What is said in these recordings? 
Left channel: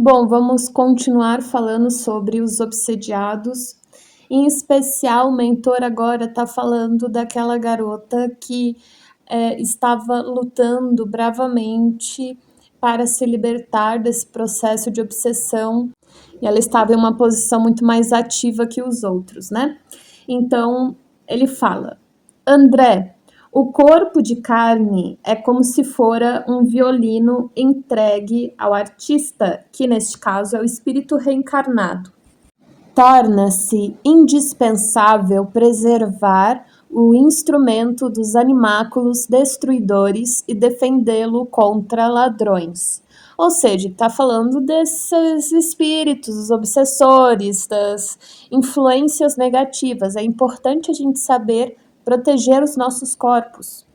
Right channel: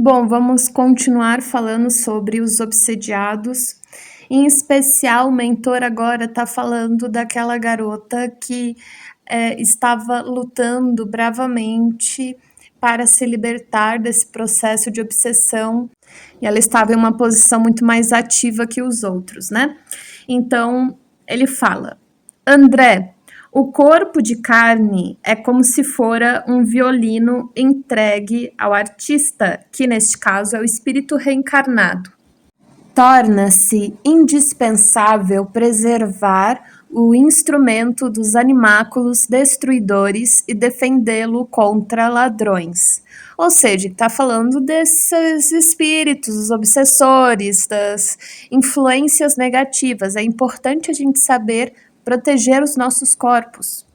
Bom, vamos continuar falando sobre os obsediados. Em especial, o mentor agora está falando daquela garota que estava lutando bravamente para se libertar desse processo de obsessão, e ela estava em uma posição muito mais ativa que os outros, né? Então, ele fala: André, o corpo de carne é como se fora um violino entregue ao artista, que neste caso é o espírito reencarnado. Torna-se indispensável preservar o instrumento dos animáculos destruidores e defendê-lo contra ladrões. Ou seja, está falando desses espíritos, os obsessores, das influências negativas. É importante a gente saber proteger os nossos corpos.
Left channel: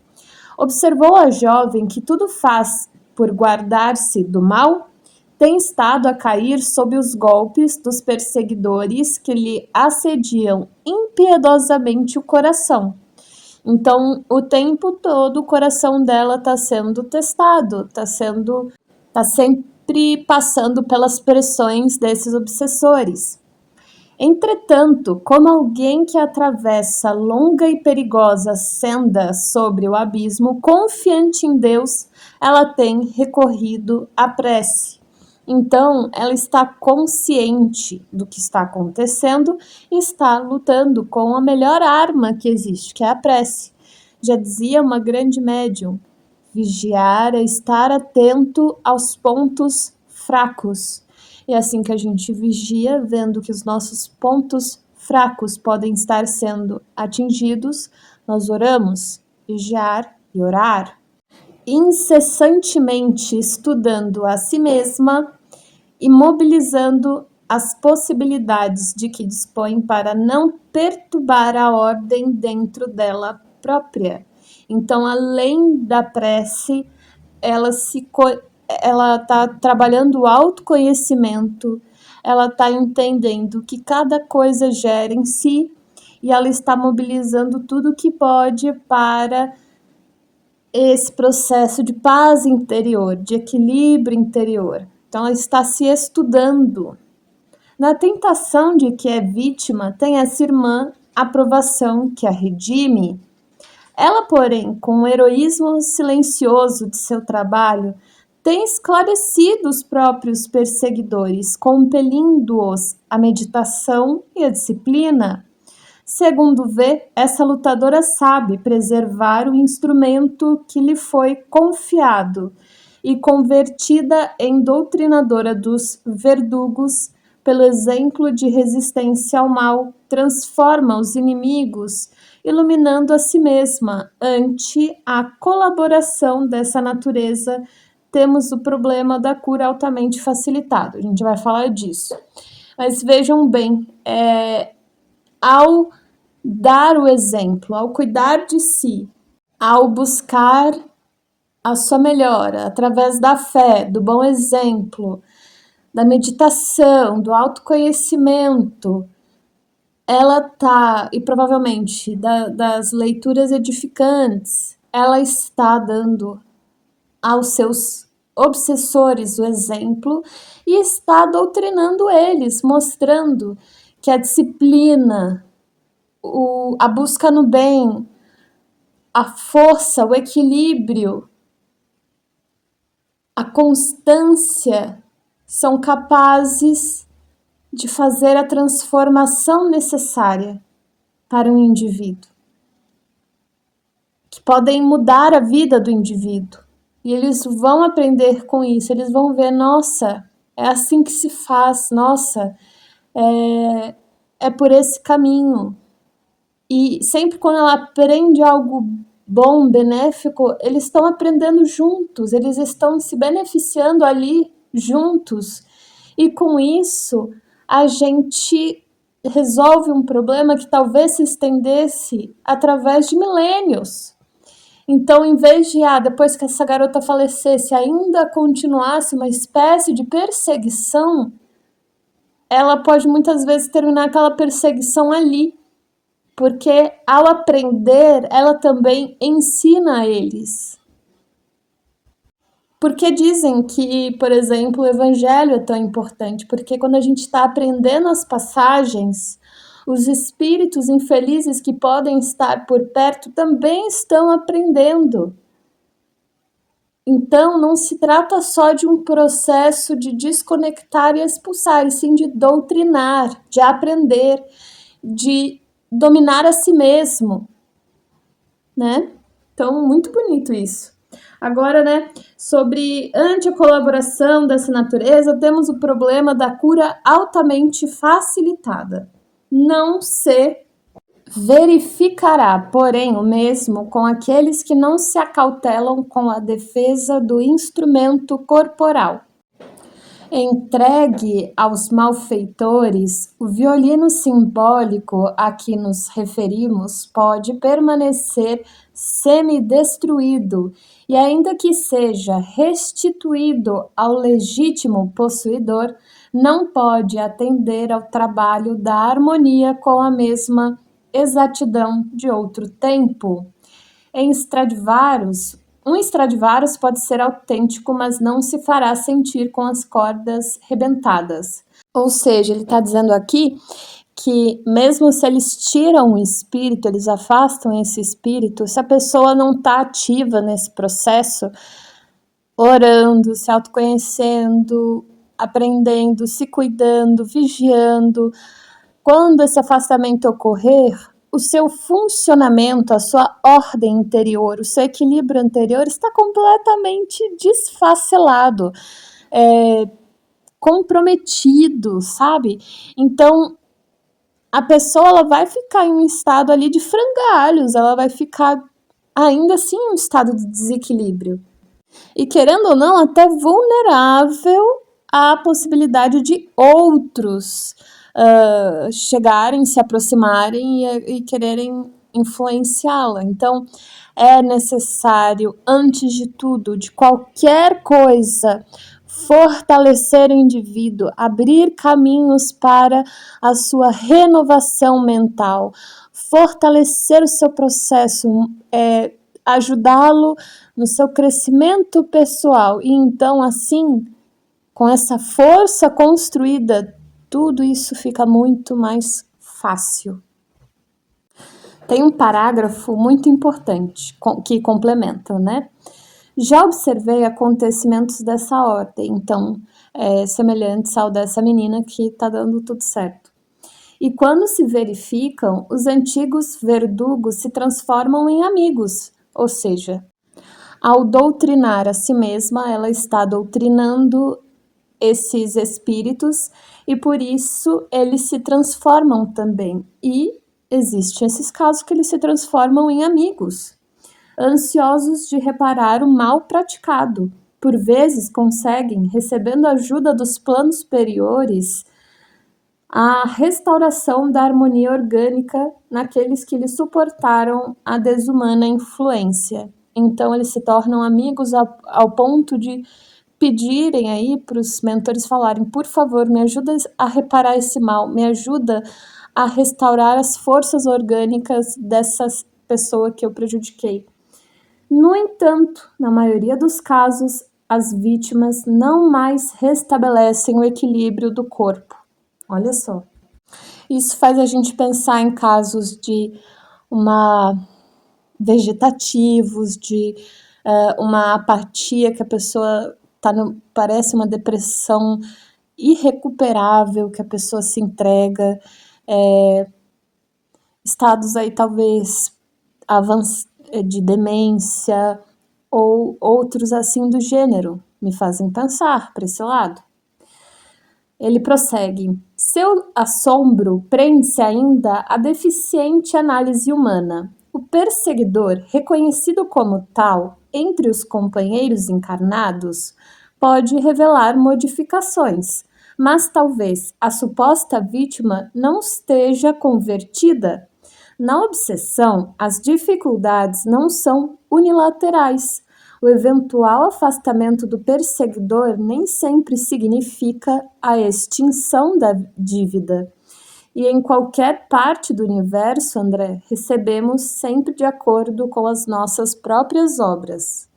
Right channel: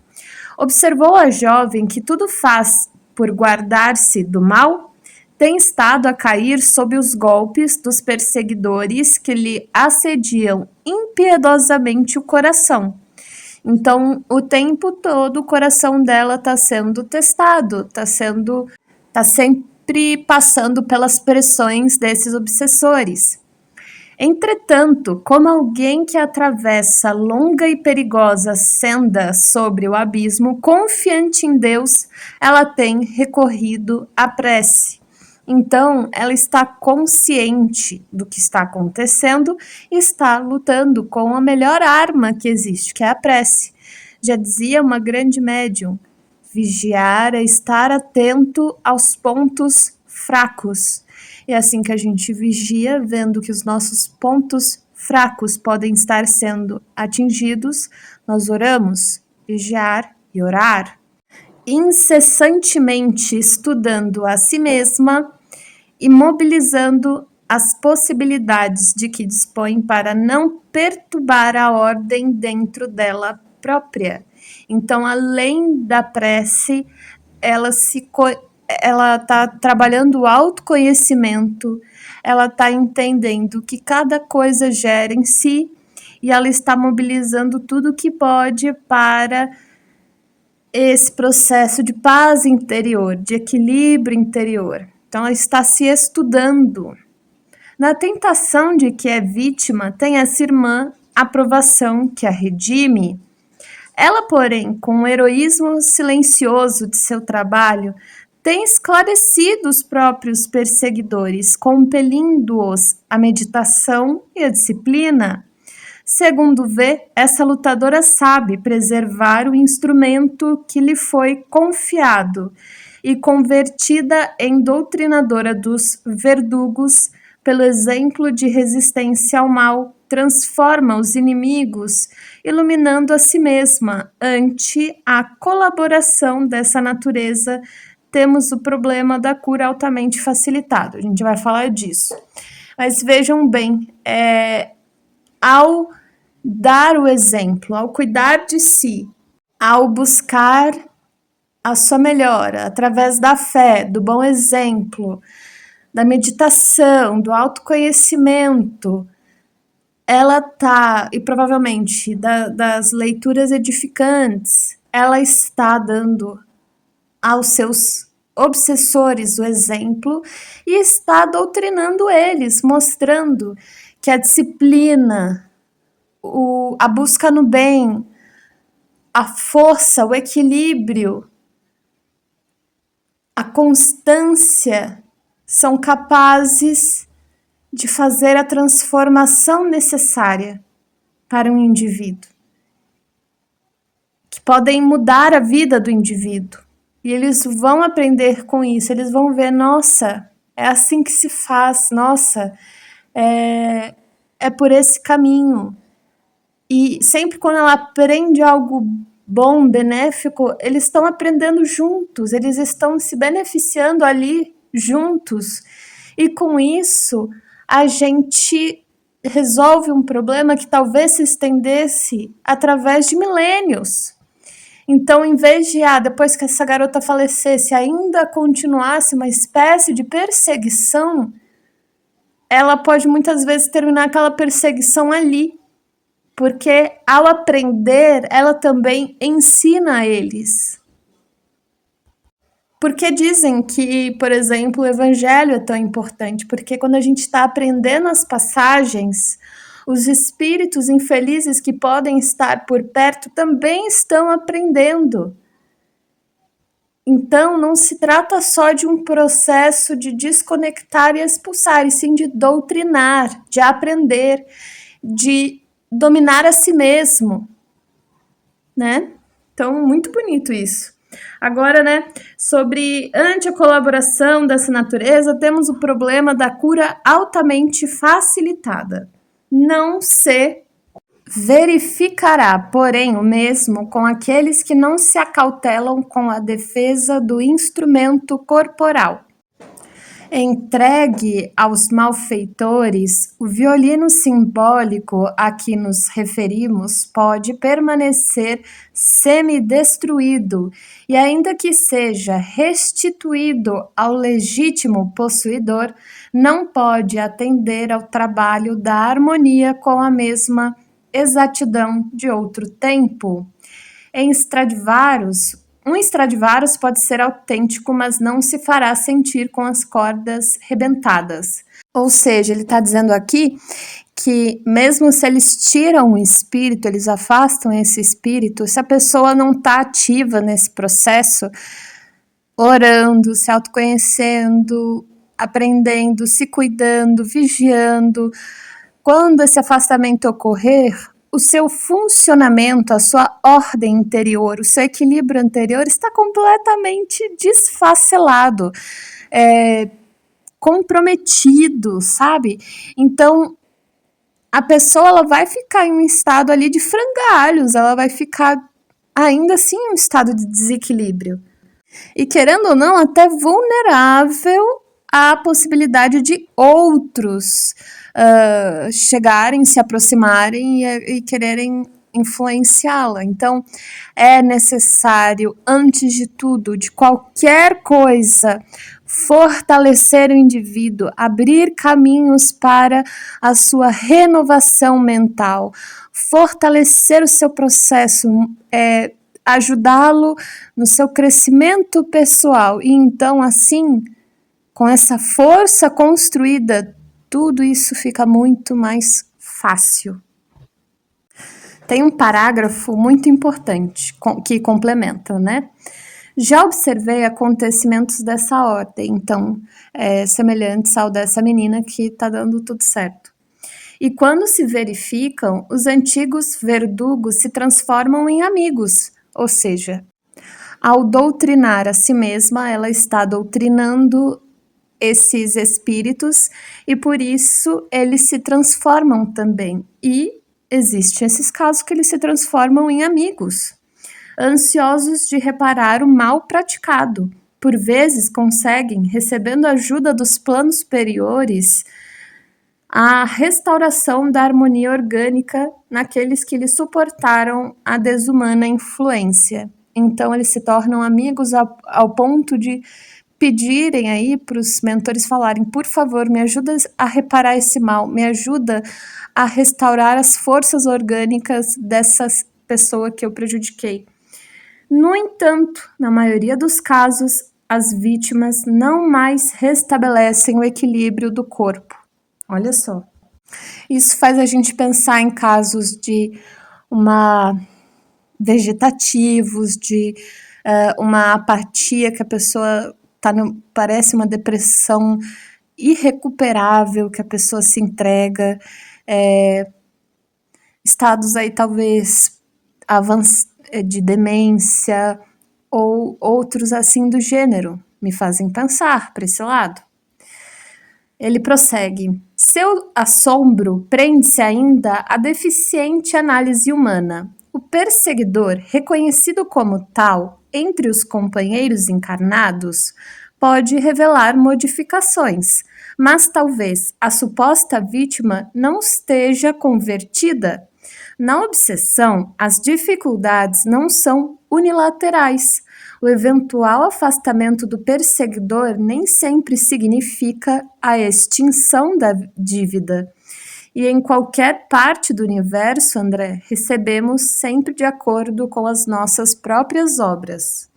Observou a jovem que tudo faz por guardar-se do mal? Tem estado a cair sob os golpes dos perseguidores que lhe assediam impiedosamente o coração. Então, o tempo todo o coração dela está sendo testado, está sempre passando pelas pressões desses obsessores. Entretanto, como alguém que atravessa longa e perigosa senda sobre o abismo, confiante em Deus, ela tem recorrido à prece. Então, ela está consciente do que está acontecendo e está lutando com a melhor arma que existe, que é a prece. Já dizia uma grande médium: vigiar é estar atento aos pontos fracos. É assim que a gente vigia, vendo que os nossos pontos fracos podem estar sendo atingidos, nós oramos, vigiar e orar. Incessantemente estudando a si mesma e mobilizando as possibilidades de que dispõe para não perturbar a ordem dentro dela própria. Então, além da prece, ela está trabalhando o autoconhecimento, ela está entendendo que cada coisa gera em si e ela está mobilizando tudo que pode para esse processo de paz interior, de equilíbrio interior. Então, ela está se estudando. Na tentação de que é vítima, tem essa irmã aprovação que a redime. Ela, porém, com o heroísmo silencioso de seu trabalho, tem esclarecido os próprios perseguidores, compelindo-os à meditação e à disciplina. Segundo vê, essa lutadora sabe preservar o instrumento que lhe foi confiado e, convertida em doutrinadora dos verdugos, pelo exemplo de resistência ao mal, transforma os inimigos, iluminando a si mesma. Ante a colaboração dessa natureza, temos o problema da cura altamente facilitado. A gente vai falar disso. Mas vejam bem, ao dar o exemplo, ao cuidar de si, ao buscar a sua melhora através da fé, do bom exemplo, da meditação, do autoconhecimento, ela está, e provavelmente das leituras edificantes, ela está dando aos seus obsessores o exemplo e está doutrinando eles, mostrando que a disciplina, a busca no bem, a força, o equilíbrio, a constância são capazes de fazer a transformação necessária para um indivíduo, que podem mudar a vida do indivíduo. E eles vão aprender com isso, eles vão ver, nossa, é assim que se faz, nossa, é por esse caminho. E sempre quando ela aprende algo bom, benéfico, eles estão aprendendo juntos, eles estão se beneficiando ali juntos. E com isso, a gente resolve um problema que talvez se estendesse através de milênios. Então, em vez de, depois que essa garota falecesse, ainda continuasse uma espécie de perseguição, ela pode muitas vezes terminar aquela perseguição ali, porque ao aprender, ela também ensina a eles. Porque dizem que, por exemplo, o evangelho é tão importante, porque quando a gente está aprendendo as passagens, os espíritos infelizes que podem estar por perto também estão aprendendo. Então, não se trata só de um processo de desconectar e expulsar, e sim de doutrinar, de aprender, de dominar a si mesmo, né? Então, muito bonito isso. Agora, né, sobre anticolaboração dessa natureza, temos o problema da cura altamente facilitada. Não se verificará, porém, o mesmo com aqueles que não se acautelam com a defesa do instrumento corporal. Entregue aos malfeitores, o violino simbólico a que nos referimos pode permanecer semidestruído e, ainda que seja restituído ao legítimo possuidor, não pode atender ao trabalho da harmonia com a mesma exatidão de outro tempo. Em Stradivarius, um Stradivarius pode ser autêntico, mas não se fará sentir com as cordas rebentadas. Ou seja, ele está dizendo aqui que mesmo se eles tiram o espírito, eles afastam esse espírito, se a pessoa não está ativa nesse processo, orando, se autoconhecendo, aprendendo, se cuidando, vigiando, quando esse afastamento ocorrer, o seu funcionamento, a sua ordem interior, o seu equilíbrio anterior está completamente desfacelado, comprometido, sabe? Então, a pessoa ela vai ficar em um estado ali de frangalhos, ela vai ficar ainda assim em um estado de desequilíbrio. E querendo ou não, até vulnerável à possibilidade de outros chegarem, se aproximarem e quererem influenciá-la. Então, é necessário, antes de tudo, de qualquer coisa, fortalecer o indivíduo, abrir caminhos para a sua renovação mental, fortalecer o seu processo, ajudá-lo no seu crescimento pessoal. E então, assim, com essa força construída, tudo isso fica muito mais fácil. Tem um parágrafo muito importante que complementa, né? Já observei acontecimentos dessa ordem, então, semelhantes ao dessa menina que tá dando tudo certo. E quando se verificam, os antigos verdugos se transformam em amigos, ou seja, ao doutrinar a si mesma, ela está doutrinando esses espíritos e por isso eles se transformam também. E existem esses casos que eles se transformam em amigos, ansiosos de reparar o mal praticado. Por vezes conseguem, recebendo ajuda dos planos superiores, a restauração da harmonia orgânica naqueles que lhes suportaram a desumana influência. Então eles se tornam amigos ao ponto de pedirem aí para os mentores falarem, por favor, me ajuda a reparar esse mal, me ajuda a restaurar as forças orgânicas dessa pessoa que eu prejudiquei. No entanto, na maioria dos casos, as vítimas não mais restabelecem o equilíbrio do corpo. Olha só. Isso faz a gente pensar em casos de vegetativos, de uma apatia que a pessoa parece uma depressão irrecuperável, que a pessoa se entrega, estados aí talvez de demência ou outros assim do gênero, me fazem pensar para esse lado. Ele prossegue, seu assombro prende-se ainda à deficiente análise humana. O perseguidor, reconhecido como tal entre os companheiros encarnados, pode revelar modificações, mas talvez a suposta vítima não esteja convertida. Na obsessão, as dificuldades não são unilaterais. O eventual afastamento do perseguidor nem sempre significa a extinção da dívida. E em qualquer parte do universo, André, recebemos sempre de acordo com as nossas próprias obras.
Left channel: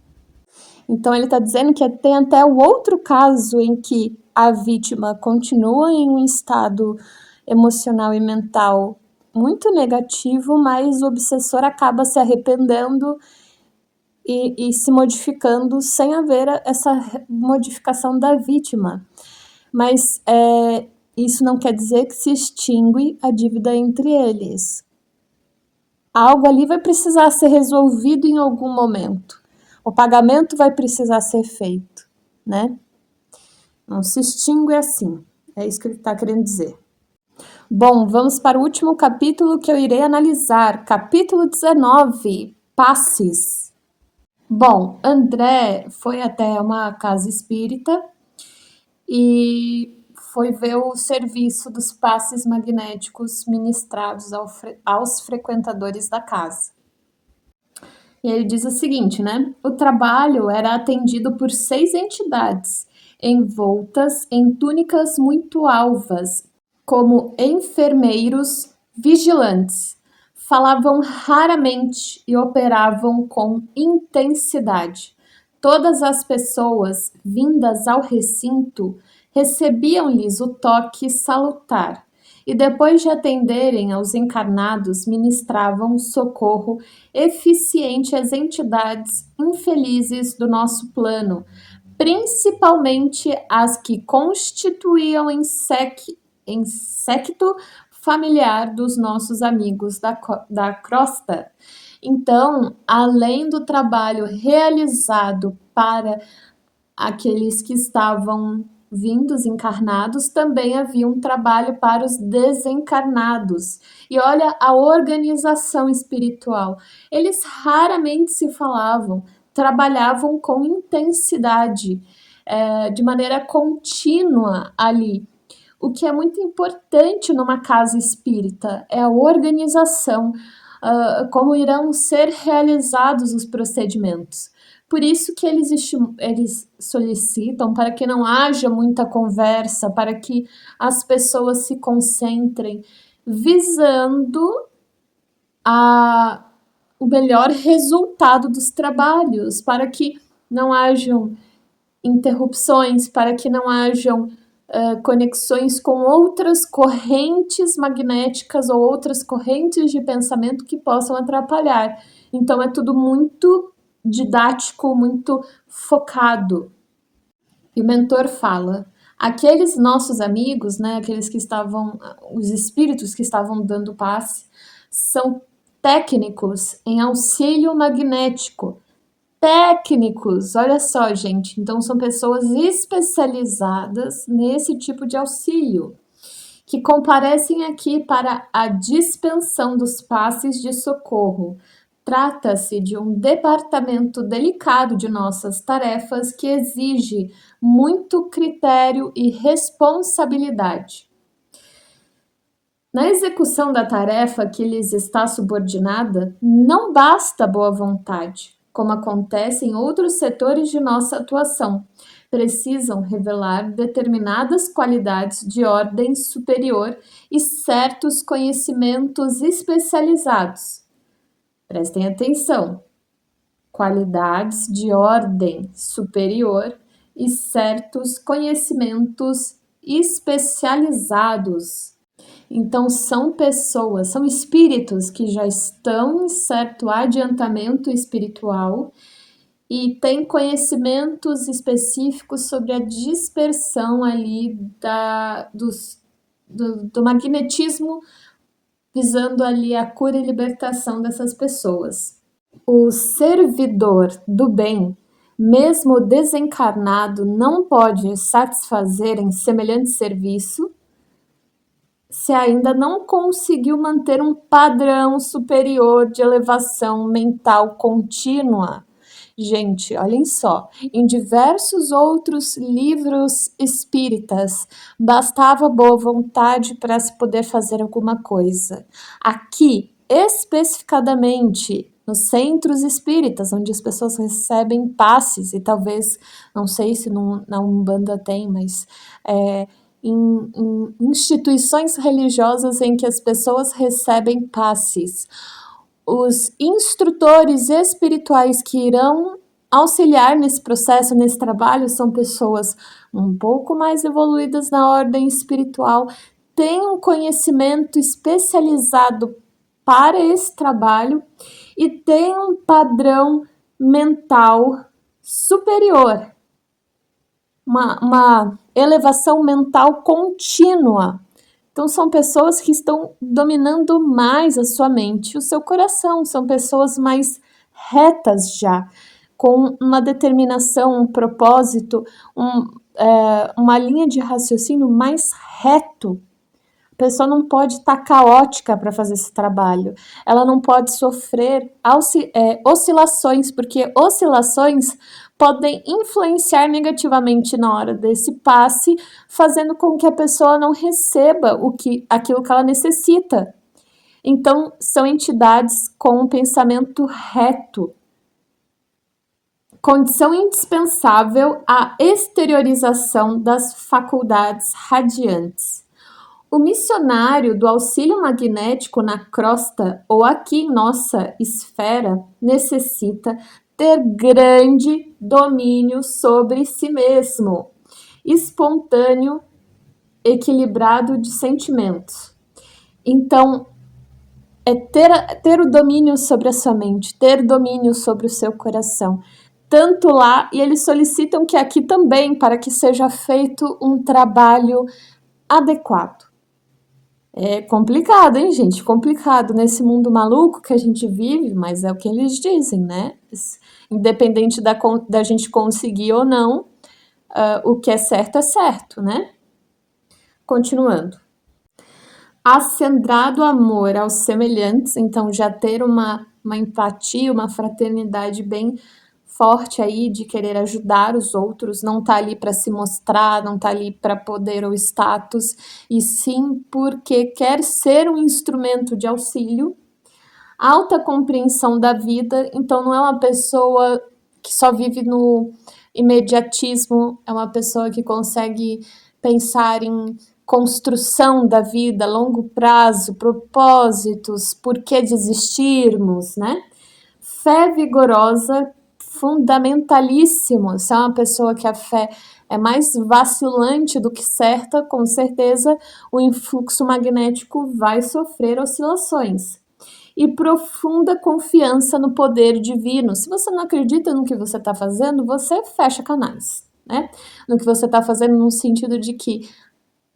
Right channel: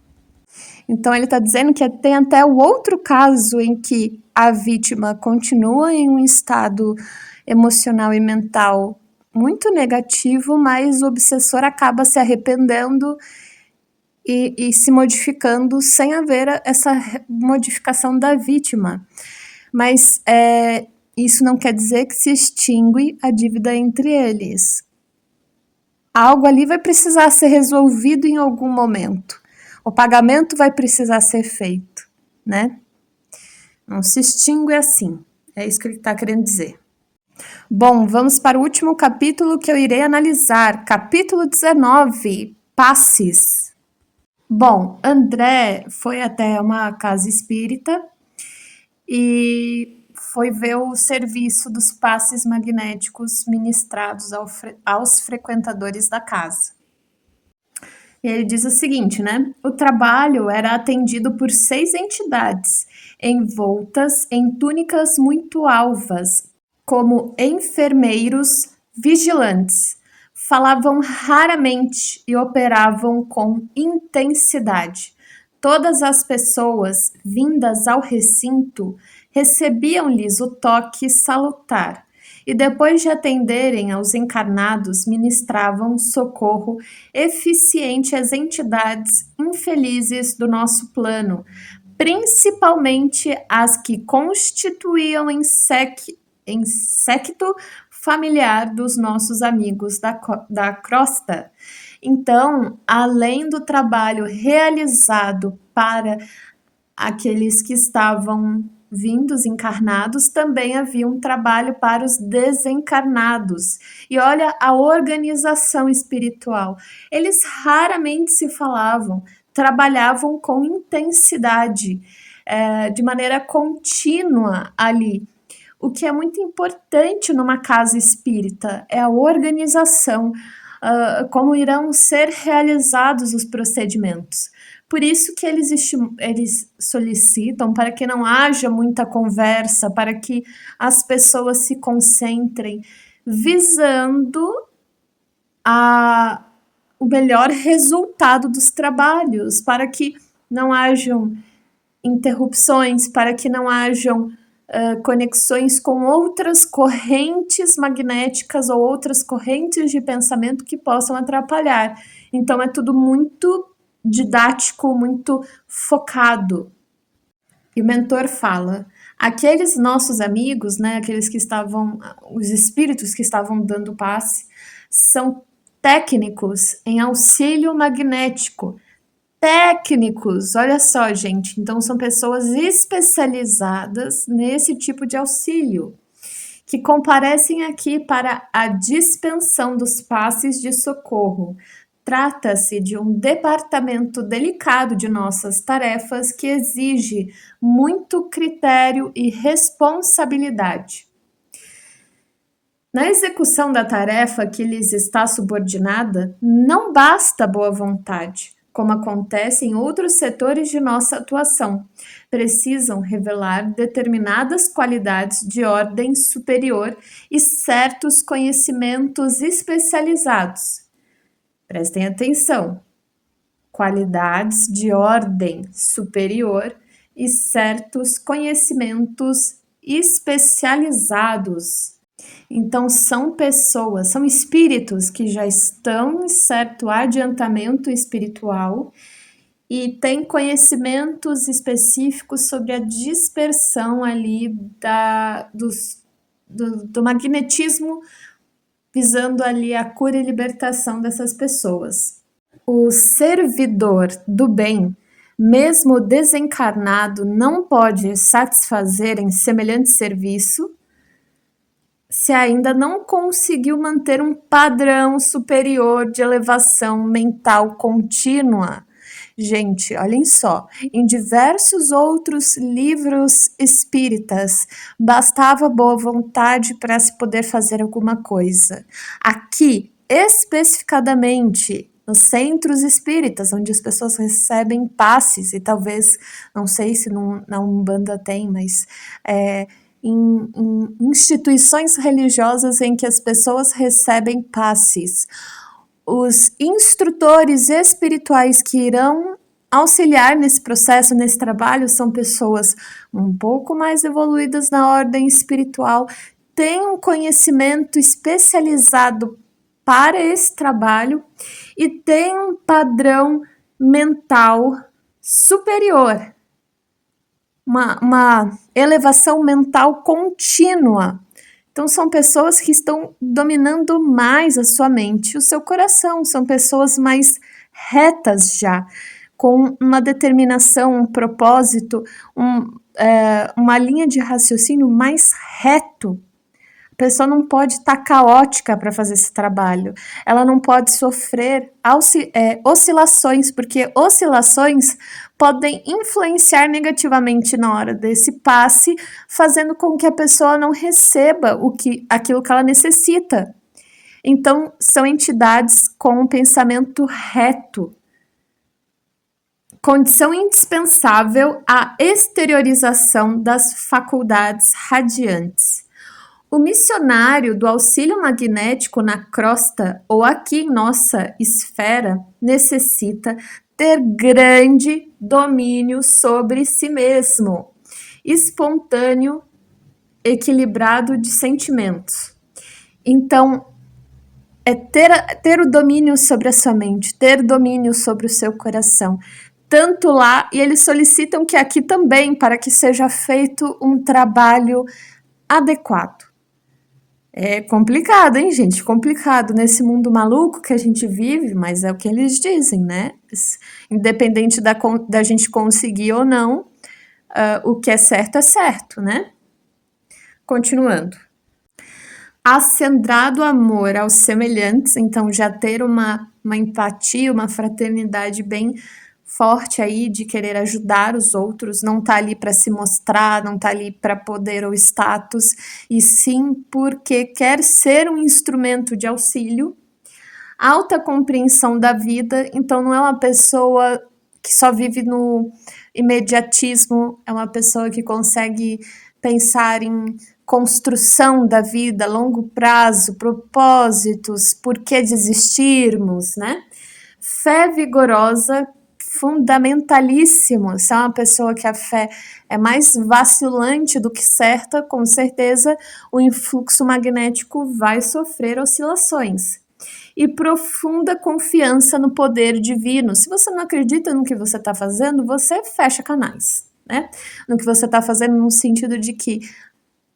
Então, ele está dizendo que tem até o outro caso em que a vítima continua em um estado emocional e mental muito negativo, mas o obsessor acaba se arrependendo e se modificando sem haver essa modificação da vítima. Mas isso não quer dizer que se extingue a dívida entre eles. Algo ali vai precisar ser resolvido em algum momento. O pagamento vai precisar ser feito, né? Não se extingue assim. É isso que ele está querendo dizer. Bom, vamos para o último capítulo que eu irei analisar. Capítulo 19, Passes. Bom, André foi até uma casa espírita e foi ver o serviço dos passes magnéticos ministrados aos frequentadores da casa. E ele diz o seguinte, né? O trabalho era atendido por 6 entidades, envoltas em túnicas muito alvas, como enfermeiros vigilantes. Falavam raramente e operavam com intensidade. Todas as pessoas vindas ao recinto recebiam-lhes o toque salutar e, depois de atenderem aos encarnados, ministravam socorro eficiente às entidades infelizes do nosso plano, principalmente as que constituíam em séquito familiar dos nossos amigos da crosta. Então, além do trabalho realizado para aqueles que estavam vindos encarnados, também havia um trabalho para os desencarnados. E olha a organização espiritual. Eles raramente se falavam, trabalhavam com intensidade, de maneira contínua ali. O que é muito importante numa casa espírita é a organização, como irão ser realizados os procedimentos. Por isso que eles solicitam para que não haja muita conversa, para que as pessoas se concentrem, visando o melhor resultado dos trabalhos, para que não hajam interrupções, para que não hajam conexões com outras correntes magnéticas ou outras correntes de pensamento que possam atrapalhar. Então, é tudo muito didático, muito focado. E o mentor fala, aqueles nossos amigos, né, aqueles que estavam, os espíritos que estavam dando passe, são técnicos em auxílio magnético. Técnicos, olha só, gente, então são pessoas especializadas nesse tipo de auxílio, que comparecem aqui para a dispensão dos passes de socorro. Trata-se de um departamento delicado de nossas tarefas que exige muito critério e responsabilidade. Na execução da tarefa que lhes está subordinada, não basta boa vontade, como acontece em outros setores de nossa atuação. Precisam revelar determinadas qualidades de ordem superior e certos conhecimentos especializados. Prestem atenção. Qualidades de ordem superior e certos conhecimentos especializados. Então, são pessoas, são espíritos que já estão em certo adiantamento espiritual e têm conhecimentos específicos sobre a dispersão ali do magnetismo, visando ali a cura e libertação dessas pessoas. O servidor do bem, mesmo desencarnado, não pode satisfazer em semelhante serviço se ainda não conseguiu manter um padrão superior de elevação mental contínua. Gente, olhem só, em diversos outros livros espíritas, bastava boa vontade para se poder fazer alguma coisa. Aqui, especificadamente, nos centros espíritas, onde as pessoas recebem passes, e talvez, não sei se na Umbanda tem, mas em instituições religiosas em que as pessoas recebem passes, os instrutores espirituais que irão auxiliar nesse processo, nesse trabalho, são pessoas um pouco mais evoluídas na ordem espiritual, têm um conhecimento especializado para esse trabalho e têm um padrão mental superior, uma elevação mental contínua. Então, são pessoas que estão dominando mais a sua mente e o seu coração, são pessoas mais retas já, com uma determinação, um propósito, uma linha de raciocínio mais reto. A pessoa não pode estar caótica para fazer esse trabalho, ela não pode sofrer oscilações, porque oscilações podem influenciar negativamente na hora desse passe, fazendo com que a pessoa não receba aquilo que ela necessita. Então, são entidades com um pensamento reto. Condição indispensável à exteriorização das faculdades radiantes. O missionário do auxílio magnético na crosta ou aqui em nossa esfera necessita ter grande domínio sobre si mesmo, espontâneo, equilibrado de sentimentos. Então, é ter o domínio sobre a sua mente, ter domínio sobre o seu coração. Tanto lá, e eles solicitam que aqui também, para que seja feito um trabalho adequado. É complicado, hein, gente? Complicado nesse mundo maluco que a gente vive, mas é o que eles dizem, né? Independente da gente conseguir ou não, o que é certo, né? Continuando. Acendrado amor aos semelhantes, então já ter uma empatia, uma fraternidade bem forte aí de querer ajudar os outros, não tá ali para se mostrar, não tá ali para poder ou status, e sim porque quer ser um instrumento de auxílio. Alta compreensão da vida, então não é uma pessoa que só vive no imediatismo, é uma pessoa que consegue pensar em construção da vida, longo prazo, propósitos, por que desistirmos, né? Fé vigorosa, fundamentalíssimo. Se é uma pessoa que a fé é mais vacilante do que certa, com certeza o influxo magnético vai sofrer oscilações. E profunda confiança no poder divino. Se você não acredita no que você está fazendo, você fecha canais, né? No que você está fazendo no sentido de que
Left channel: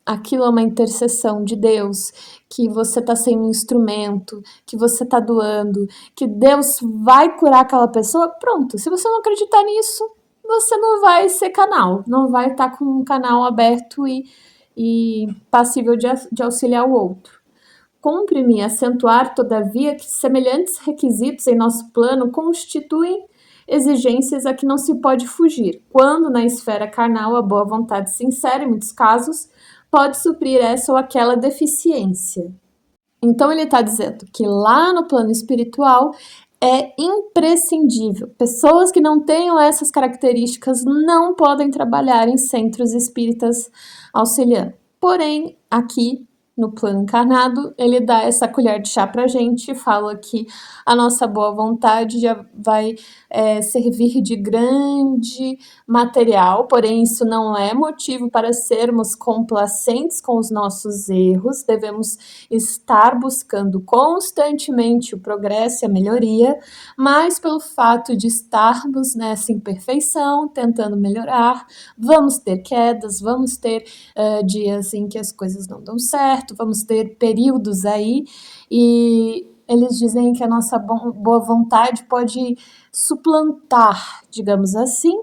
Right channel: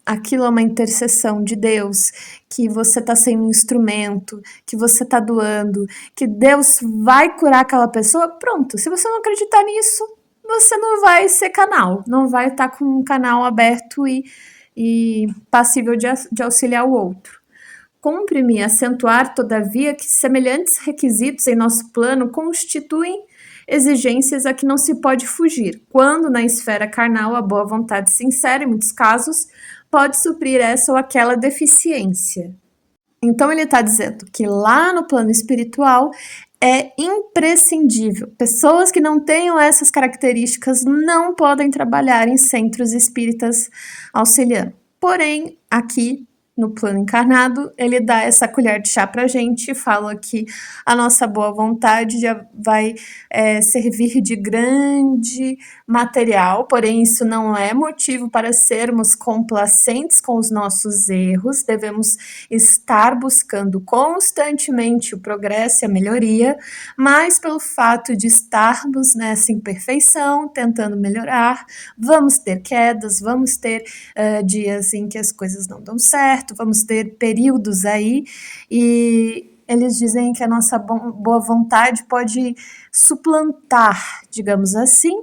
aquilo é uma intercessão de Deus, que você está sendo um instrumento, que você está doando, que Deus vai curar aquela pessoa, pronto. Se você não acreditar nisso, você não vai ser canal, não vai estar com um canal aberto e passível de auxiliar o outro. Cumpre-me acentuar, todavia, que semelhantes requisitos em nosso plano constituem exigências a que não se pode fugir, quando na esfera carnal a boa vontade sincera, em muitos casos, pode suprir essa ou aquela deficiência. Então ele está dizendo que lá no plano espiritual é imprescindível. Pessoas que não tenham essas características não podem trabalhar em centros espíritas auxiliando. Porém, aqui no plano encarnado, ele dá essa colher de chá pra gente e fala que a nossa boa vontade já vai servir de grande material, porém isso não é motivo para sermos complacentes com os nossos erros, devemos estar buscando constantemente o progresso e a melhoria, mas pelo fato de estarmos nessa imperfeição, tentando melhorar, vamos ter quedas, vamos ter dias em que as coisas não dão certo, vamos ter períodos aí, e eles dizem que a nossa boa vontade pode suplantar, digamos assim,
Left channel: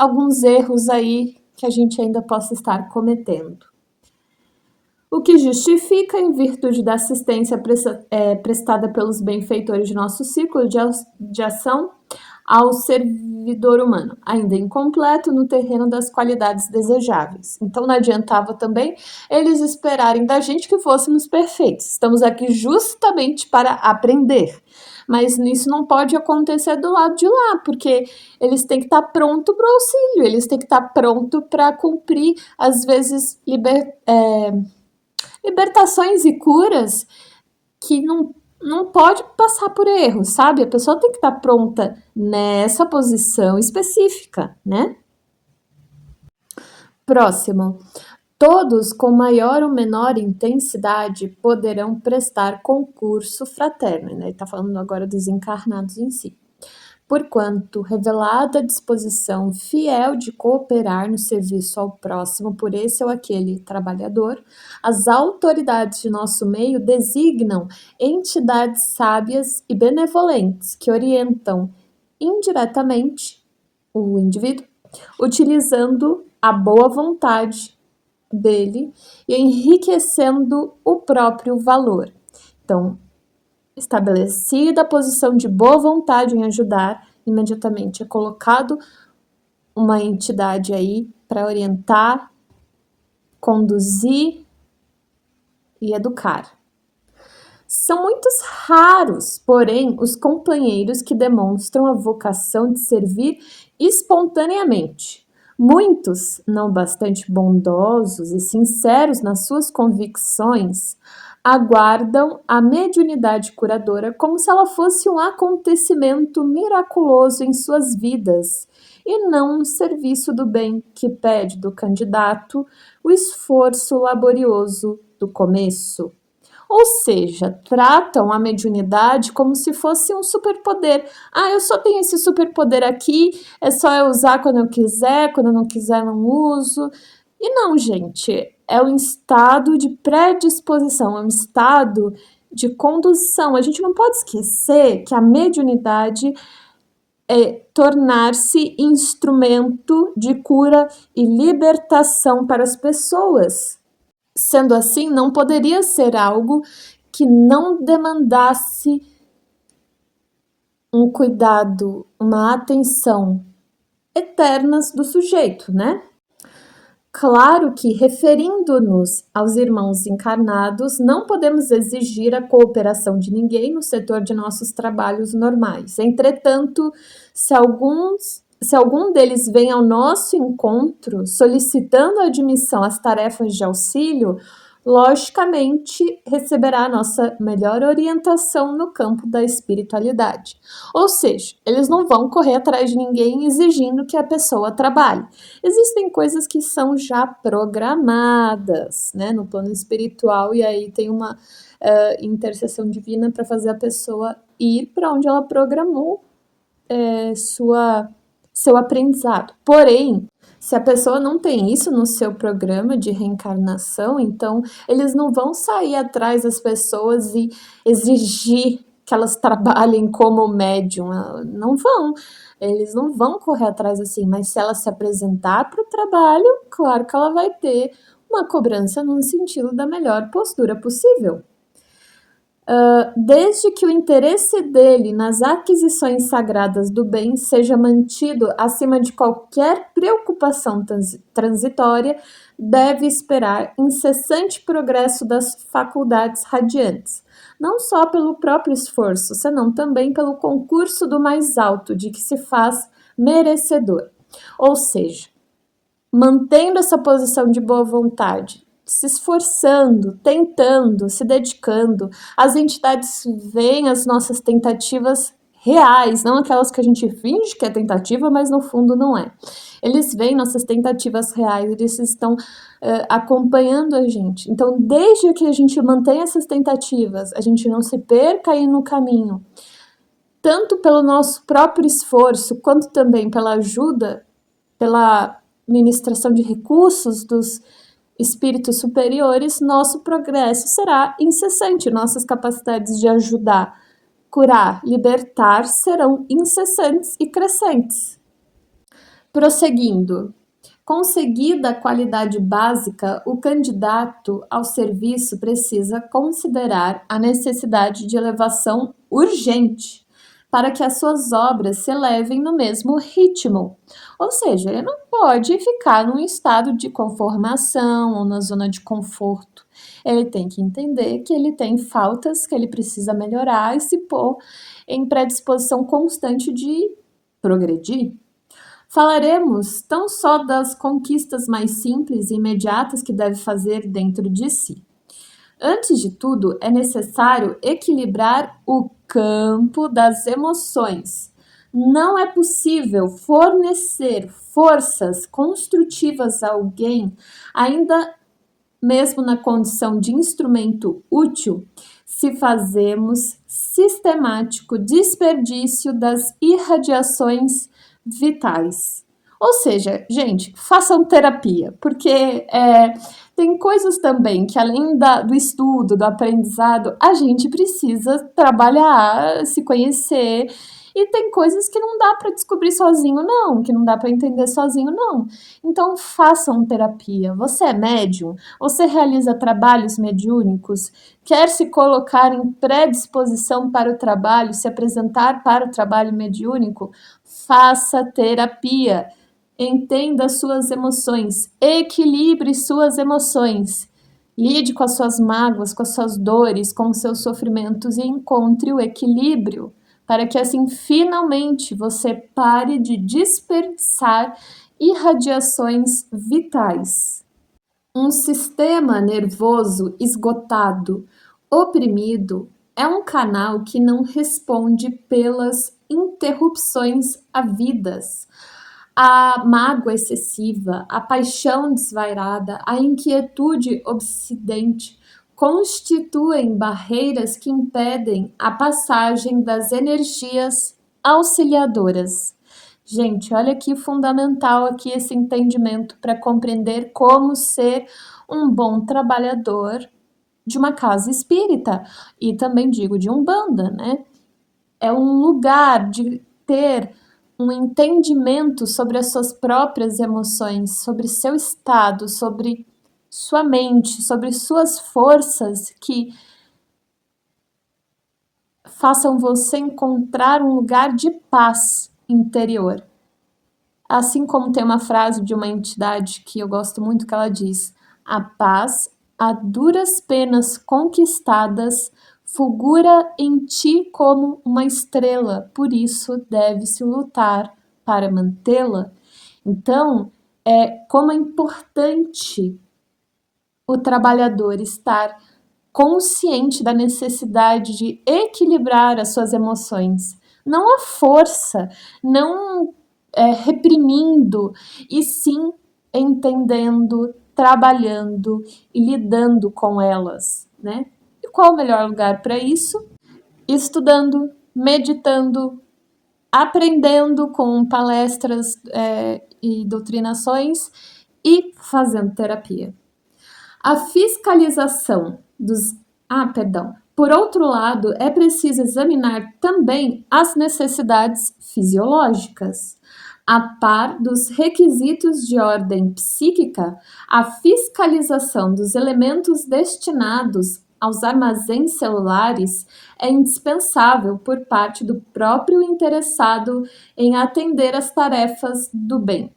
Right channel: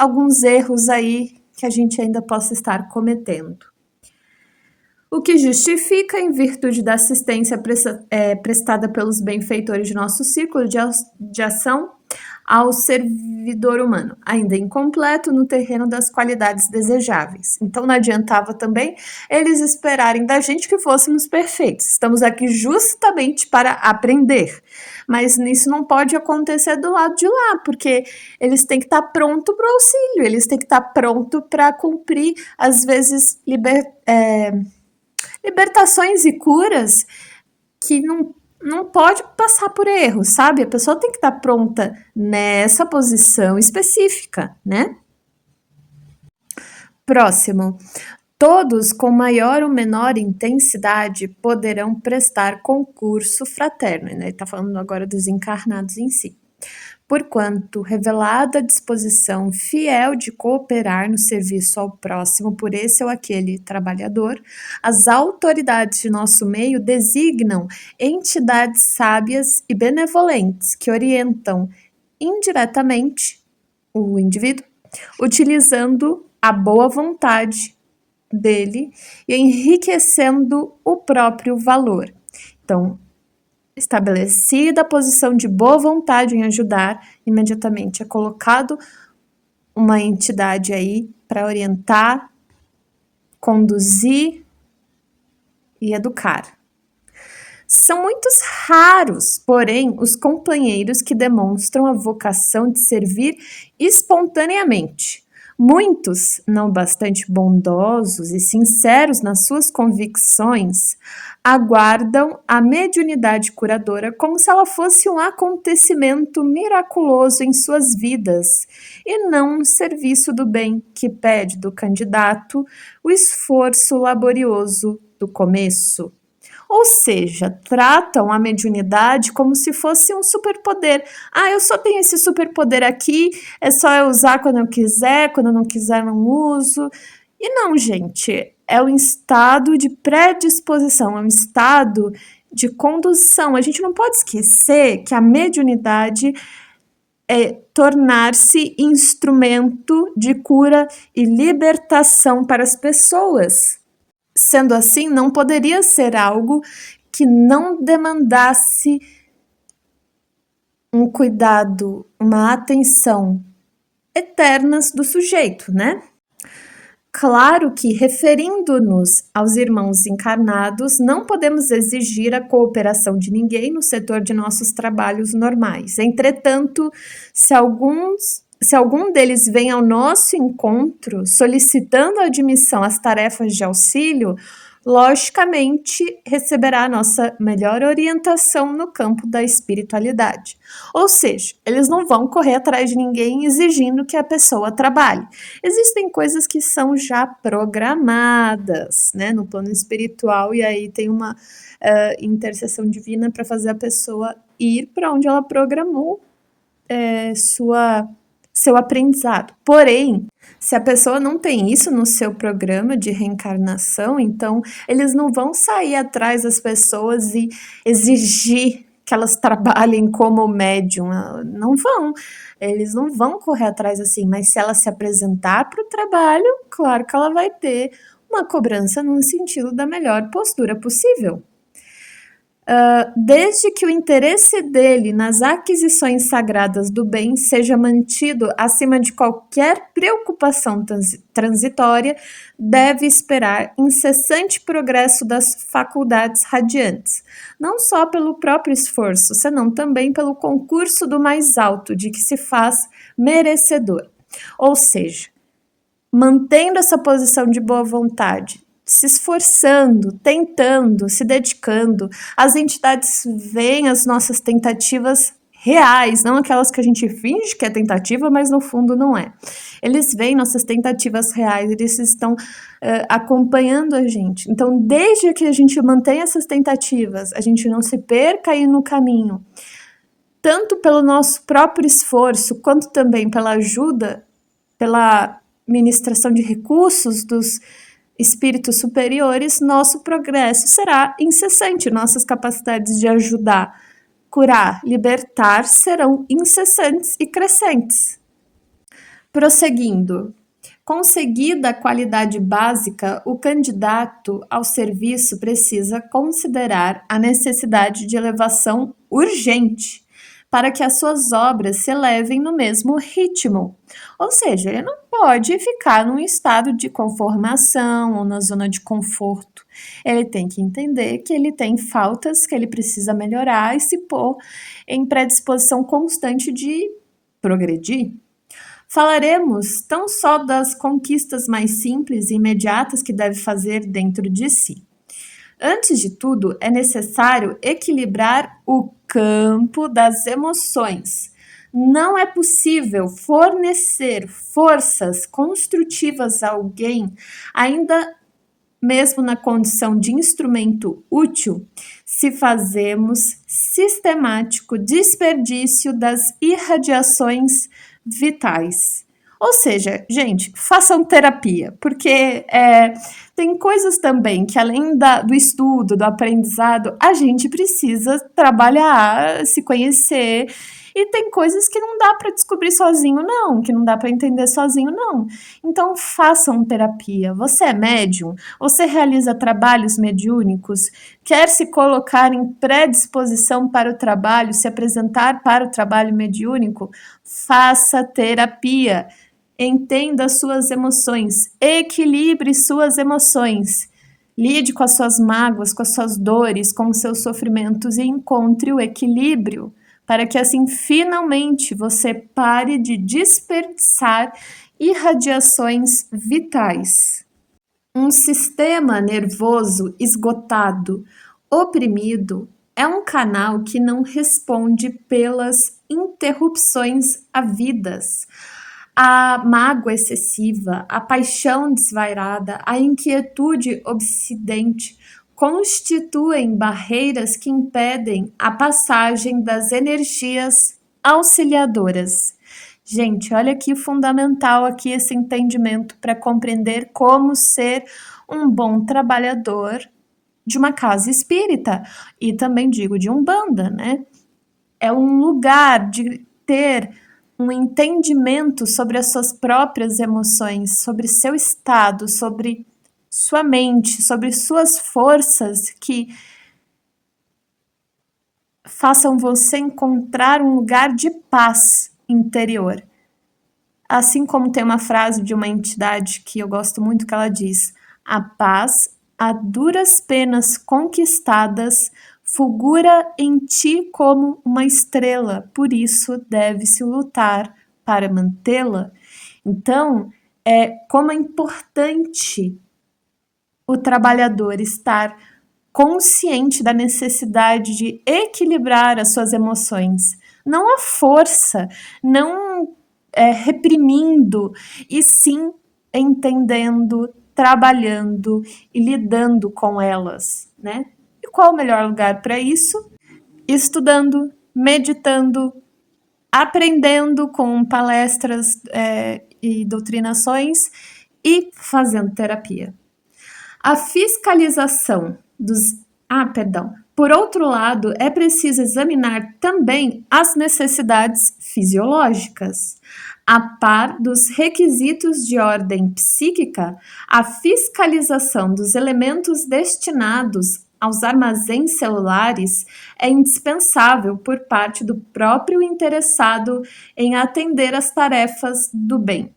alguns erros aí que a gente ainda possa estar cometendo. O que justifica, em virtude da assistência prestada pelos benfeitores de nosso ciclo de ação, ao servidor humano, ainda incompleto no terreno das qualidades desejáveis. Então não adiantava também eles esperarem da gente que fôssemos perfeitos. Estamos aqui justamente para aprender. Mas isso não pode acontecer do lado de lá, porque eles têm que estar pronto para o auxílio, eles têm que estar pronto para cumprir, às vezes, libertações e curas que não pode passar por erro, sabe? A pessoa tem que estar pronta nessa posição específica, né? Próximo. Todos com maior ou menor intensidade poderão prestar concurso fraterno. Ele está falando agora dos encarnados em si. Porquanto, revelada a disposição fiel de cooperar no serviço ao próximo por esse ou aquele trabalhador, as autoridades de nosso meio designam entidades sábias e benevolentes que orientam indiretamente o indivíduo, utilizando a boa vontade dele e enriquecendo o próprio valor. Então, estabelecida a posição de boa vontade em ajudar, imediatamente é colocado uma entidade aí para orientar, conduzir e educar. São muitos raros, porém, os companheiros que demonstram a vocação de servir espontaneamente. Muitos, não bastante bondosos e sinceros nas suas convicções, aguardam a mediunidade curadora como se ela fosse um acontecimento miraculoso em suas vidas e não um serviço do bem que pede do candidato o esforço laborioso do começo. Ou seja, tratam a mediunidade como se fosse um superpoder. Eu só tenho esse superpoder aqui, é só eu usar quando eu quiser, quando eu não quiser não uso. E não, gente, é um estado de predisposição, é um estado de condução. A gente não pode esquecer que a mediunidade é tornar-se instrumento de cura e libertação para as pessoas. Sendo assim, não poderia ser algo que não demandasse um cuidado, uma atenção eternas do sujeito, né? Claro que, referindo-nos aos irmãos encarnados, não podemos exigir a cooperação de ninguém no setor de nossos trabalhos normais. Entretanto, se algum deles vem ao nosso encontro solicitando admissão às tarefas de auxílio, logicamente receberá a nossa melhor orientação no campo da espiritualidade. Ou seja, eles não vão correr atrás de ninguém exigindo que a pessoa trabalhe. Existem coisas que são já programadas, né, no plano espiritual, e aí tem uma intercessão divina para fazer a pessoa ir para onde ela programou seu aprendizado. Porém, se a pessoa não tem isso no seu programa de reencarnação, então eles não vão sair atrás das pessoas e exigir que elas trabalhem como médium. Não vão. Eles não vão correr atrás assim, mas se ela se apresentar para o trabalho, claro que ela vai ter uma cobrança no sentido da melhor postura possível. Desde que o interesse dele nas aquisições sagradas do bem seja mantido acima de qualquer preocupação transitória, deve esperar incessante progresso das faculdades radiantes, não só pelo próprio esforço, senão também pelo concurso do mais alto, de que se faz merecedor. Ou seja, mantendo essa posição de boa vontade, se esforçando, tentando, se dedicando, as entidades veem as nossas tentativas reais, não aquelas que a gente finge que é tentativa, mas no fundo não é. Eles veem nossas tentativas reais, eles estão acompanhando a gente. Então, desde que a gente mantém essas tentativas, a gente não se perca aí no caminho, tanto pelo nosso próprio esforço, quanto também pela ajuda, pela ministração de recursos dos espíritos superiores, nosso progresso será incessante, nossas capacidades de ajudar, curar, libertar serão incessantes e crescentes. Prosseguindo, conseguida a qualidade básica, o candidato ao serviço precisa considerar a necessidade de elevação urgente, para que as suas obras se elevem no mesmo ritmo. Ou seja, ele não pode ficar num estado de conformação ou na zona de conforto. Ele tem que entender que ele tem faltas, que ele precisa melhorar e se pôr em predisposição constante de progredir. Falaremos tão só das conquistas mais simples e imediatas que deve fazer dentro de si. Antes de tudo, é necessário equilibrar o campo das emoções. Não é possível fornecer forças construtivas a alguém, ainda mesmo na condição de instrumento útil, se fazemos sistemático desperdício das irradiações vitais. Ou seja, gente, façam terapia, porque tem coisas também que, além do estudo, do aprendizado, a gente precisa trabalhar, se conhecer. E tem coisas que não dá para descobrir sozinho, não, que não dá para entender sozinho, não. Então, façam terapia. Você é médium? Você realiza trabalhos mediúnicos? Quer se colocar em predisposição para o trabalho, se apresentar para o trabalho mediúnico? Faça terapia. Entenda suas emoções, equilibre suas emoções. Lide com as suas mágoas, com as suas dores, com os seus sofrimentos e encontre o equilíbrio, para que assim finalmente você pare de desperdiçar irradiações vitais. Um sistema nervoso esgotado, oprimido, é um canal que não responde pelas interrupções havidas. A mágoa excessiva, a paixão desvairada, a inquietude obsidente constituem barreiras que impedem a passagem das energias auxiliadoras. Gente, olha que fundamental aqui esse entendimento para compreender como ser um bom trabalhador de uma casa espírita e também digo de umbanda, né? É um lugar de ter um entendimento sobre as suas próprias emoções, sobre seu estado, sobre sua mente, sobre suas forças que façam você encontrar um lugar de paz interior. Assim como tem uma frase de uma entidade que eu gosto muito que ela diz: a paz, a duras penas conquistadas, fulgura em ti como uma estrela, por isso deve-se lutar para mantê-la. Então, como é importante o trabalhador estar consciente da necessidade de equilibrar as suas emoções, não a força, não reprimindo, e sim entendendo, trabalhando e lidando com elas, né? E qual o melhor lugar para isso? Estudando, meditando, aprendendo com palestras e doutrinações e fazendo terapia. A fiscalização dos... Por outro lado, é preciso examinar também as necessidades fisiológicas. A par dos requisitos de ordem psíquica, a fiscalização dos elementos destinados aos armazéns celulares é indispensável por parte do próprio interessado em atender às tarefas do bem.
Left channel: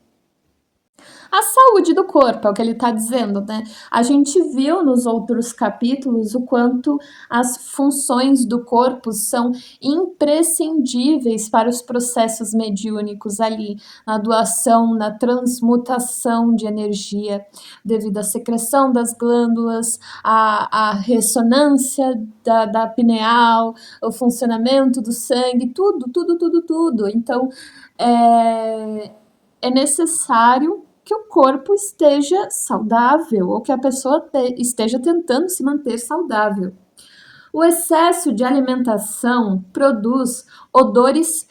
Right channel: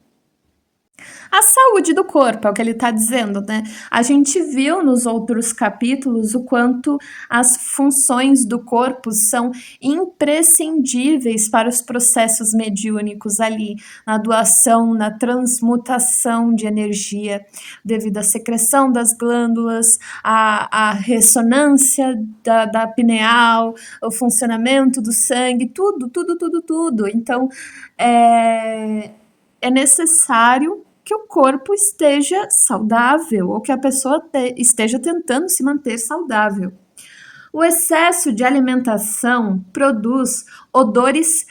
A saúde do corpo, é o que ele está dizendo, né? A gente viu nos outros capítulos o quanto as funções do corpo são imprescindíveis para os processos mediúnicos ali, na doação, na transmutação de energia, devido à secreção das glândulas, à ressonância da pineal, o funcionamento do sangue, tudo. Então, é necessário que o corpo esteja saudável ou que a pessoa esteja tentando se manter saudável. O excesso de alimentação produz odores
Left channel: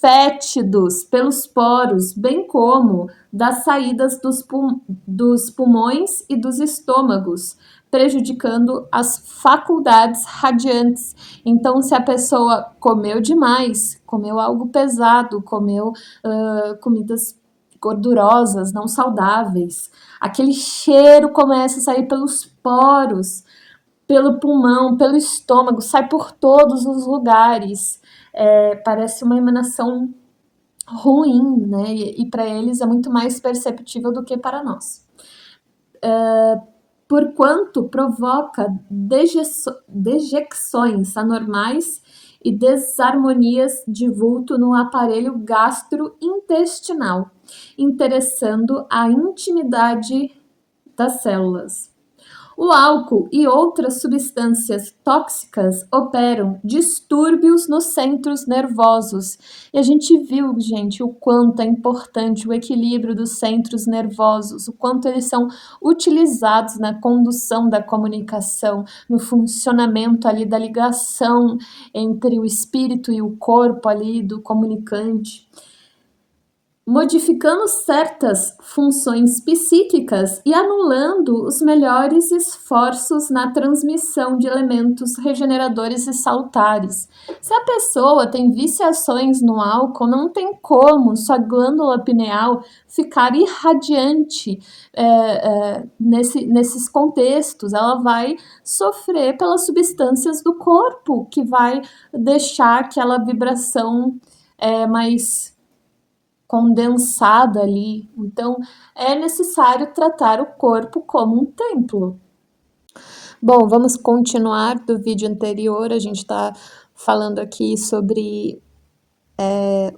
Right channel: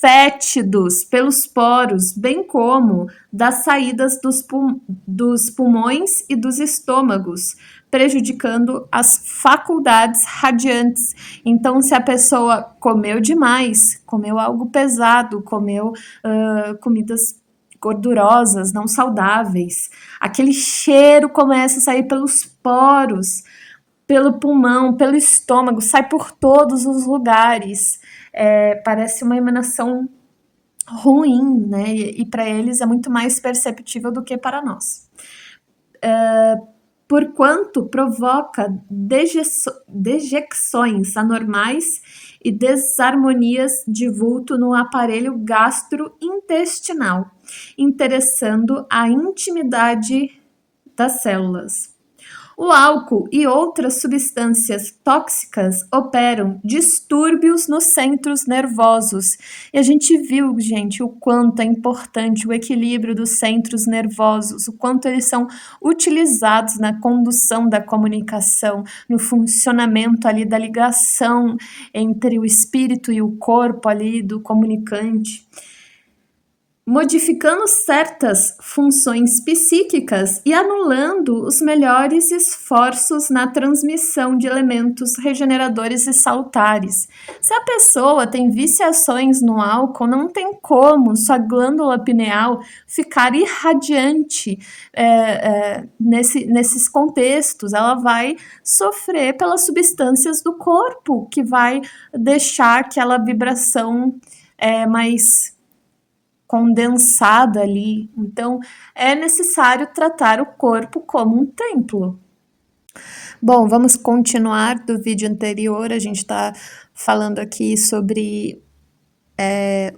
fétidos pelos poros, bem como das saídas dos pulmões e dos estômagos, prejudicando as faculdades radiantes. Então, se a pessoa comeu demais, comeu algo pesado, comeu comidas gordurosas, não saudáveis, aquele cheiro começa a sair pelos poros, pelo pulmão, pelo estômago, sai por todos os lugares. Parece uma emanação ruim, né? E para eles é muito mais perceptível do que para nós. Porquanto provoca dejecções anormais e desarmonias de vulto no aparelho gastrointestinal, interessando a intimidade das células. O álcool e outras substâncias tóxicas operam distúrbios nos centros nervosos. E a gente viu, gente, o quanto é importante o equilíbrio dos centros nervosos, o quanto eles são utilizados na condução da comunicação, no funcionamento ali da ligação entre o espírito e o corpo ali do comunicante, modificando certas funções psíquicas e anulando os melhores esforços na transmissão de elementos regeneradores e salutares. Se a pessoa tem viciações no álcool, não tem como sua glândula pineal ficar irradiante nesses contextos. Ela vai sofrer pelas substâncias do corpo, que vai deixar aquela vibração mais condensada ali. Então, é necessário tratar o corpo como um templo. Bom, vamos continuar do vídeo anterior. A gente está falando aqui sobre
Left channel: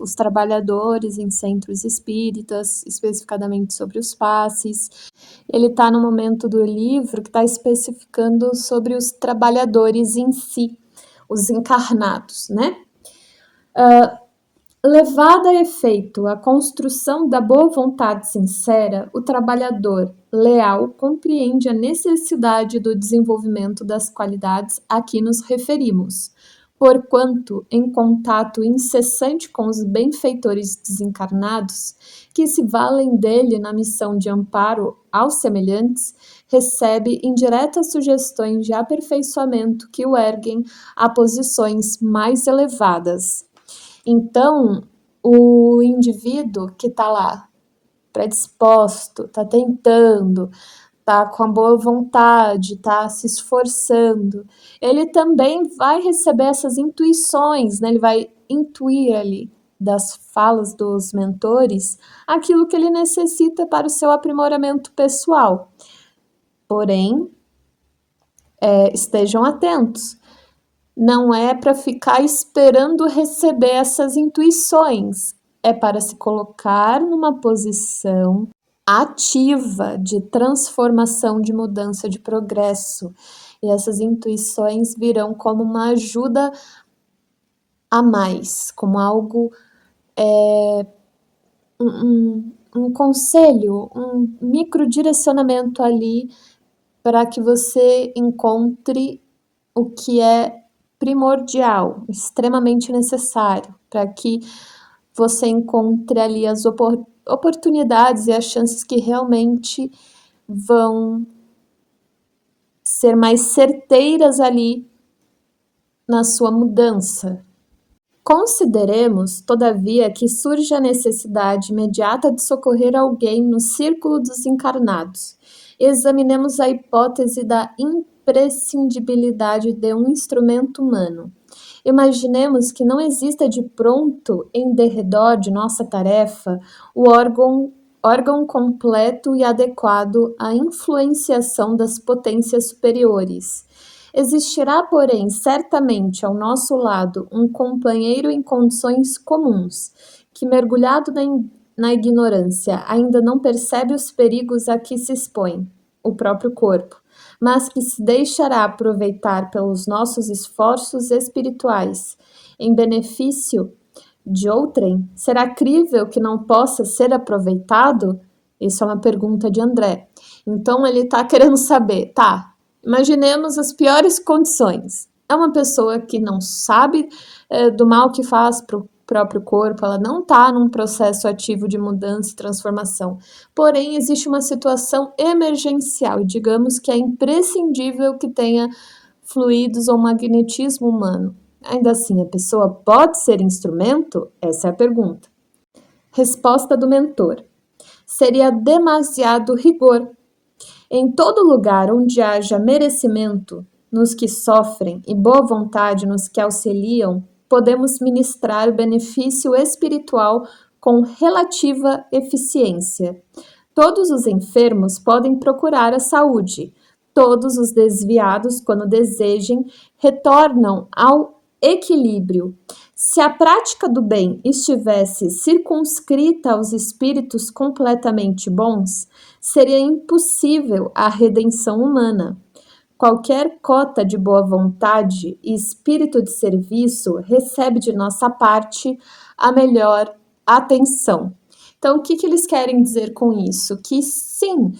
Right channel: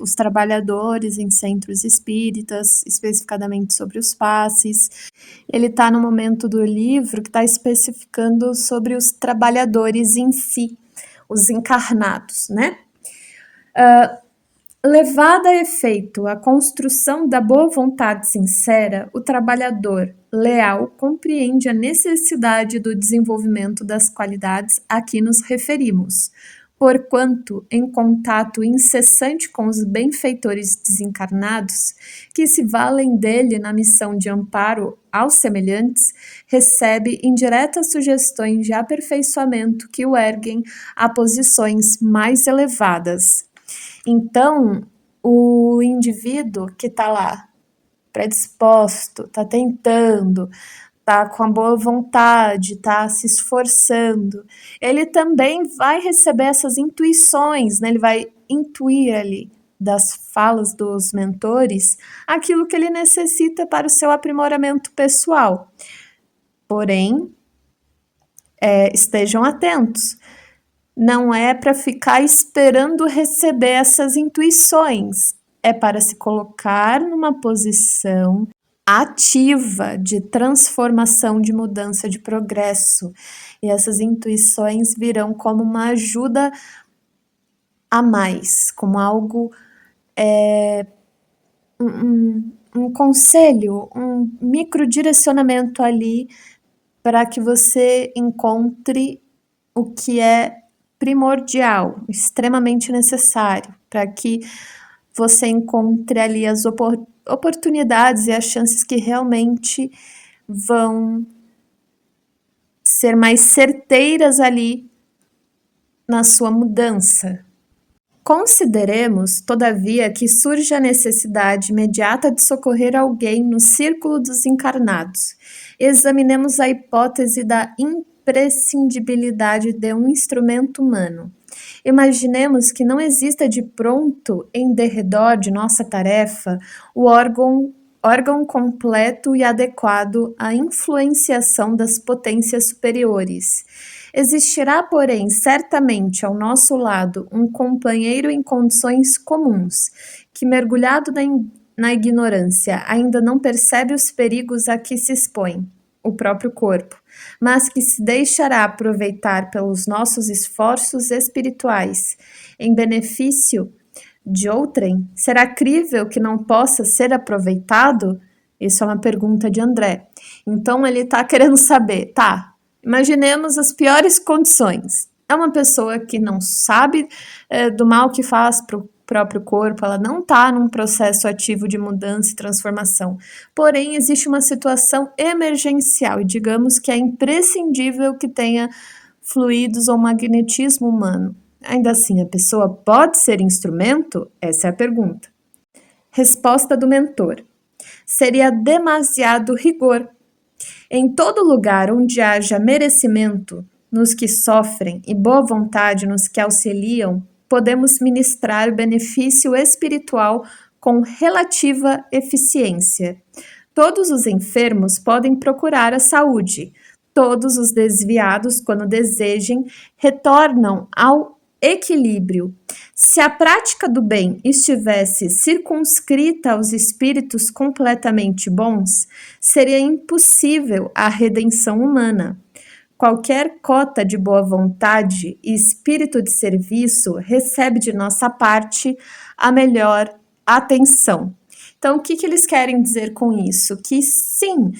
os trabalhadores em centros espíritas, especificadamente sobre os passes. Ele está no momento do livro que está especificando sobre os trabalhadores em si, os encarnados, né? Levada a efeito a construção da boa vontade sincera, o trabalhador leal compreende a necessidade do desenvolvimento das qualidades a que nos referimos, porquanto, em contato incessante com os benfeitores desencarnados, que se valem dele na missão de amparo aos semelhantes, recebe indiretas sugestões de aperfeiçoamento que o erguem a posições mais elevadas. Então, o indivíduo que está lá, predisposto, está tentando, está com a boa vontade, está se esforçando, ele também vai receber essas intuições, né? Ele vai intuir ali das falas dos mentores aquilo que ele necessita para o seu aprimoramento pessoal. Porém, estejam atentos. Não é para ficar esperando receber essas intuições, é para se colocar numa posição ativa de transformação, de mudança, de progresso. E essas intuições virão como uma ajuda a mais, como algo, um conselho, um microdirecionamento ali para que você encontre o que é primordial, extremamente necessário, para que você encontre ali as oportunidades e as chances que realmente vão ser mais certeiras ali na sua mudança. Consideremos, todavia, que surge a necessidade imediata de socorrer alguém no círculo dos encarnados. Examinemos a hipótese da imprescindibilidade de um instrumento humano. Imaginemos que não exista de pronto em derredor de nossa tarefa o órgão completo e adequado à influenciação das potências superiores. Existirá, porém, certamente ao nosso lado um companheiro em condições comuns, que, mergulhado na ignorância, ainda não percebe os perigos a que se expõe, o próprio corpo, mas que se deixará aproveitar pelos nossos esforços espirituais em benefício de outrem. Será crível que não possa ser aproveitado? Isso é uma pergunta de André. Então ele está querendo saber, imaginemos as piores condições. É uma pessoa que não sabe do mal que faz para o próprio corpo, ela não está num processo ativo de mudança e transformação. Porém, existe uma situação emergencial e digamos que é imprescindível que tenha fluidos ou magnetismo humano. Ainda assim, a pessoa pode ser instrumento? Essa é a pergunta. Resposta do mentor. Seria demasiado rigor. Em todo lugar onde haja merecimento nos que sofrem e boa vontade nos que auxiliam, podemos ministrar benefício espiritual com relativa eficiência. Todos os enfermos podem procurar a saúde. Todos os desviados, quando desejem, retornam ao equilíbrio. Se a prática do bem estivesse circunscrita aos espíritos completamente bons, seria impossível a redenção humana. Qualquer cota de boa vontade e espírito de serviço recebe de nossa parte a melhor atenção. Então, o que eles querem dizer com isso? Que sim,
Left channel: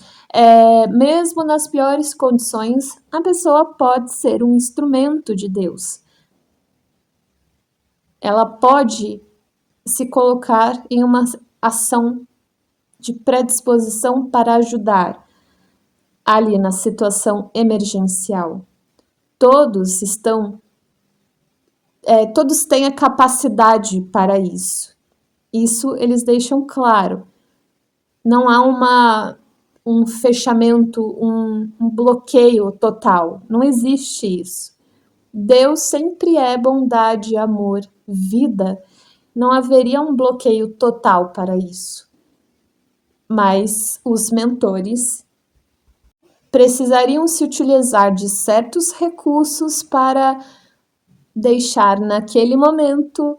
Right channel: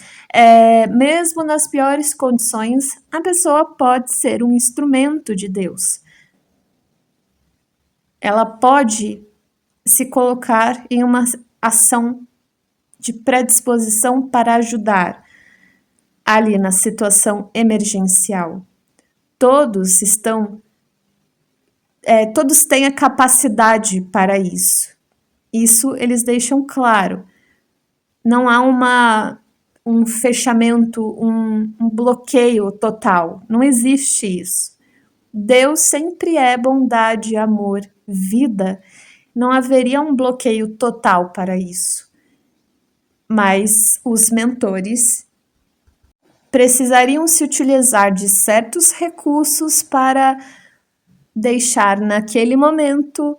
mesmo nas piores condições, a pessoa pode ser um instrumento de Deus. Ela pode se colocar em uma ação de predisposição para ajudar ali na situação emergencial. Todos têm a capacidade para isso. Isso eles deixam claro. Não há um fechamento, um bloqueio total. Não existe isso. Deus sempre é bondade, amor, vida. Não haveria um bloqueio total para isso. Mas os mentores precisariam se utilizar de certos recursos para deixar naquele momento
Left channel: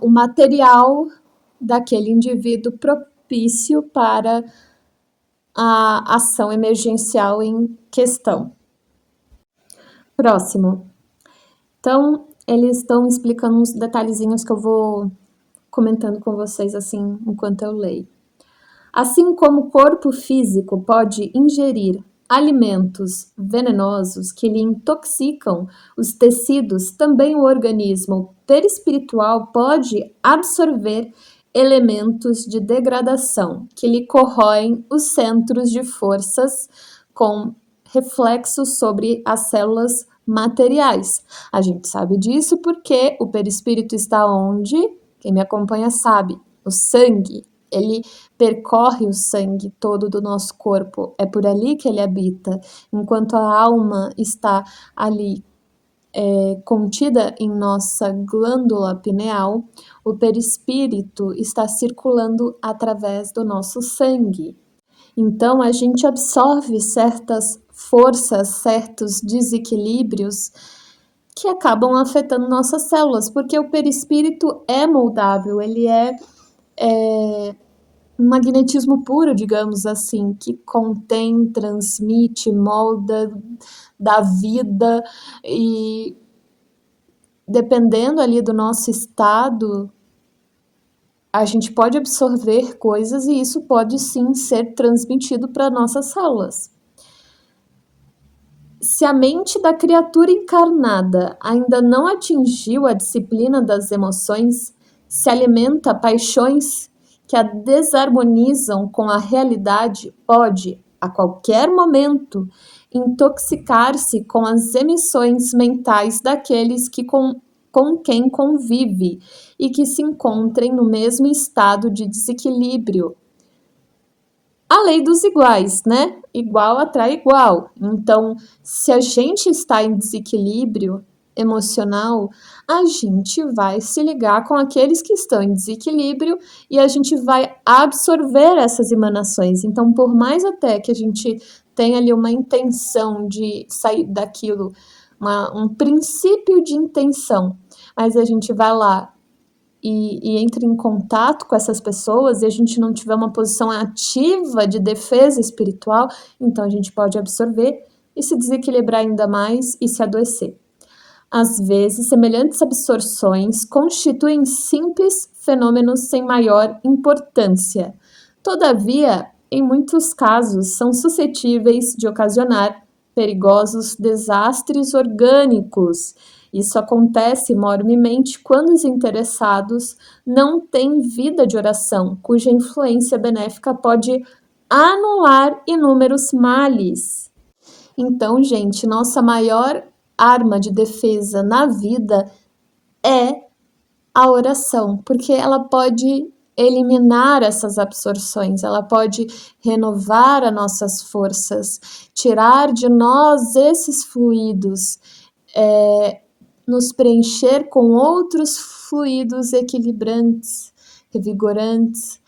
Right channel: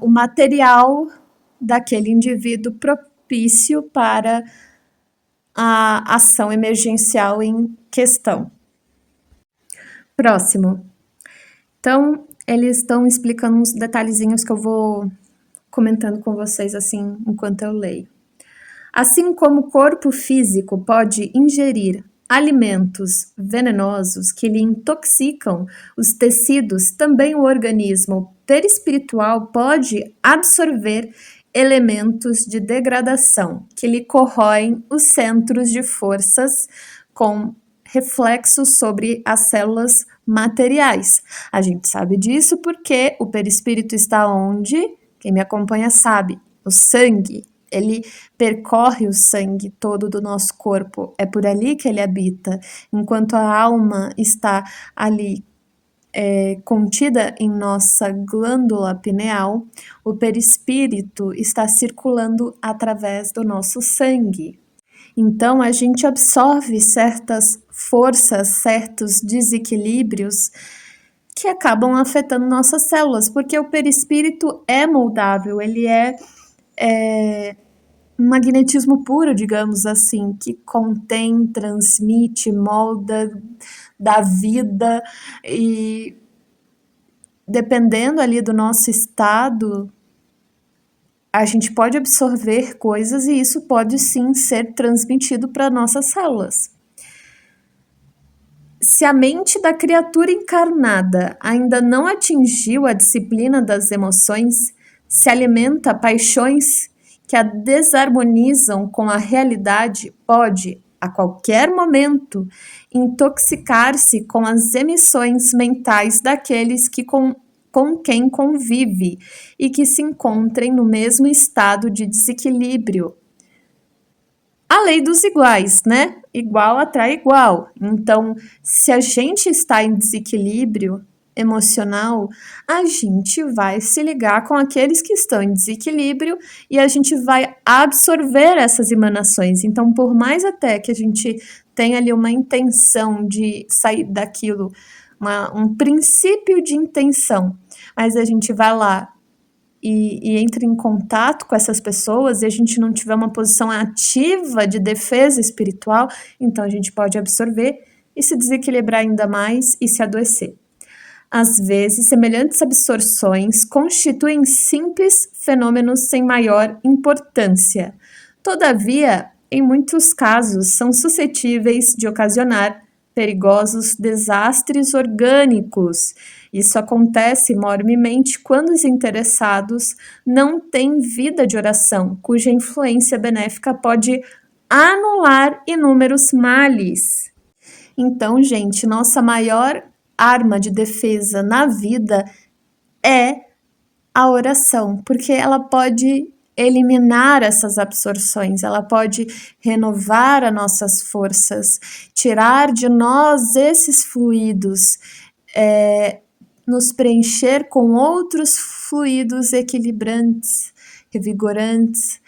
o material daquele indivíduo propício para a ação emergencial em questão. Próximo. Então, eles estão explicando uns detalhezinhos que eu vou comentando com vocês assim enquanto eu leio. Assim como o corpo físico pode ingerir alimentos venenosos que lhe intoxicam os tecidos, também o organismo perispiritual pode absorver elementos de degradação que lhe corroem os centros de forças com reflexos sobre as células materiais. A gente sabe disso porque o perispírito está onde? Quem me acompanha sabe, o sangue. Ele percorre o sangue todo do nosso corpo, é por ali que ele habita. Enquanto a alma está ali contida em nossa glândula pineal, o perispírito está circulando através do nosso sangue. Então, a gente absorve certas forças, certos desequilíbrios que acabam afetando nossas células, porque o perispírito é moldável, ele é um magnetismo puro, digamos assim, que contém, transmite, molda, dá vida, e dependendo ali do nosso estado, a gente pode absorver coisas e isso pode sim ser transmitido para nossas células. Se a mente da criatura encarnada ainda não atingiu a disciplina das emoções, se alimenta paixões que a desarmonizam com a realidade, pode, a qualquer momento, intoxicar-se com as emissões mentais daqueles que com quem convive e que se encontrem no mesmo estado de desequilíbrio. A lei dos iguais, né? Igual atrai igual. Então, se a gente está em desequilíbrio emocional, a gente vai se ligar com aqueles que estão em desequilíbrio e a gente vai absorver essas emanações. Então, por mais até que a gente tenha ali uma intenção de sair daquilo, um princípio de intenção, mas a gente vai lá e entra em contato com essas pessoas e a gente não tiver uma posição ativa de defesa espiritual, então a gente pode absorver e se desequilibrar ainda mais e se adoecer. Às vezes, semelhantes absorções constituem simples fenômenos sem maior importância. Todavia, em muitos casos, são suscetíveis de ocasionar perigosos desastres orgânicos. Isso acontece enormemente quando os interessados não têm vida de oração, cuja influência benéfica pode anular inúmeros males. Então, gente, nossa maior arma de defesa na vida é a oração, porque ela pode eliminar essas absorções, ela pode renovar as nossas forças, tirar de nós esses fluidos, nos preencher com outros fluidos equilibrantes, revigorantes.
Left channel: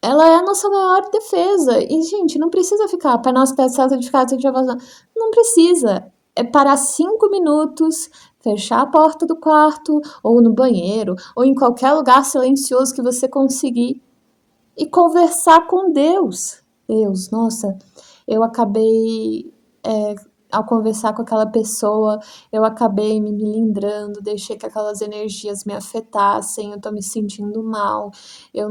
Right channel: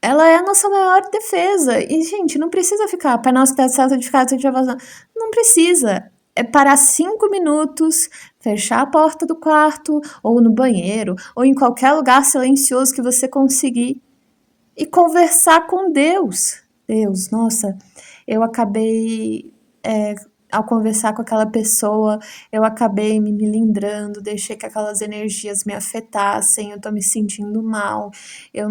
Ela é a nossa maior defesa. E, gente, não precisa ficar, Pai Nosso que está no céu, santificado seja o vosso nome. Não precisa. parar 5 minutos, fechar a porta do quarto, ou no banheiro, ou em qualquer lugar silencioso que você conseguir, e conversar com Deus. Deus, nossa, eu acabei, ao conversar com aquela pessoa, eu acabei me melindrando, deixei que aquelas energias me afetassem, eu tô me sentindo mal, eu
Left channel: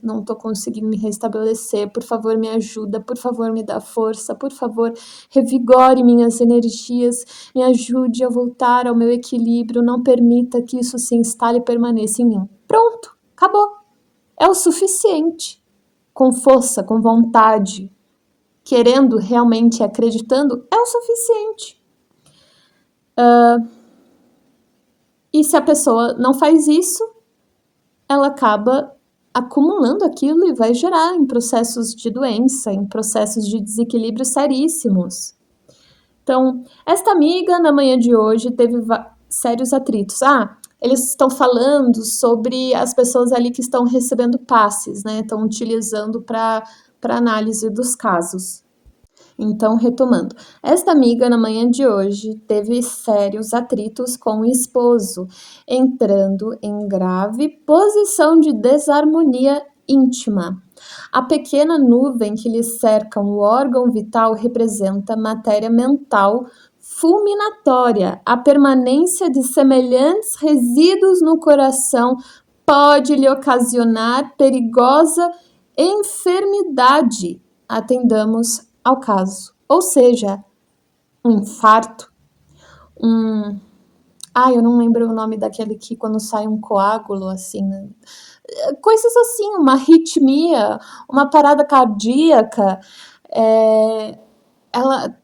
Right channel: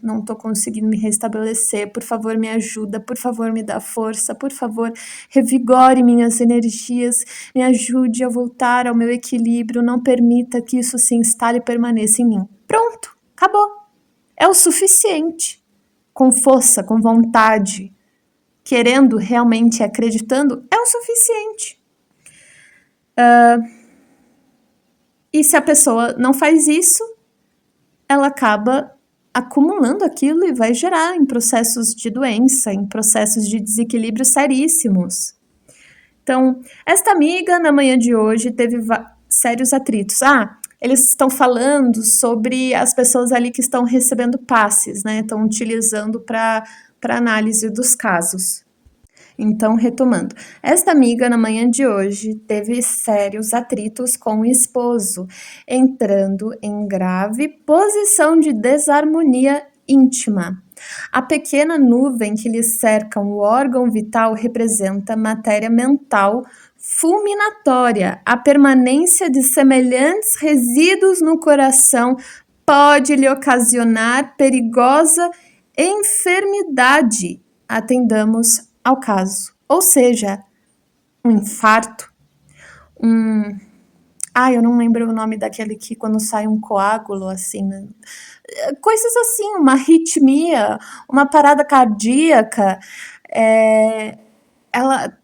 não tô conseguindo me restabelecer, por favor me ajuda, por favor me dá força, por favor revigore minhas energias, me ajude a voltar ao meu equilíbrio, não permita que isso se instale e permaneça em mim. Pronto, acabou. É o suficiente. Com força, com vontade, querendo realmente, acreditando, é o suficiente. E se a pessoa não faz isso, ela acaba acumulando aquilo e vai gerar em processos de doença, em processos de desequilíbrio seríssimos. Então, esta amiga, na manhã de hoje, teve sérios atritos. Eles estão falando sobre as pessoas ali que estão recebendo passes, né? Estão utilizando para análise dos casos. Então, retomando, esta amiga, na manhã de hoje, teve sérios atritos com o esposo, entrando em grave posição de desarmonia íntima. A pequena nuvem que lhe cerca o órgão vital representa matéria mental fulminatória. A permanência de semelhantes resíduos no coração pode lhe ocasionar perigosa enfermidade. Atendamos ao caso. Ou seja, um infarto, eu não lembro o nome daquele que quando sai um coágulo, assim, né? Coisas assim, uma arritmia, uma parada cardíaca, ela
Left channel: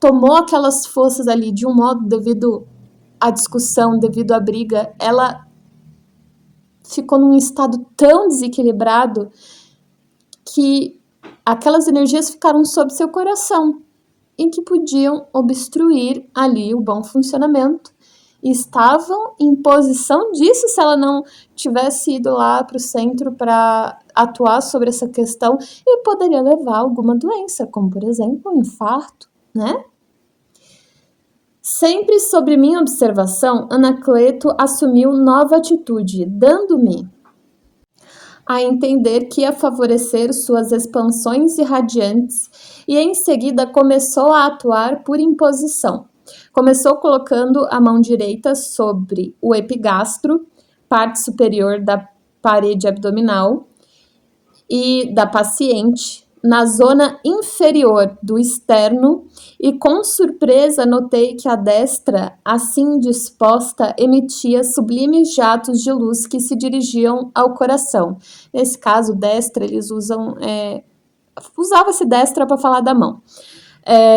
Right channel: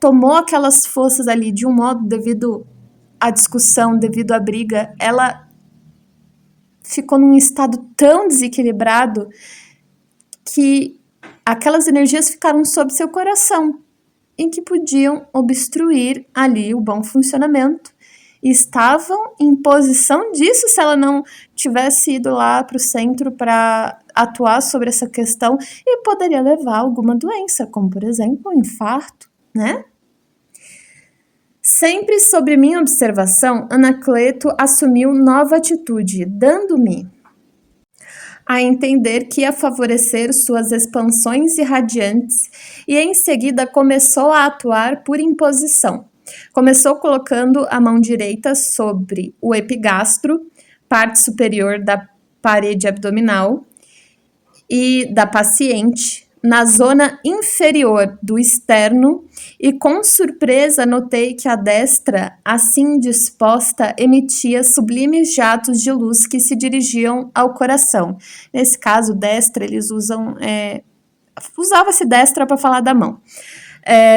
tomou aquelas forças ali de um modo devido à discussão, devido à briga, ela ficou num estado tão desequilibrado que aquelas energias ficaram sob seu coração, em que podiam obstruir ali o bom funcionamento. E estavam em posição disso se ela não tivesse ido lá para o centro para atuar sobre essa questão e poderia levar a alguma doença, como por exemplo um infarto, né? Sempre sobre minha observação, Anacleto assumiu nova atitude, dando-me a entender que ia favorecer suas expansões irradiantes e em seguida começou a atuar por imposição. Começou colocando a mão direita sobre o epigastro, parte superior da parede abdominal e da paciente, na zona inferior do externo, e com surpresa notei que a destra, assim disposta, emitia sublimes jatos de luz que se dirigiam ao coração. Nesse caso, destra, eles usava-se destra para falar da mão.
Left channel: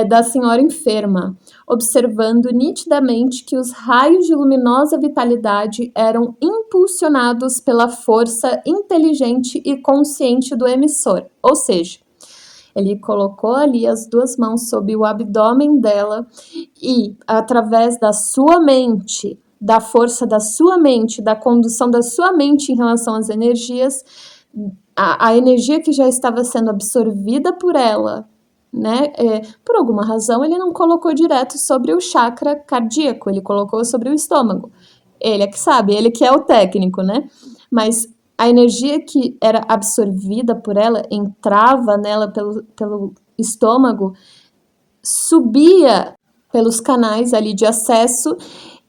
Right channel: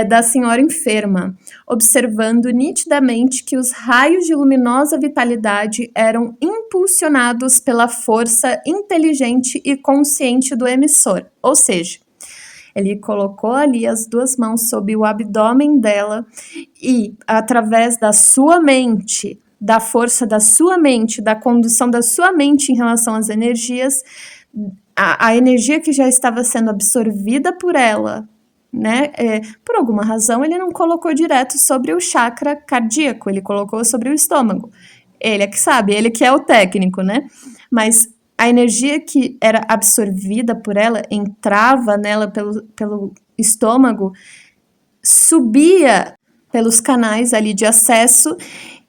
Da senhora enferma, observando nitidamente que os raios de luminosa vitalidade eram impulsionados pela força inteligente e consciente do emissor, ou seja, ele colocou ali as duas mãos sob o abdômen dela e, através da sua mente, da força da sua mente, da condução da sua mente em relação às energias, a energia que já estava sendo absorvida por ela, né? Por alguma razão, ele não colocou direto sobre o chakra cardíaco, ele colocou sobre o estômago. Ele é que sabe, ele que é o técnico, né? Mas a energia que era absorvida por ela, entrava nela pelo estômago, subia pelos canais ali de acesso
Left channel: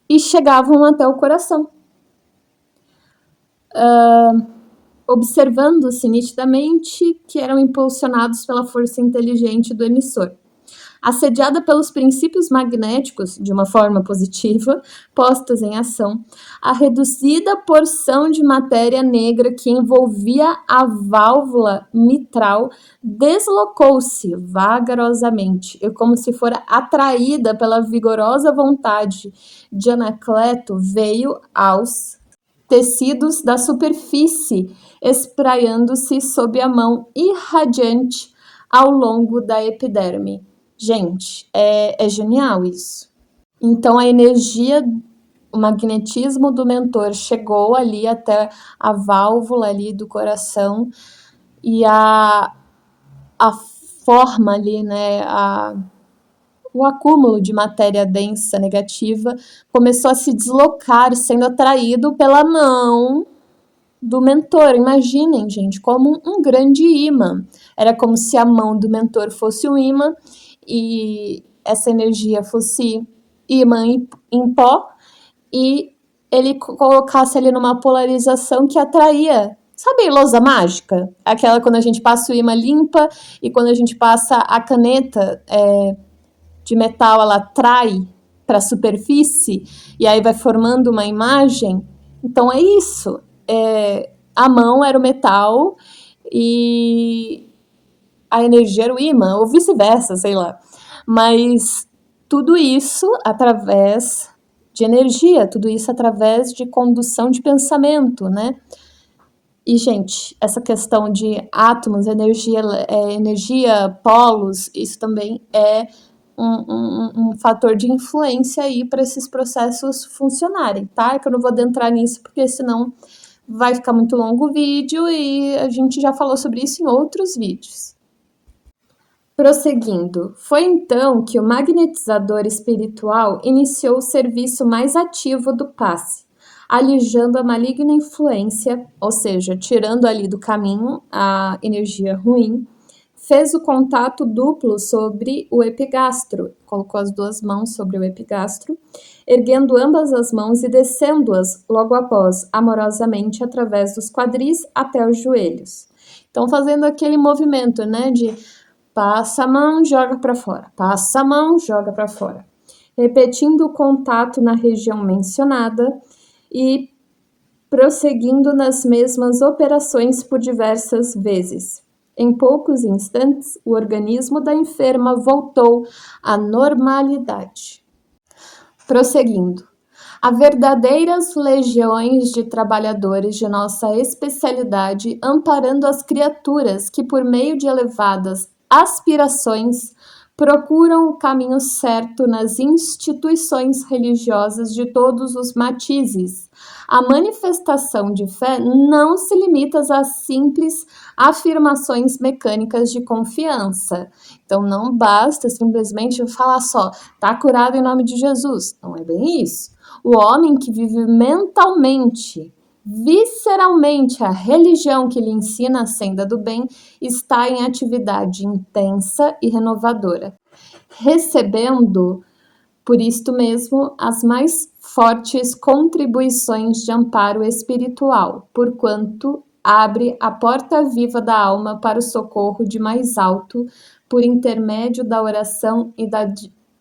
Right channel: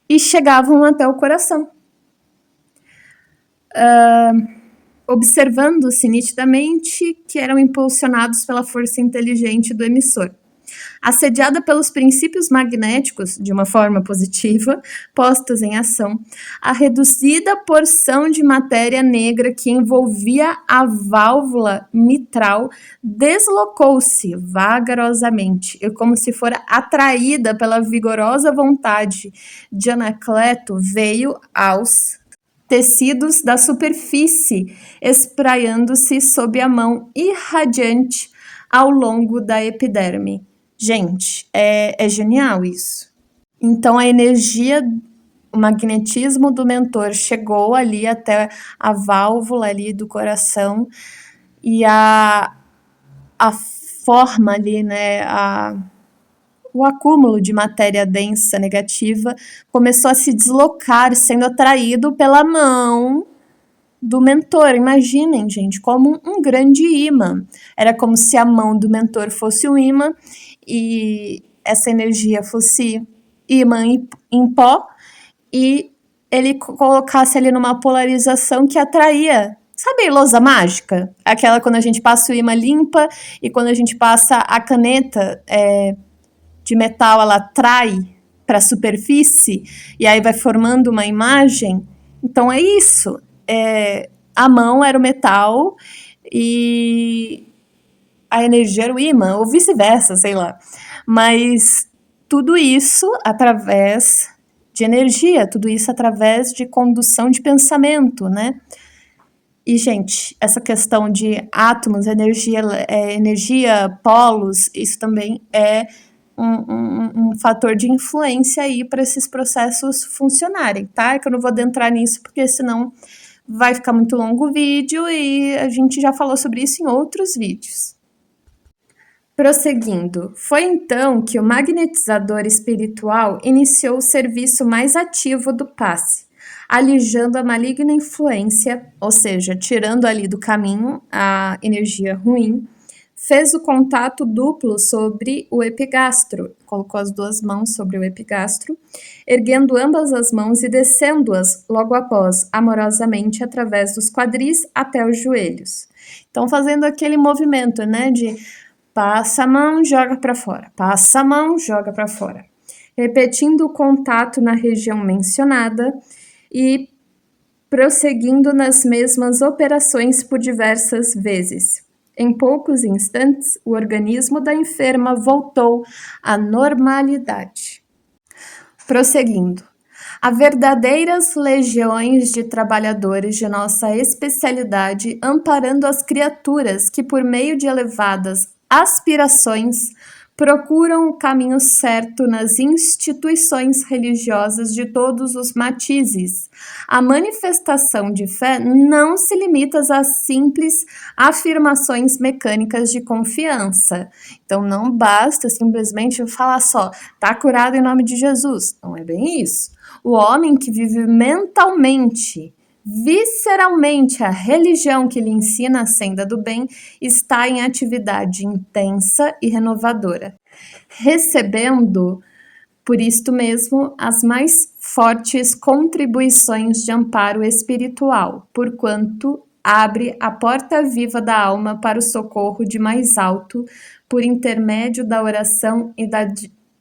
e chegavam até o coração. Observando-se nitidamente que eram impulsionados pela força inteligente do emissor. Assediada pelos princípios magnéticos, de uma forma positiva, postos em ação, a reduzida porção de matéria negra que envolvia a válvula mitral deslocou-se vagarosamente e, como se fora atraída pela vigorosa vontade de Anacleto, veio aos tecidos da superfície, espraiando-se sob a mão irradiante ao longo da epiderme. Gente, é genial isso. Então, a energia, o magnetismo do mentor chegou ali até a válvula ali do coração e a forma ali, né, o acúmulo de matéria densa negativa começou a se deslocar, sendo atraído pela mão do mentor. Imaginem, gente, como um grande imã. Era como se a mão do mentor fosse um imã e essa energia fosse imã em pó e ele colocasse ali numa polarização que atraía. Sabe lousa mágica? Aquela quando a gente passa o imã limpa e quando a gente passa a caneta de metal, ela atrai para a superfície e aí vai formando uma imagem. Então é isso. A mão era o metal e a energia era o imã, ou vice-versa, sei lá. Mas tudo isso através de energia, tudo isso através de condução de pensamento, né? E, gente, essa questão de átomos, energia, polos, isso também é um fator de influência aí para esses processos funcionarem, tá? É que eu não vou adentrar nisso, porque senão vai ficar muito longo o vídeo e a gente já falou sobre isso em outros vídeos. Prosseguindo, foi então que o magnetizador espiritual iniciou o serviço mais ativo do passe, alijando a maligna influência, ou seja, tirando ali do caminho a energia ruim, fez o contato duplo sobre o epigastro, colocou as duas mãos sobre o epigastro, erguendo ambas as mãos e descendo-as logo após, amorosamente, através dos quadris até os joelhos. Então, fazendo aquele movimento, né, de passa a mão, joga para fora, passa a mão, joga para fora. Repetindo o contato na região mencionada e prosseguindo nas mesmas operações por diversas vezes. Em poucos instantes, o organismo da enferma voltou à normalidade. Prosseguindo. Há verdadeiras legiões de trabalhadores de nossa especialidade amparando as criaturas que, por meio de elevadas aspirações, procuram o caminho certo nas instituições religiosas de todos os matizes. A manifestação de fé não se limita a simples afirmações mecânicas de confiança. Então, não basta simplesmente falar só, tá curado em nome de Jesus. Não é bem isso. O homem que vive mentalmente, visceralmente a religião que lhe ensina a senda do bem está em atividade intensa e renovadora, recebendo, por isto mesmo, as mais fortes contribuições de amparo espiritual, porquanto abre a porta viva da alma para o socorro de mais alto, por intermédio da oração e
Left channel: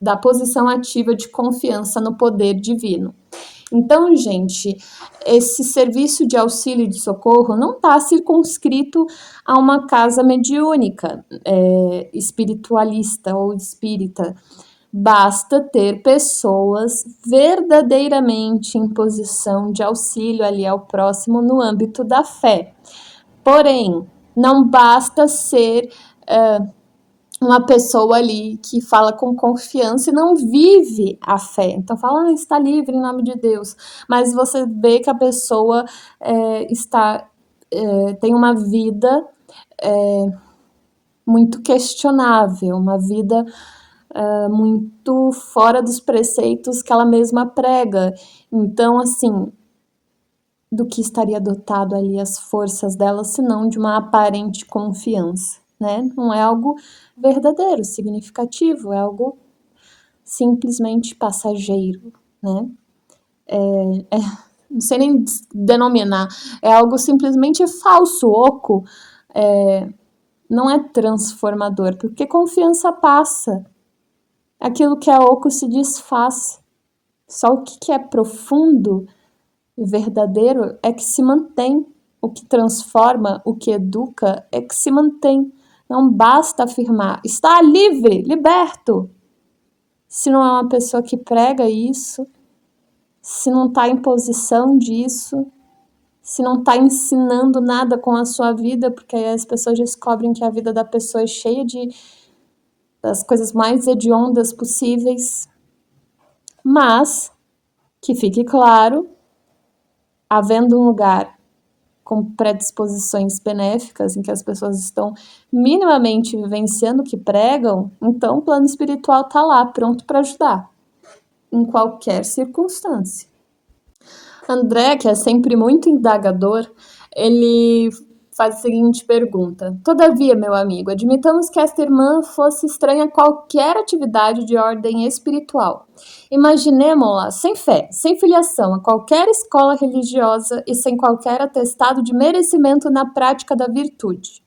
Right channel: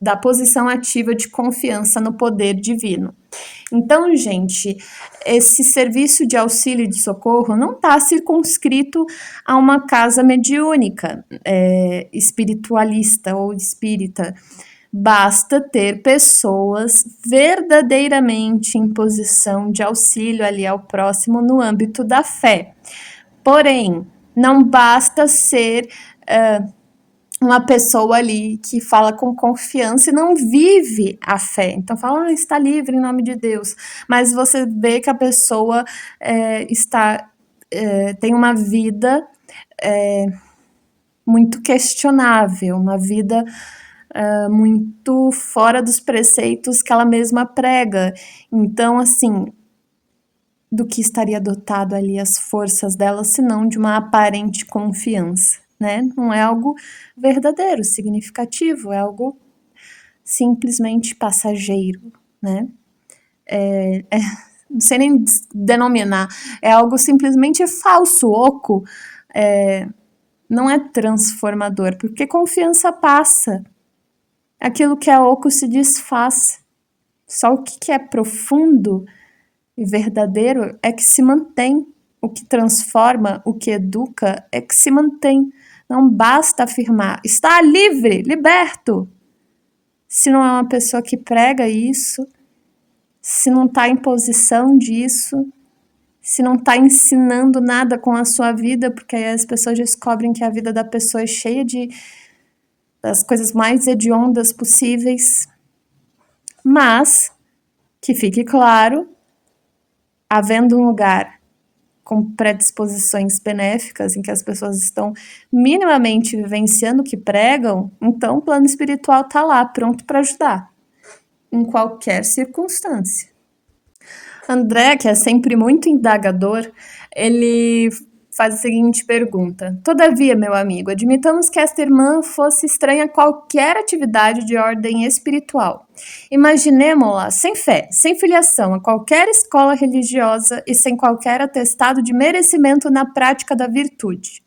da posição ativa de confiança no poder divino. Então, gente, esse serviço de auxílio e de socorro não está circunscrito a uma casa mediúnica, espiritualista ou espírita. Basta ter pessoas verdadeiramente em posição de auxílio ali ao próximo no âmbito da fé. Porém, não basta ser uma pessoa ali que fala com confiança e não vive a fé. Então fala, está livre em nome de Deus. Mas você vê que a pessoa tem uma vida muito questionável, uma vida muito fora dos preceitos que ela mesma prega. Então, assim, do que estaria dotado ali as forças dela, senão de uma aparente confiança, né? Não é algo verdadeiro, significativo, é algo simplesmente passageiro, né? Não sei nem denominar, é algo simplesmente falso, oco, não é transformador, porque confiança passa, aquilo que é oco se desfaz, só o que é profundo e verdadeiro é que se mantém, o que transforma, o que educa é que se mantém. Não basta afirmar, está livre, liberto. Se não é uma pessoa que prega isso, se não está em posição disso, se não está ensinando nada com a sua vida, porque aí as pessoas descobrem que a vida da pessoa é cheia das coisas mais hediondas possíveis. Mas, que fique claro, havendo um lugar com predisposições benéficas, em que as pessoas estão minimamente vivenciando o que pregam, então o plano espiritual está lá, pronto para ajudar, em qualquer circunstância. André, que é sempre muito indagador, ele faz a seguinte pergunta: todavia, meu amigo, admitamos que esta irmã fosse estranha a qualquer atividade de ordem espiritual. Imaginemo-la sem fé, sem filiação a qualquer escola religiosa e sem qualquer atestado de merecimento na prática da virtude.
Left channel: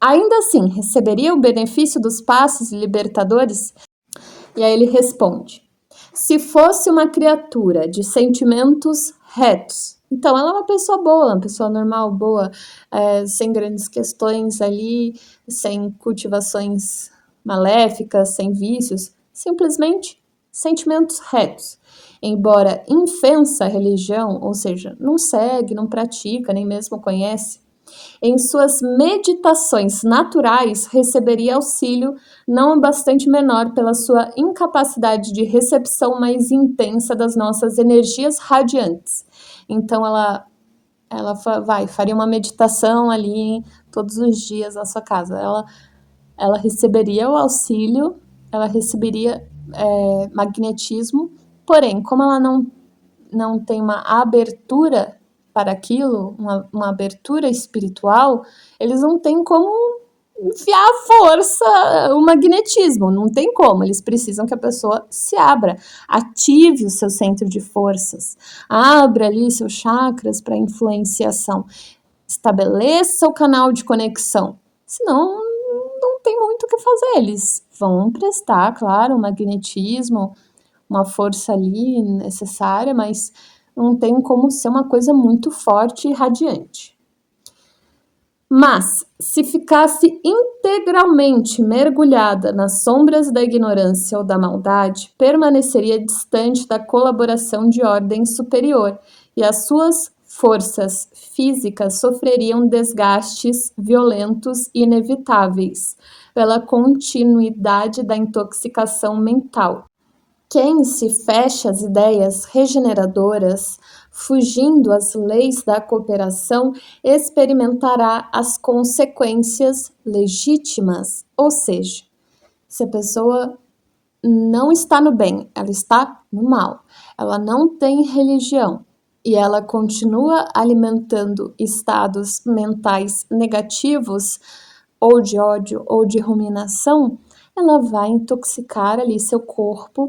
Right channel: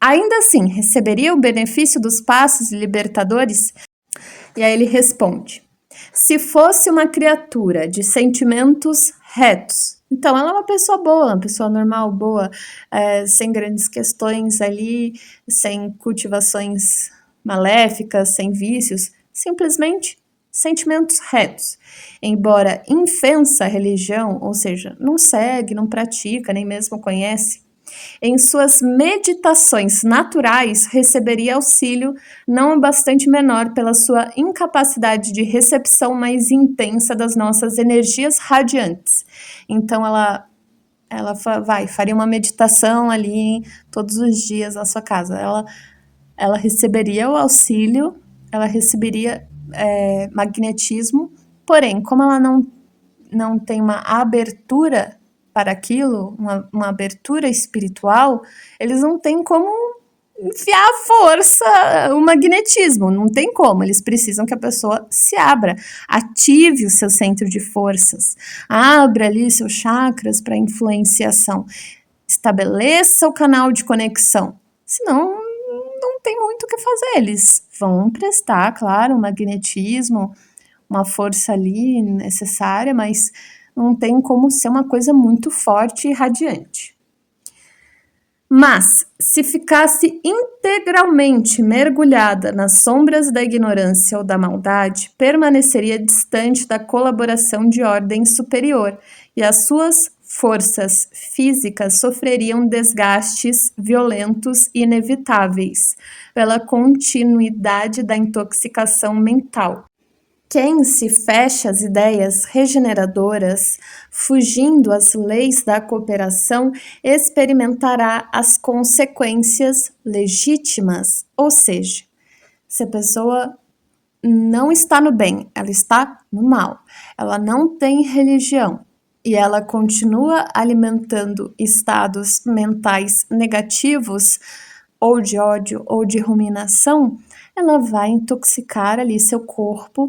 Ainda assim, receberia o benefício dos passos libertadores? E aí ele responde: se fosse uma criatura de sentimentos retos, então ela é uma pessoa boa, uma pessoa normal, boa, sem grandes questões ali, sem cultivações maléficas, sem vícios, simplesmente sentimentos retos. Embora infensa a religião, ou seja, não segue, não pratica, nem mesmo conhece, em suas meditações naturais receberia auxílio não bastante menor pela sua incapacidade de recepção mais intensa das nossas energias radiantes. Então ela faria uma meditação ali todos os dias na sua casa. Ela receberia o auxílio, ela receberia magnetismo, porém, como ela não tem uma abertura para aquilo, uma abertura espiritual, eles não têm como enfiar a força, o magnetismo, não tem como, eles precisam que a pessoa se abra, ative o seu centro de forças, abra ali seus chakras para influenciação, estabeleça o canal de conexão, senão não tem muito o que fazer, eles vão prestar, claro, o magnetismo, uma força ali necessária, mas não tem como ser uma coisa muito forte e radiante. Mas, se ficasse integralmente mergulhada nas sombras da ignorância ou da maldade, permaneceria distante da colaboração de ordem superior e as suas forças físicas sofreriam desgastes violentos e inevitáveis pela continuidade da intoxicação mental. Quem se fecha às ideias regeneradoras, fugindo às leis da cooperação, experimentará as consequências legítimas, ou seja, se a pessoa não está no bem, ela está no mal, ela não tem religião e ela continua alimentando estados mentais negativos, ou de ódio, ou de ruminação, ela vai intoxicar ali seu corpo,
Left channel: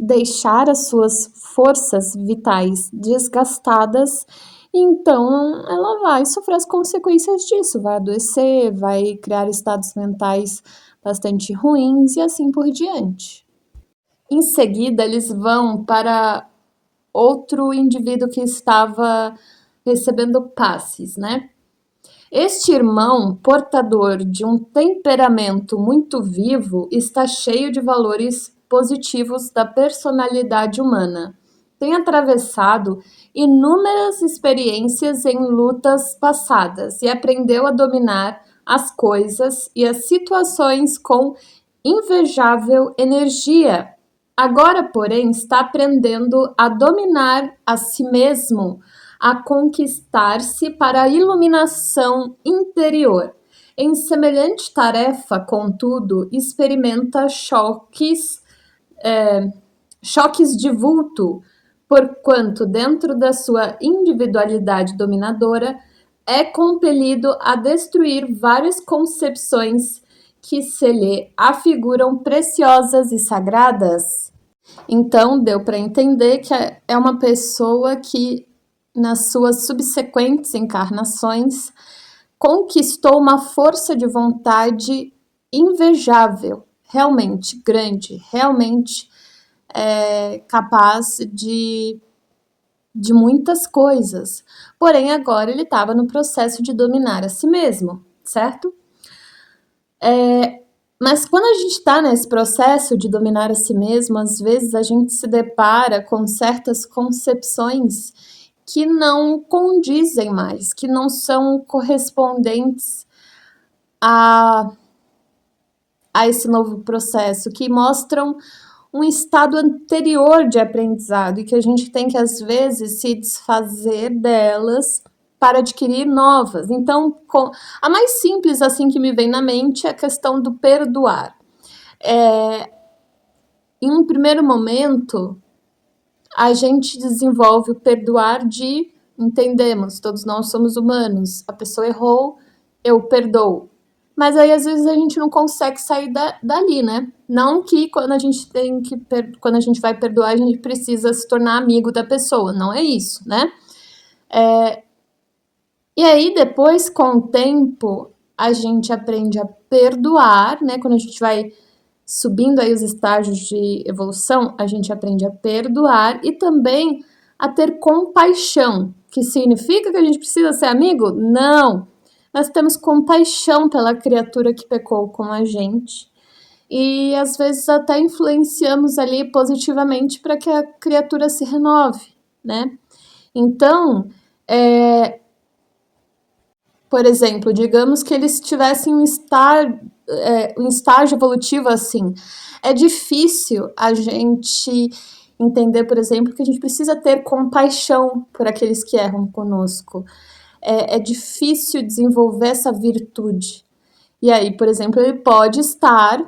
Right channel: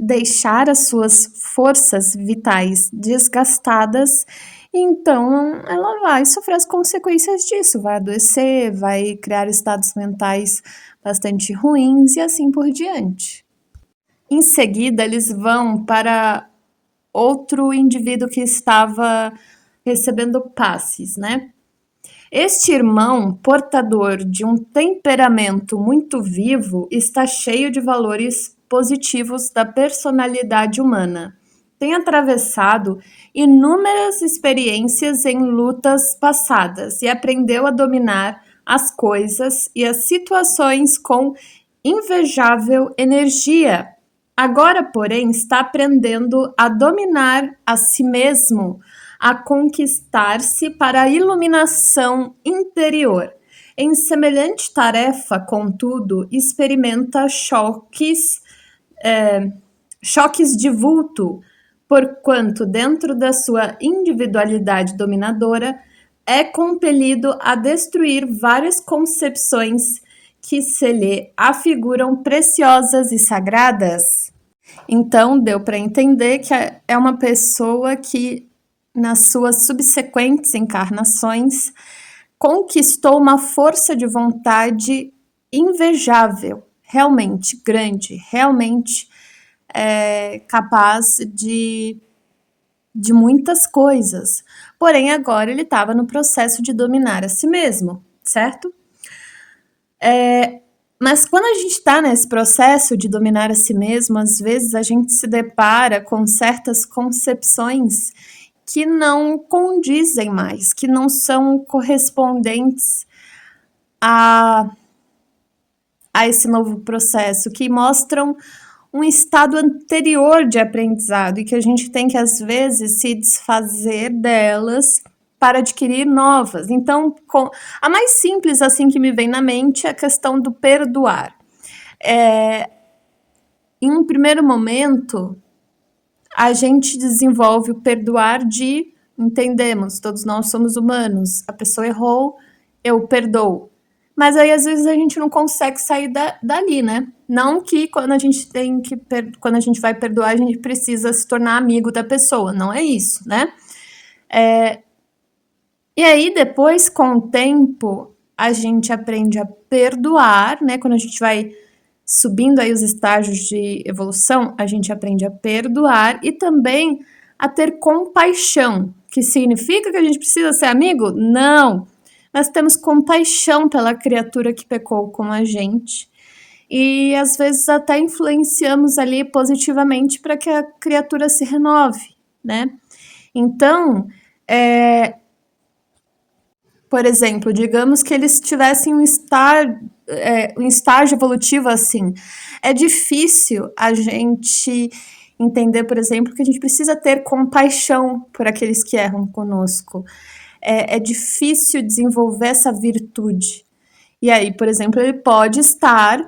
deixar as suas forças vitais desgastadas, então ela vai sofrer as consequências disso, vai adoecer, vai criar estados mentais bastante ruins e assim por diante. Em seguida, eles vão para outro indivíduo que estava recebendo passes, né? Este irmão, portador de um temperamento muito vivo, está cheio de valores positivos da personalidade humana. Tem atravessado inúmeras experiências em lutas passadas e aprendeu a dominar as coisas e as situações com invejável energia. Agora, porém, está aprendendo a dominar a si mesmo, a conquistar-se para a iluminação interior. Em semelhante tarefa, contudo, experimenta choques de vulto, porquanto, dentro da sua individualidade dominadora, é compelido a destruir várias concepções que se lhe afiguram preciosas e sagradas. Então, deu para entender que é uma pessoa que, nas suas subsequentes encarnações, conquistou uma força de vontade invejável, realmente grande, realmente capaz de muitas coisas. Porém, agora ele estava no processo de dominar a si mesmo, certo? Mas quando a gente está nesse processo de dominar a si mesmo, às vezes a gente se depara com certas concepções que não condizem mais, que não são correspondentes a esse novo processo, que mostram um estado anterior de aprendizado e que a gente tem que, às vezes, se desfazer delas para adquirir novas. Então, a mais simples assim que me vem na mente é a questão do perdoar. Em um primeiro momento, a gente desenvolve o perdoar entendemos, todos nós somos humanos, a pessoa errou, eu perdoo. Mas aí, às vezes, a gente não consegue sair dali, né? Não que quando a gente vai perdoar, a gente precisa se tornar amigo da pessoa, não é isso, né? E aí, depois, com o tempo, a gente aprende a perdoar, né? Quando a gente vai subindo aí os estágios de evolução, a gente aprende a perdoar e também a ter compaixão, que significa que a gente precisa ser amigo? Não! Nós temos compaixão pela criatura que pecou com a gente e às vezes até influenciamos ali positivamente para que a criatura se renove, né? Então, por exemplo, digamos que eles tivessem um estágio evolutivo assim. É difícil a gente entender, por exemplo, que a gente precisa ter compaixão por aqueles que erram conosco. É difícil desenvolver essa virtude. E aí, por exemplo, ele pode estar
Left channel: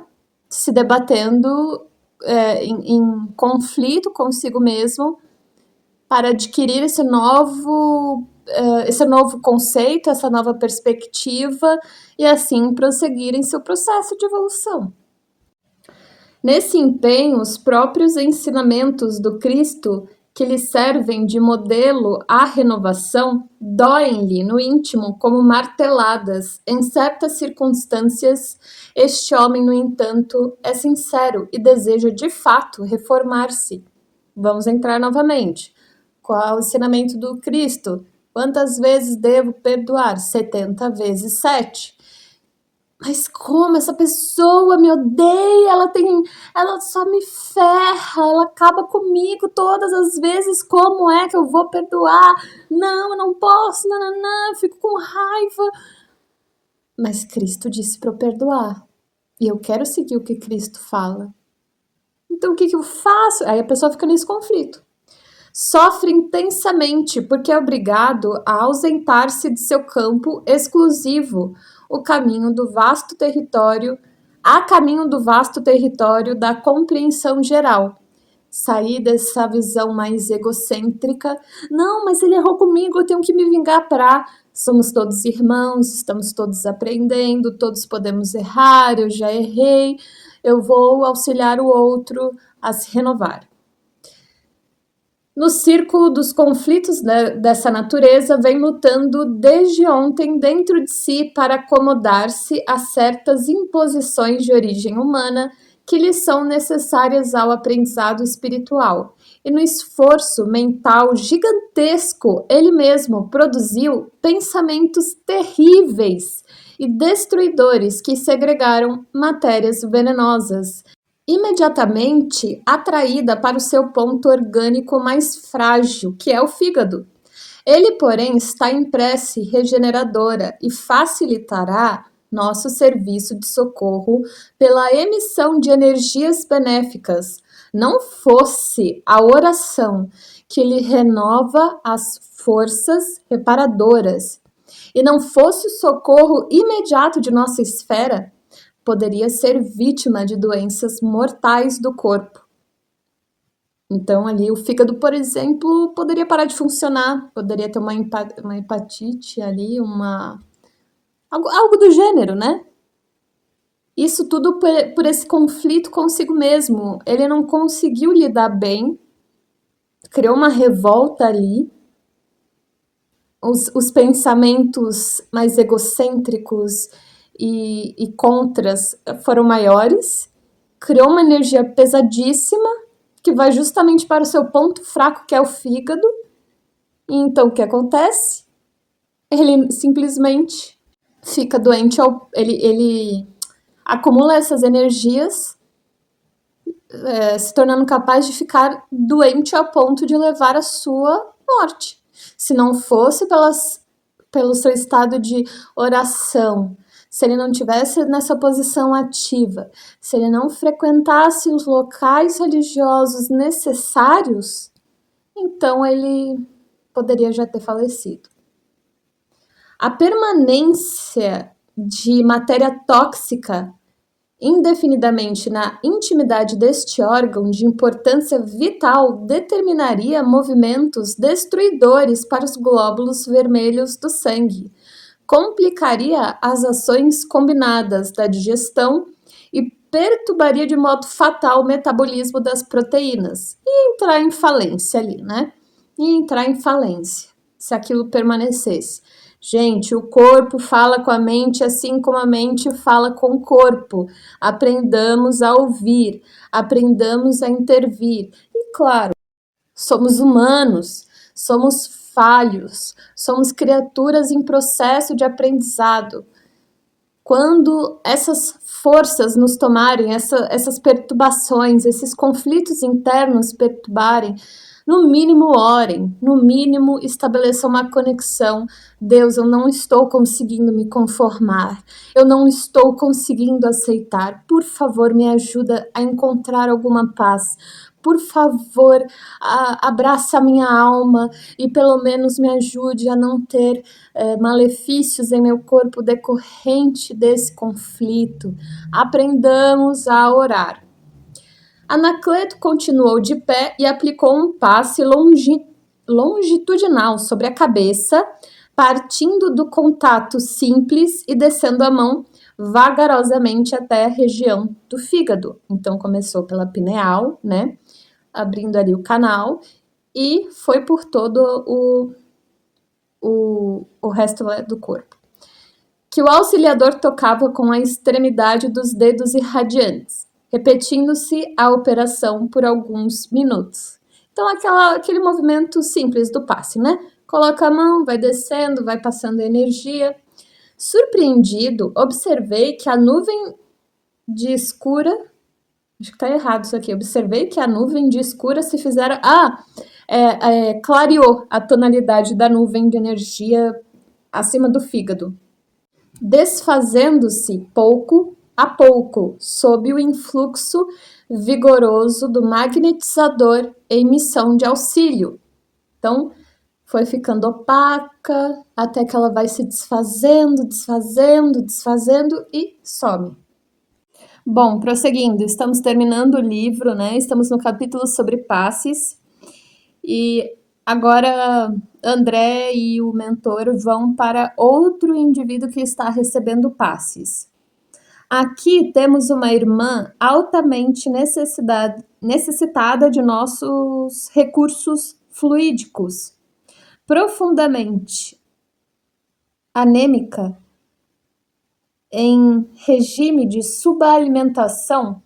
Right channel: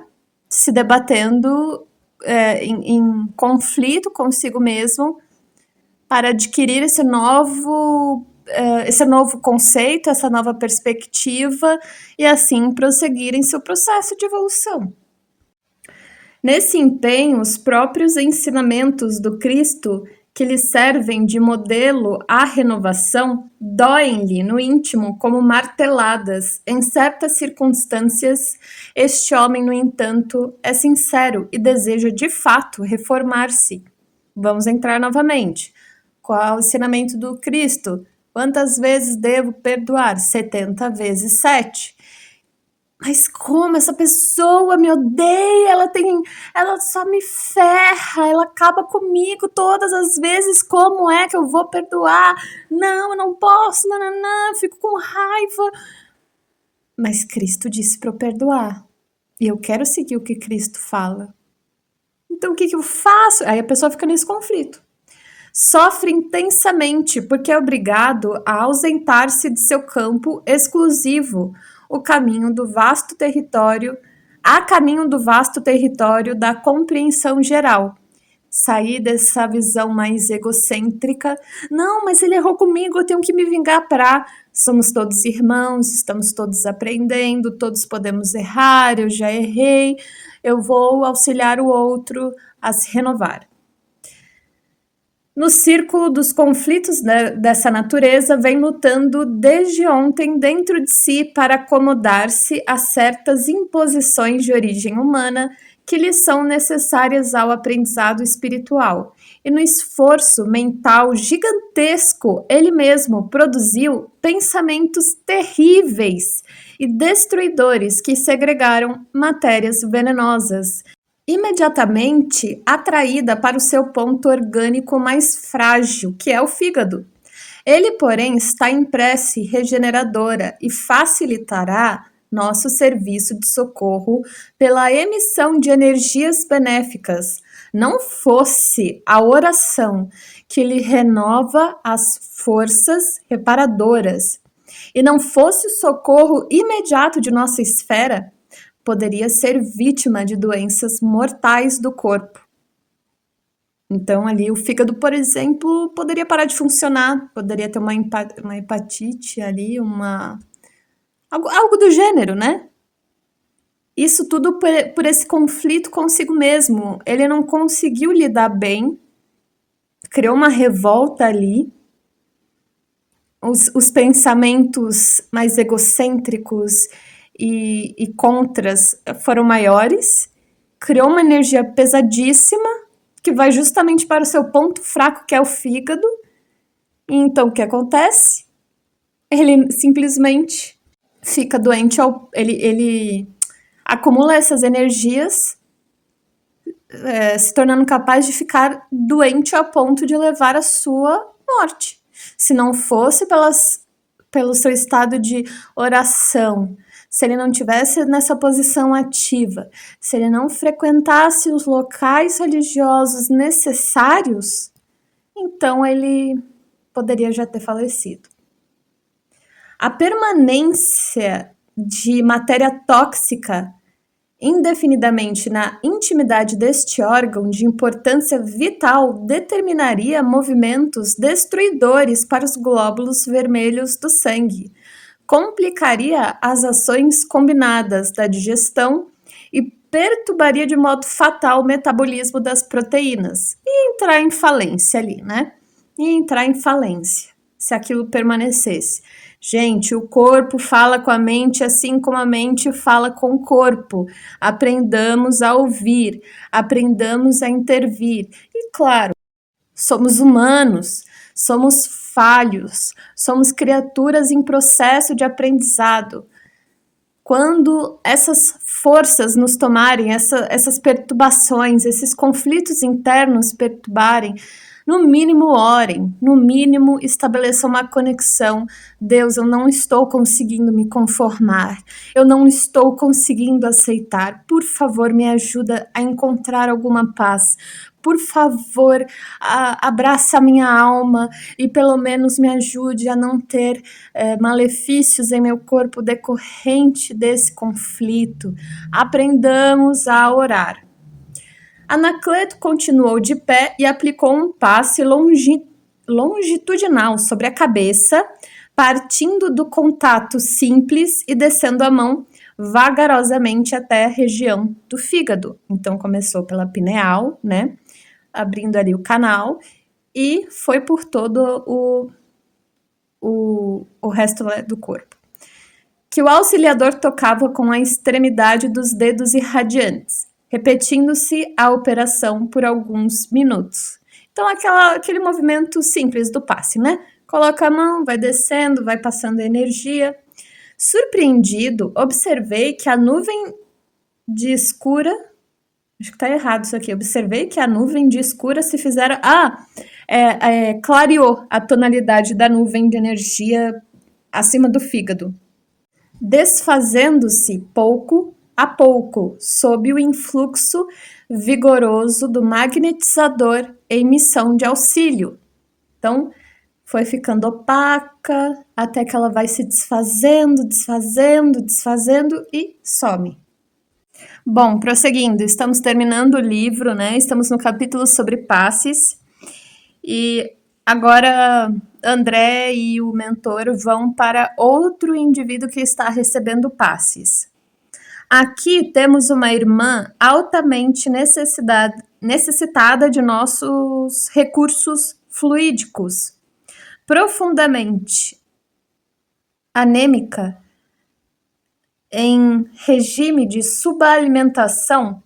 se debatendo em conflito consigo mesmo para adquirir esse novo conceito, essa nova perspectiva e assim prosseguir em seu processo de evolução. Nesse empenho, os próprios ensinamentos do Cristo que lhe servem de modelo à renovação doem-lhe no íntimo como marteladas. Em certas circunstâncias, este homem, no entanto, é sincero e deseja de fato reformar-se. Vamos entrar novamente. Qual é o ensinamento do Cristo? Quantas vezes devo perdoar? 70 vezes 7. Mas como essa pessoa me odeia, ela só me ferra, ela acaba comigo todas as vezes, como é que eu vou perdoar? Não, eu não posso, não, fico com raiva. Mas Cristo disse para eu perdoar, e eu quero seguir o que Cristo fala. Então o que eu faço? Aí a pessoa fica nesse conflito. Sofre intensamente porque é obrigado a ausentar-se de seu campo exclusivo, a caminho do vasto território da compreensão geral. Sair dessa visão mais egocêntrica. Não, mas ele errou comigo, eu tenho que me vingar somos todos irmãos, estamos todos aprendendo, todos podemos errar, eu já errei, eu vou auxiliar o outro a se renovar. No círculo dos conflitos dessa natureza, vem lutando desde ontem dentro de si para acomodar-se a certas imposições de origem humana que lhe são necessárias ao aprendizado espiritual. E no esforço mental gigantesco, ele mesmo produziu pensamentos terríveis e destruidores que segregaram matérias venenosas, imediatamente atraída para o seu ponto orgânico mais frágil, que é o fígado. Ele, porém, está em prece regeneradora e facilitará nosso serviço de socorro pela emissão de energias benéficas. Não fosse a oração que lhe renova as forças reparadoras, e não fosse o socorro imediato de nossa esfera, poderia ser vítima de doenças mortais do corpo. Então, ali, o fígado, por exemplo, poderia parar de funcionar, poderia ter uma hepatite ali, algo do gênero, né? Isso tudo por esse conflito consigo mesmo. Ele não conseguiu lidar bem, criou uma revolta ali, os pensamentos mais egocêntricos e contras foram maiores, criou uma energia pesadíssima que vai justamente para o seu ponto fraco, que é o fígado. E então o que acontece? Ele simplesmente fica doente, ele acumula essas energias, se tornando capaz de ficar doente a ponto de levar à sua morte. Se não fosse pelo seu estado de oração, se ele não tivesse nessa posição ativa, se ele não frequentasse os locais religiosos necessários, então ele poderia já ter falecido. A permanência de matéria tóxica indefinidamente na intimidade deste órgão de importância vital determinaria movimentos destruidores para os glóbulos vermelhos do sangue, complicaria as ações combinadas da digestão e perturbaria de modo fatal o metabolismo das proteínas e entrar em falência ali, né? E entrar em falência, se aquilo permanecesse. Gente, o corpo fala com a mente assim como a mente fala com o corpo. Aprendamos a ouvir, aprendamos a intervir. E claro, somos humanos, somos falhos, somos criaturas em processo de aprendizado. Quando essas forças nos tomarem, essas perturbações, esses conflitos internos perturbarem, no mínimo orem, no mínimo estabeleçam uma conexão. Deus, eu não estou conseguindo me conformar, eu não estou conseguindo aceitar. Por favor, me ajuda a encontrar alguma paz. Por favor, abraça a minha alma e pelo menos me ajude a não ter malefícios em meu corpo decorrente desse conflito. Aprendamos a orar. Anacleto continuou de pé e aplicou um passe longitudinal sobre a cabeça, partindo do contato simples e descendo a mão vagarosamente até a região do fígado. Então, começou pela pineal, né? Abrindo ali o canal e foi por todo o resto do corpo. Que o auxiliador tocava com a extremidade dos dedos irradiantes, repetindo-se a operação por alguns minutos. Então, aquele movimento simples do passe, né? Coloca a mão, vai descendo, vai passando a energia. Surpreendido, observei que a nuvem de escura... Acho que tá errado isso aqui. Observei que a nuvem de escura se fizera... clareou a tonalidade da nuvem de energia acima do fígado, desfazendo-se pouco a pouco, sob o influxo vigoroso do magnetizador em missão de auxílio. Então, foi ficando opaca, até que ela vai se desfazendo e some. Bom, prosseguindo, estamos terminando o livro, né? Estamos no capítulo sobre passes. E agora André e o mentor vão para outro indivíduo que está recebendo passes. Aqui temos uma irmã altamente necessitada de nossos recursos fluídicos, profundamente anêmica, em regime de subalimentação,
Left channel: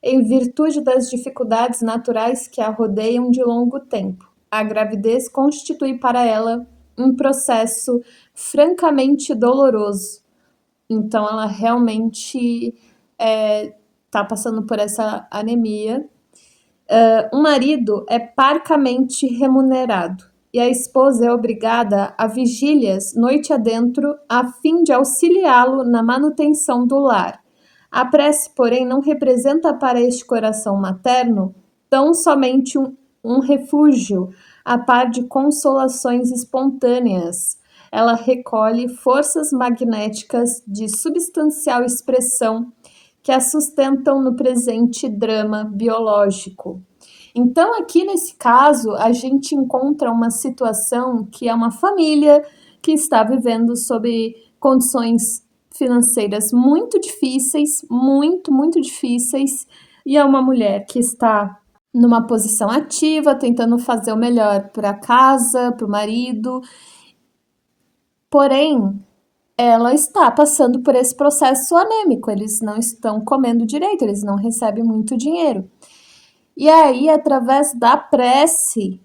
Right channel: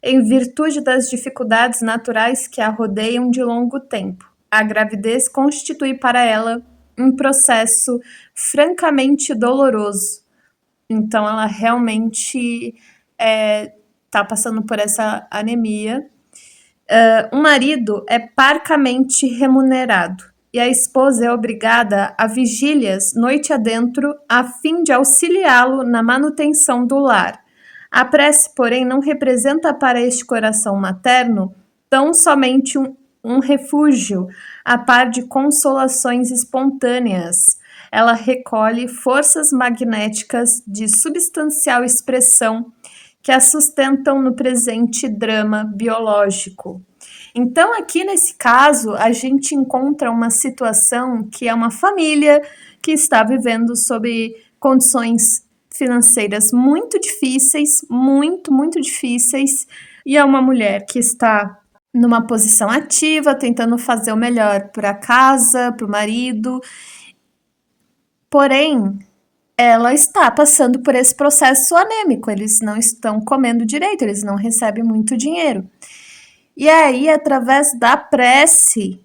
em virtude das dificuldades naturais que a rodeiam de longo tempo. A gravidez constitui para ela um processo francamente doloroso. Então, ela realmente está passando por essa anemia. O marido é parcamente remunerado e a esposa é obrigada a vigílias noite adentro a fim de auxiliá-lo na manutenção do lar. A prece, porém, não representa para este coração materno tão somente um refúgio, a par de consolações espontâneas. Ela recolhe forças magnéticas de substancial expressão que a sustentam no presente drama biológico. Então, aqui nesse caso, a gente encontra uma situação que é uma família que está vivendo sob condições financeiras muito difíceis, muito difíceis, e é uma mulher que está numa posição ativa, tentando fazer o melhor para a casa, para o marido. Porém, ela está passando por esse processo anêmico, eles não estão comendo direito, eles não recebem muito dinheiro. E aí, através da prece,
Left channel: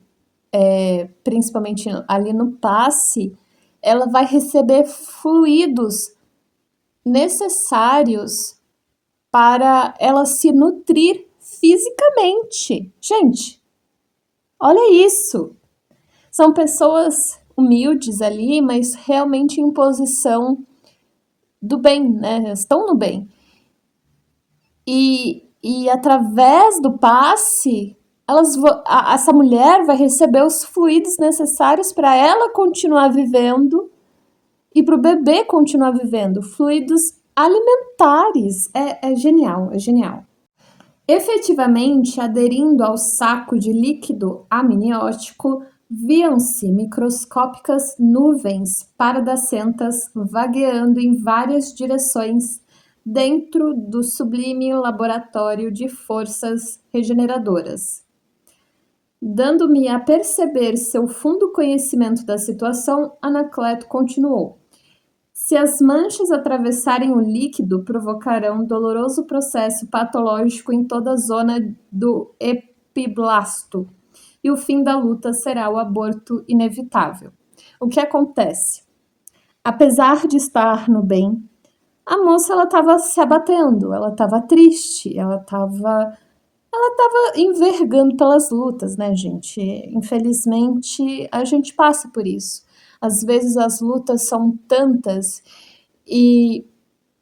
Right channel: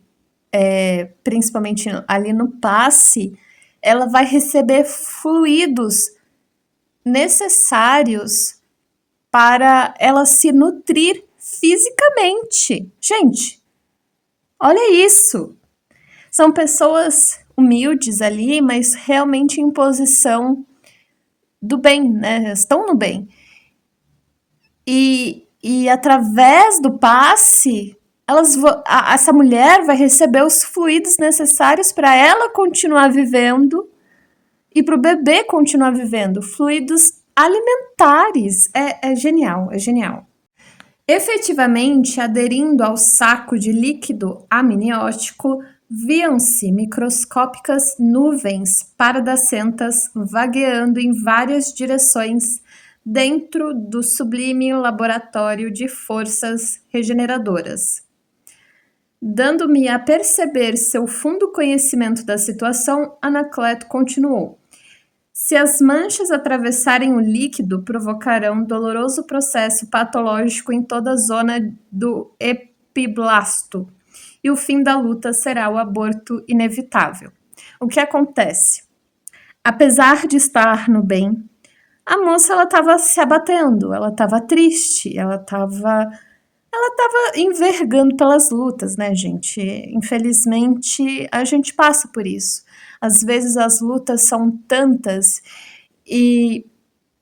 principalmente ali no passe, ela vai receber fluidos necessários para ela se nutrir fisicamente. Gente, olha isso! São pessoas humildes ali, mas realmente em posição do bem, né? Estão no bem. E através do passe, essa mulher vai receber os fluidos necessários para ela continuar vivendo e para o bebê continuar vivendo. Fluidos alimentares. É genial, é genial. Efetivamente, aderindo ao saco de líquido amniótico, viam-se microscópicas nuvens pardacentas vagueando em várias direções dentro do sublime laboratório de forças regeneradoras. Dando-me a perceber seu fundo conhecimento da situação, Anacleto continuou. Se as manchas atravessarem o líquido, provocarão doloroso processo patológico em toda a zona do epiblasto, e o fim da luta será o aborto inevitável. O que acontece? Apesar de estar no bem, a moça estava se abatendo, ela estava triste, ela estava envergando pelas lutas, né, gente? Infelizmente, a gente passa por isso. Às vezes as lutas são tantas e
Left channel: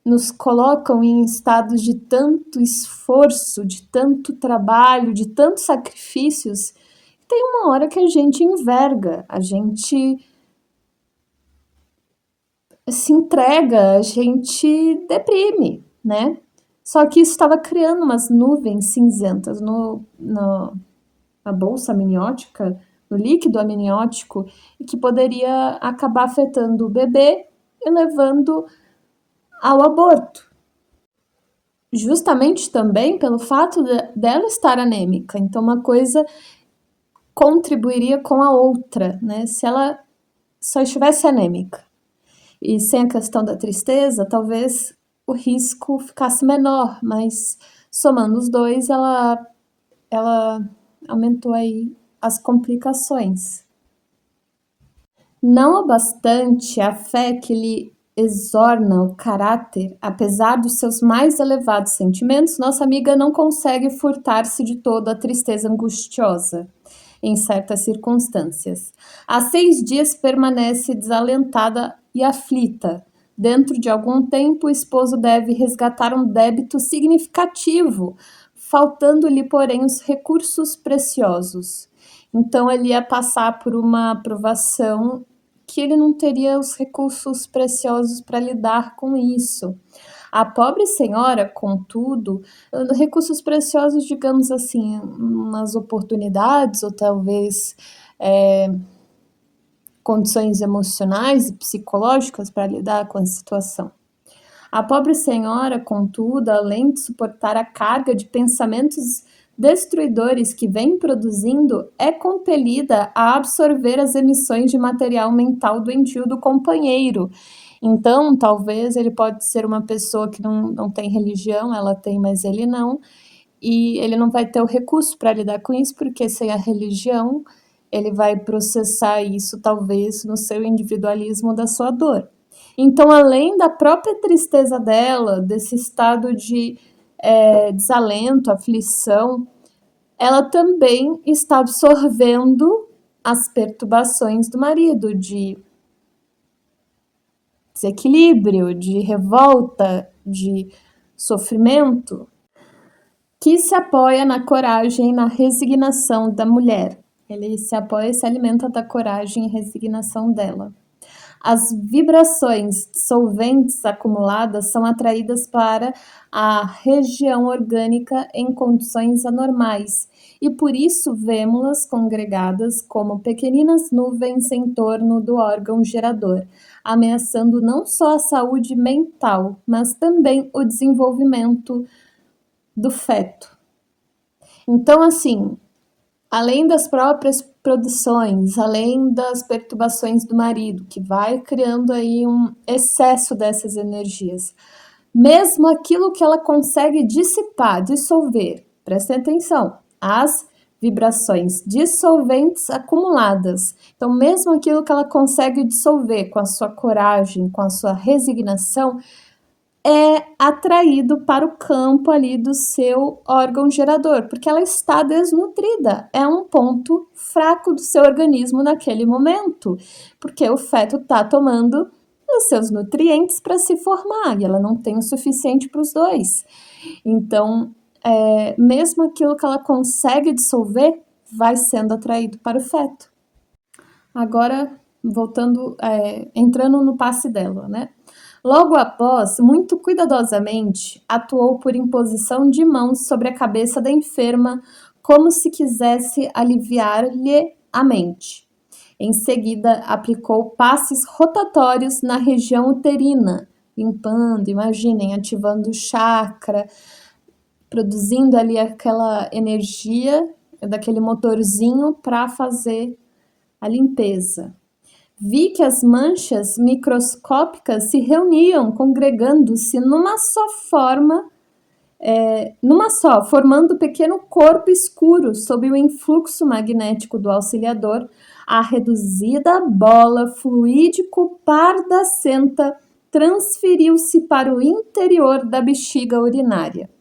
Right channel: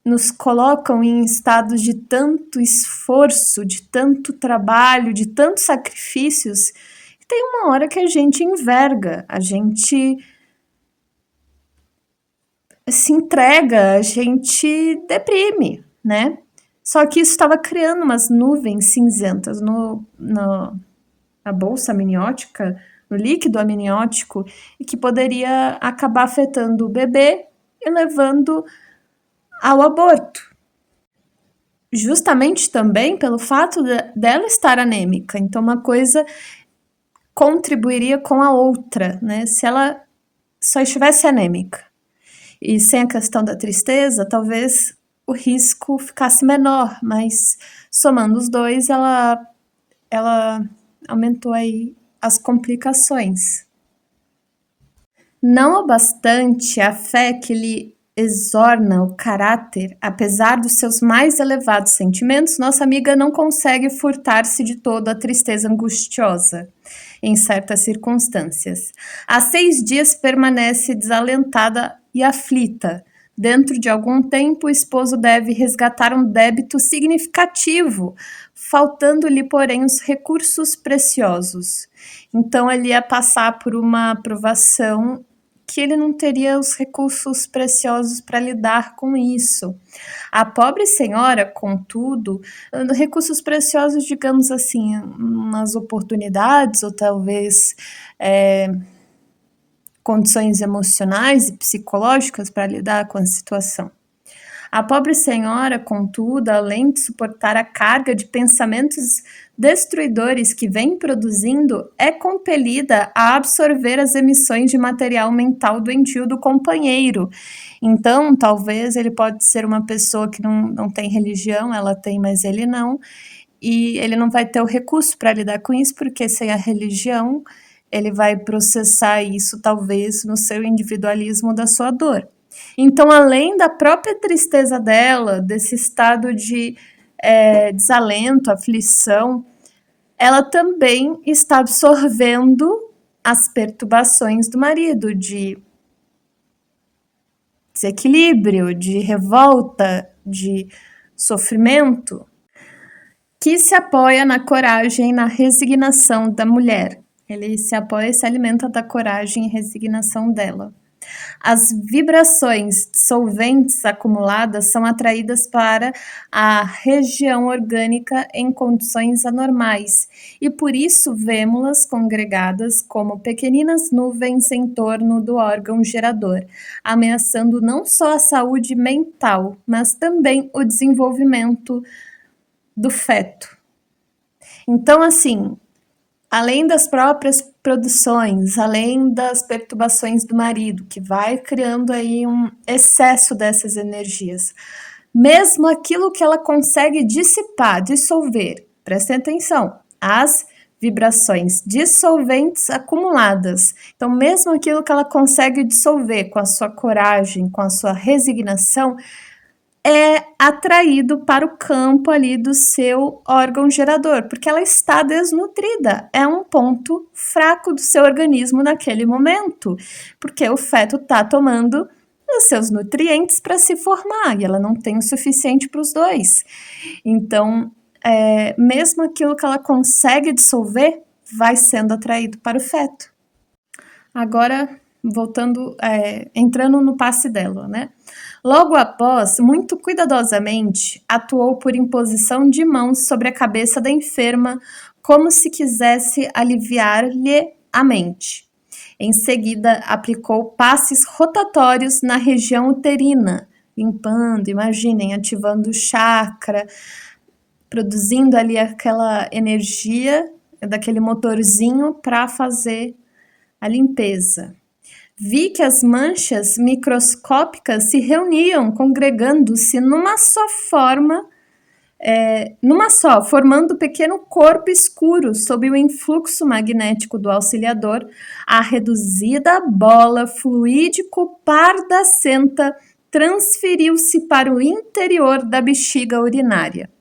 nos colocam em estados de tanto esforço, de tanto trabalho, de tantos sacrifícios, que tem uma hora que a gente enverga, a gente se entrega, a gente deprime, né? Só que isso estava criando umas nuvens cinzentas na bolsa amniótica, no líquido amniótico, e que poderia acabar afetando o bebê e levando ao aborto. Justamente também pelo fato dela estar anêmica. Então, uma coisa contribuiria com a outra, né? Se ela só estivesse anêmica e sem a questão da tristeza, talvez o risco ficasse menor, mas somando os dois, ela aumentou aí as complicações. Não obstante a fé que lhe exorna o caráter, apesar dos seus mais elevados sentimentos, nossa amiga não consegue furtar-se de todo a tristeza angustiosa em certas circunstâncias. Há 6 dias permanece desalentada e aflita. Dentro de algum tempo, o esposo deve resgatar um débito significativo, faltando-lhe, porém, os recursos preciosos. Então, ele ia passar por uma aprovação que ele não teria os recursos preciosos para lidar com isso. A pobre senhora, contudo, recursos preciosos, digamos assim, umas oportunidades ou talvez condições emocionais e psicológicas para lidar com a situação. A pobre senhora, contudo, além de suportar a carga de pensamentos destruidores que vem produzindo, é compelida a absorver as emissões de material mental doentio do companheiro. Então, talvez ele pode ser uma pessoa que não tem religião, ela tem, mas ele não, e ele não vai ter o recurso para lidar com isso, porque sem a religião, ele vai processar isso, talvez, no seu individualismo da sua dor. Então, além da própria tristeza dela, desse estado de desalento, aflição, ela também está absorvendo as perturbações do marido, de desequilíbrio, de revolta, de sofrimento, que se apoia na coragem e na resignação da mulher. Ele se apoia e se alimenta da coragem e resignação dela. As vibrações dissolventes acumuladas são atraídas para a região orgânica em condições anormais e por isso vemos-las congregadas como pequeninas nuvens em torno do órgão gerador, ameaçando não só a saúde mental, mas também o desenvolvimento do feto. Então, assim, além das próprias produções, além das perturbações do marido, que vai criando aí um excesso dessas energias, mesmo aquilo que ela consegue dissipar, dissolver, prestem atenção, as vibrações dissolventes acumuladas. Então, mesmo aquilo que ela consegue dissolver com a sua coragem, com a sua resignação, é atraído para o campo ali do seu órgão gerador, porque ela está desnutrida, é um ponto fraco do seu organismo naquele momento, porque o feto está tomando os seus nutrientes para se formar e ela não tem o suficiente para os dois. Então, mesmo aquilo que ela consegue dissolver vai sendo atraído para o feto. Agora, entrando no passe dela, né? Logo após, muito cuidadosamente, atuou por imposição de mãos sobre a cabeça da enferma, como se quisesse aliviar-lhe a mente. Em seguida, aplicou passes rotatórios na região uterina, limpando, imaginem, ativando o chakra, produzindo ali aquela energia daquele motorzinho para fazer a limpeza. Vi que as manchas microscópicas se reuniam, congregando-se formando um pequeno corpo escuro sob o influxo magnético do auxiliador. A reduzida bola fluídico pardacenta transferiu-se para o interior da bexiga urinária.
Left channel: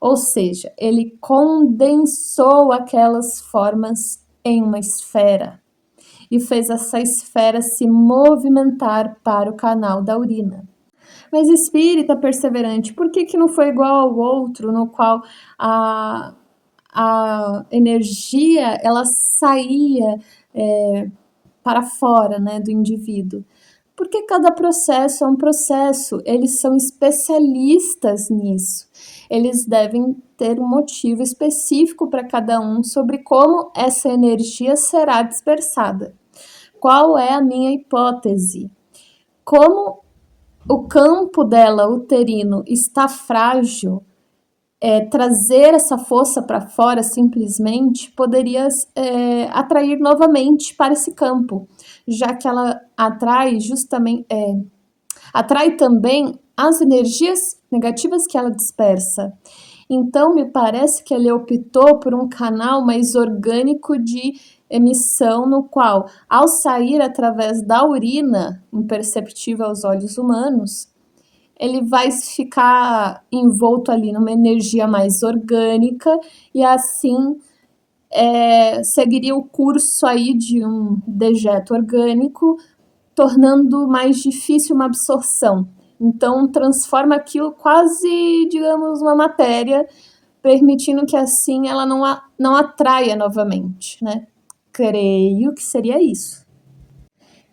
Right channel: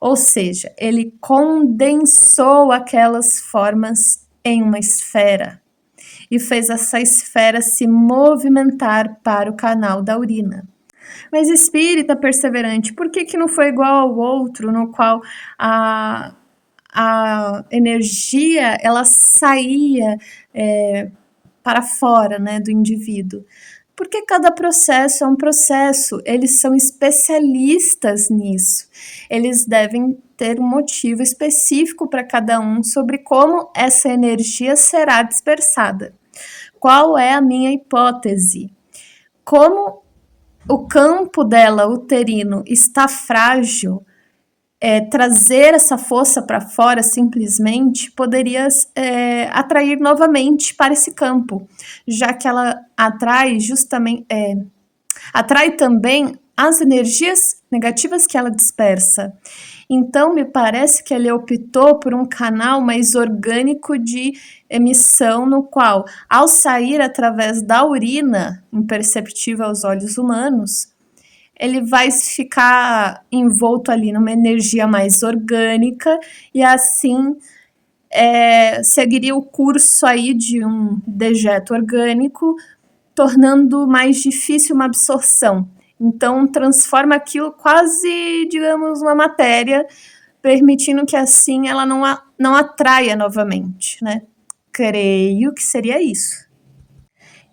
Ou seja, ele condensou aquelas formas em uma esfera e fez essa esfera se movimentar para o canal da urina. Mas espírita perseverante, por que não foi igual ao outro, no qual a energia ela saía para fora, né, do indivíduo? Porque cada processo é um processo, eles são especialistas nisso. Eles devem ter um motivo específico para cada um sobre como essa energia será dispersada. Qual é a minha hipótese? Como o campo dela, uterino, está frágil, trazer essa força para fora simplesmente poderia atrair novamente para esse campo, já que ela atrai também as energias negativas que ela dispersa. Então, me parece que ele optou por um canal mais orgânico de emissão, no qual, ao sair através da urina, imperceptível aos olhos humanos, ele vai ficar envolto ali numa energia mais orgânica e assim seguiria o curso aí de um dejeto orgânico, tornando mais difícil uma absorção. Então, transforma aquilo quase, digamos, uma matéria, permitindo que assim ela não atraia novamente, né? Creio que seria isso.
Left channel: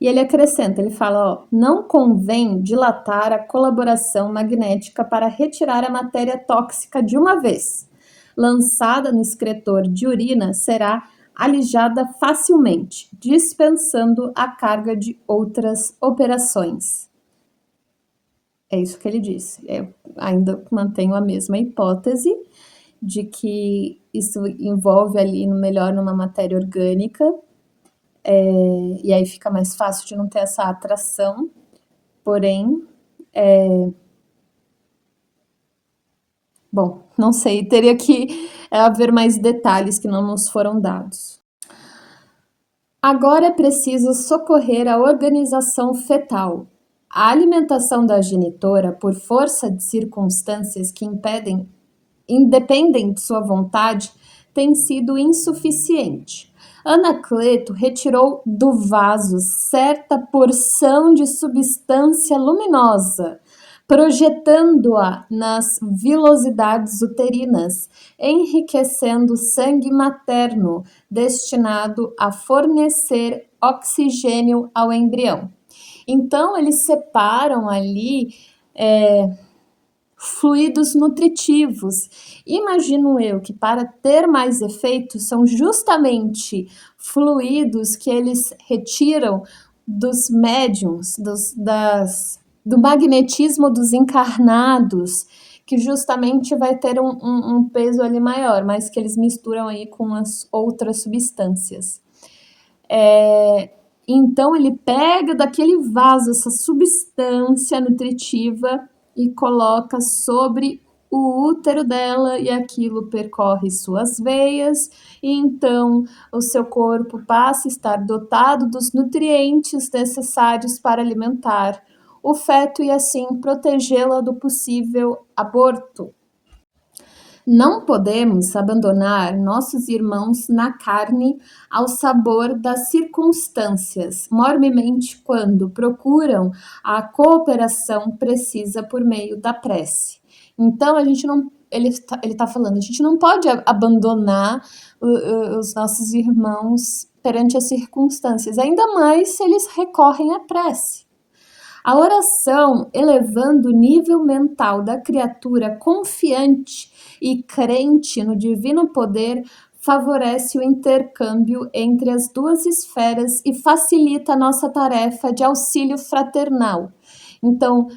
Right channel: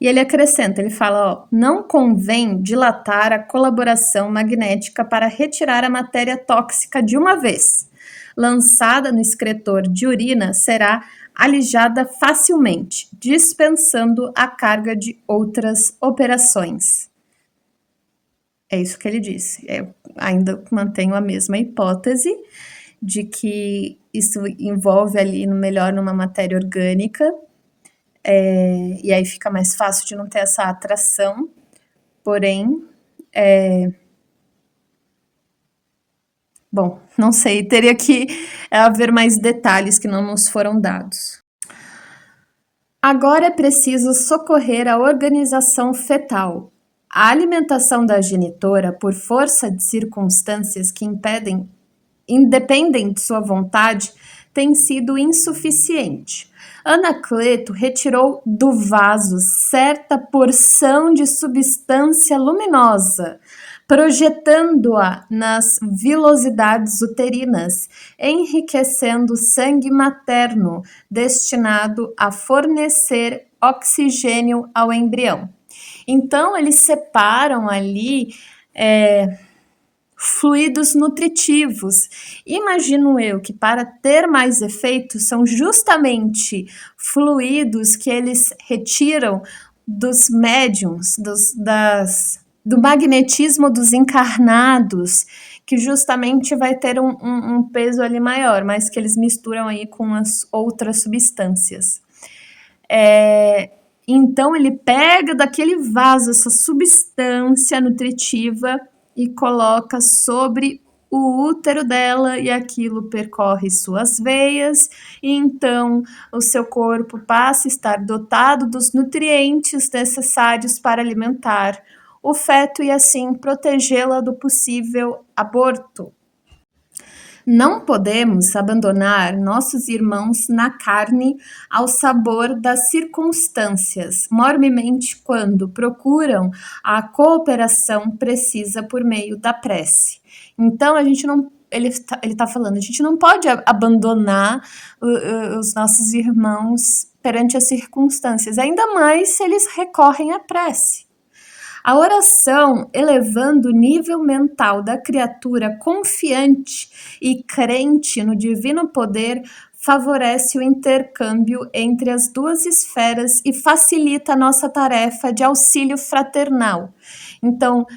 E ele acrescenta, ele fala, não convém dilatar a colaboração magnética para retirar a matéria tóxica de uma vez. Lançada no excretor de urina, será alijada facilmente, dispensando a carga de outras operações. É isso que ele disse. Eu ainda mantenho a mesma hipótese de que isso envolve ali numa matéria orgânica, e aí fica mais fácil de não ter essa atração, porém, bom, não sei, teria que haver mais detalhes que não nos foram dados. Agora é preciso socorrer a organização fetal. A alimentação da genitora, por força de circunstâncias que independem de sua vontade, tem sido insuficiente. Anacleto retirou do vaso certa porção de substância luminosa, projetando-a nas vilosidades uterinas, enriquecendo o sangue materno, destinado a fornecer oxigênio ao embrião. Então, eles separam ali fluidos nutritivos. Imagino eu que para ter mais efeito são justamente fluidos que eles retiram dos médiums, do magnetismo dos encarnados, que justamente vai ter um peso ali maior, mas que eles misturam aí com as outras substâncias. Então, ele pega daquele vaso essa substância nutritiva e coloca sobre o útero dela e aquilo percorre suas veias e então o seu corpo passa a estar dotado dos nutrientes necessários para alimentar o feto e assim protegê-la do possível aborto. Não podemos abandonar nossos irmãos na carne ao sabor das circunstâncias, mormemente quando procuram a cooperação precisa por meio da prece. Então, ele está falando, a gente não pode abandonar os nossos irmãos perante as circunstâncias, ainda mais se eles recorrem à prece. A oração, elevando o nível mental da criatura confiante e crente no divino poder, favorece o intercâmbio entre as duas esferas e facilita a nossa tarefa de auxílio fraternal. Então,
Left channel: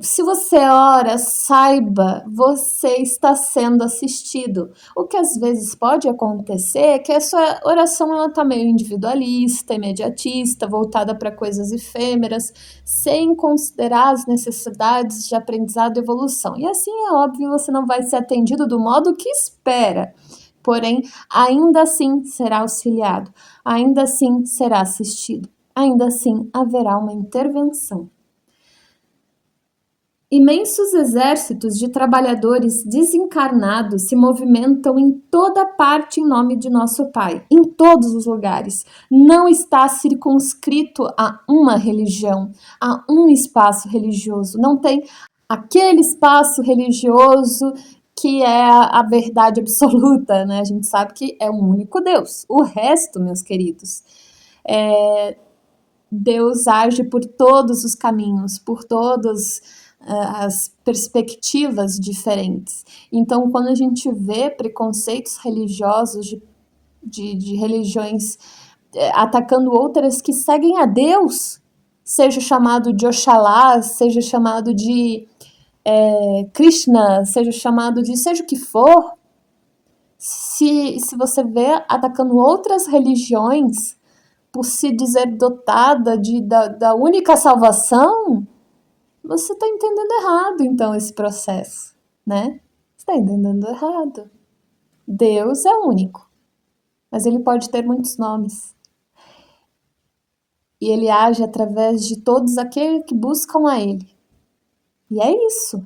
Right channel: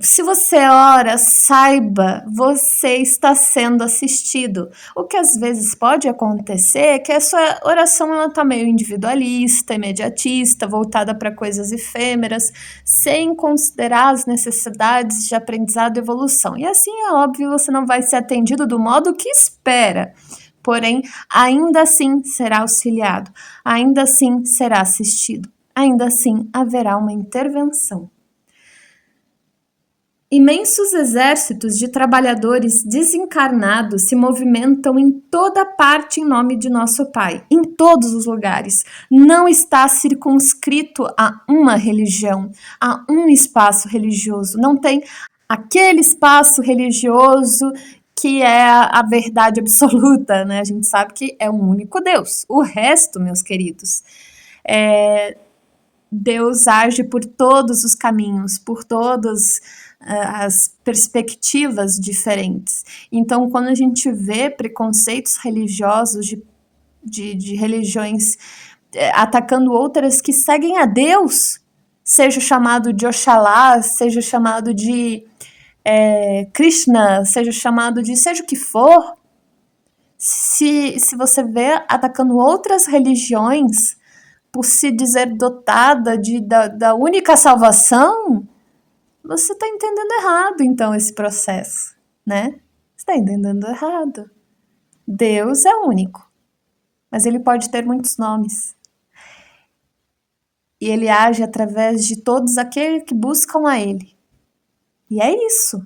se você ora, saiba, você está sendo assistido. O que às vezes pode acontecer é que a sua oração está meio individualista, imediatista, voltada para coisas efêmeras, sem considerar as necessidades de aprendizado e evolução. E assim, é óbvio, você não vai ser atendido do modo que espera. Porém, ainda assim será auxiliado, ainda assim será assistido, ainda assim haverá uma intervenção. Imensos exércitos de trabalhadores desencarnados se movimentam em toda parte em nome de nosso Pai, em todos os lugares. Não está circunscrito a uma religião, a um espaço religioso. Não tem aquele espaço religioso que é a verdade absoluta, né? A gente sabe que é um único Deus. O resto, meus queridos, Deus age por todos os caminhos, por todas as perspectivas diferentes. Então, quando a gente vê preconceitos religiosos de religiões atacando outras que seguem a Deus, seja chamado de Oxalá, seja chamado de Krishna, seja chamado de seja o que for, se você vê atacando outras religiões por se dizer dotada da única salvação, você está entendendo errado, então, esse processo, né? Você está entendendo errado. Deus é único, mas ele pode ter muitos nomes. E ele age através de todos aqueles que buscam a ele. E é isso.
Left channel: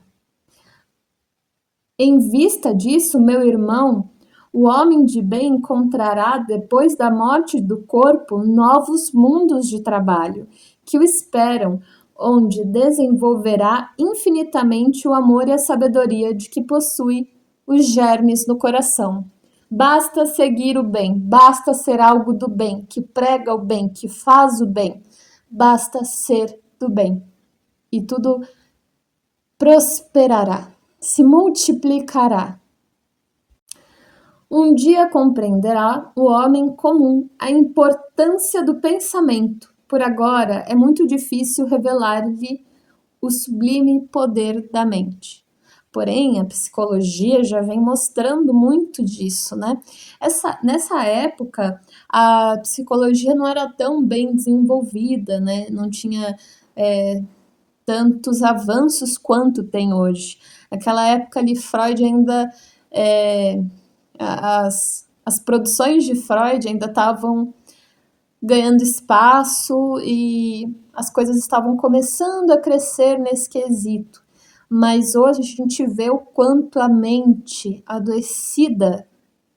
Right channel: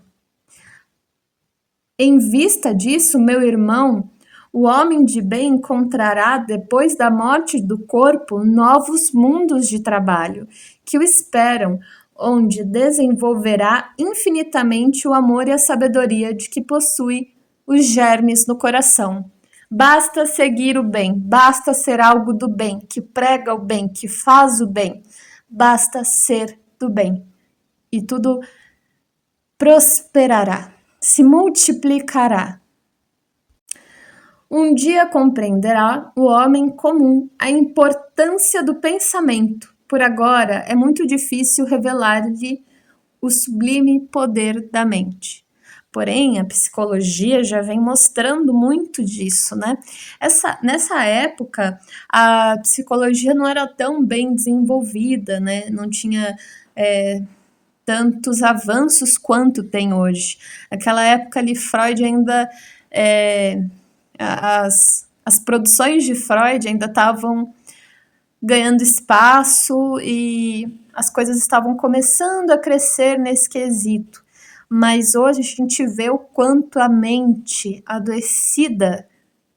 Em vista disso, meu irmão, o homem de bem encontrará, depois da morte do corpo, novos mundos de trabalho que o esperam, onde desenvolverá infinitamente o amor e a sabedoria de que possui os germes no coração. Basta seguir o bem, basta ser algo do bem, que prega o bem, que faz o bem. Basta ser do bem. E tudo prosperará, se multiplicará. Um dia compreenderá o homem comum a importância do pensamento. Por agora, é muito difícil revelar-lhe o sublime poder da mente. Porém, a psicologia já vem mostrando muito disso, né? Nessa época, a psicologia não era tão bem desenvolvida, né? Não tinha tantos avanços quanto tem hoje. Naquela época ali, Freud ainda... As produções de Freud ainda estavam ganhando espaço e as coisas estavam começando a crescer nesse quesito. Mas hoje a gente vê o quanto a mente adoecida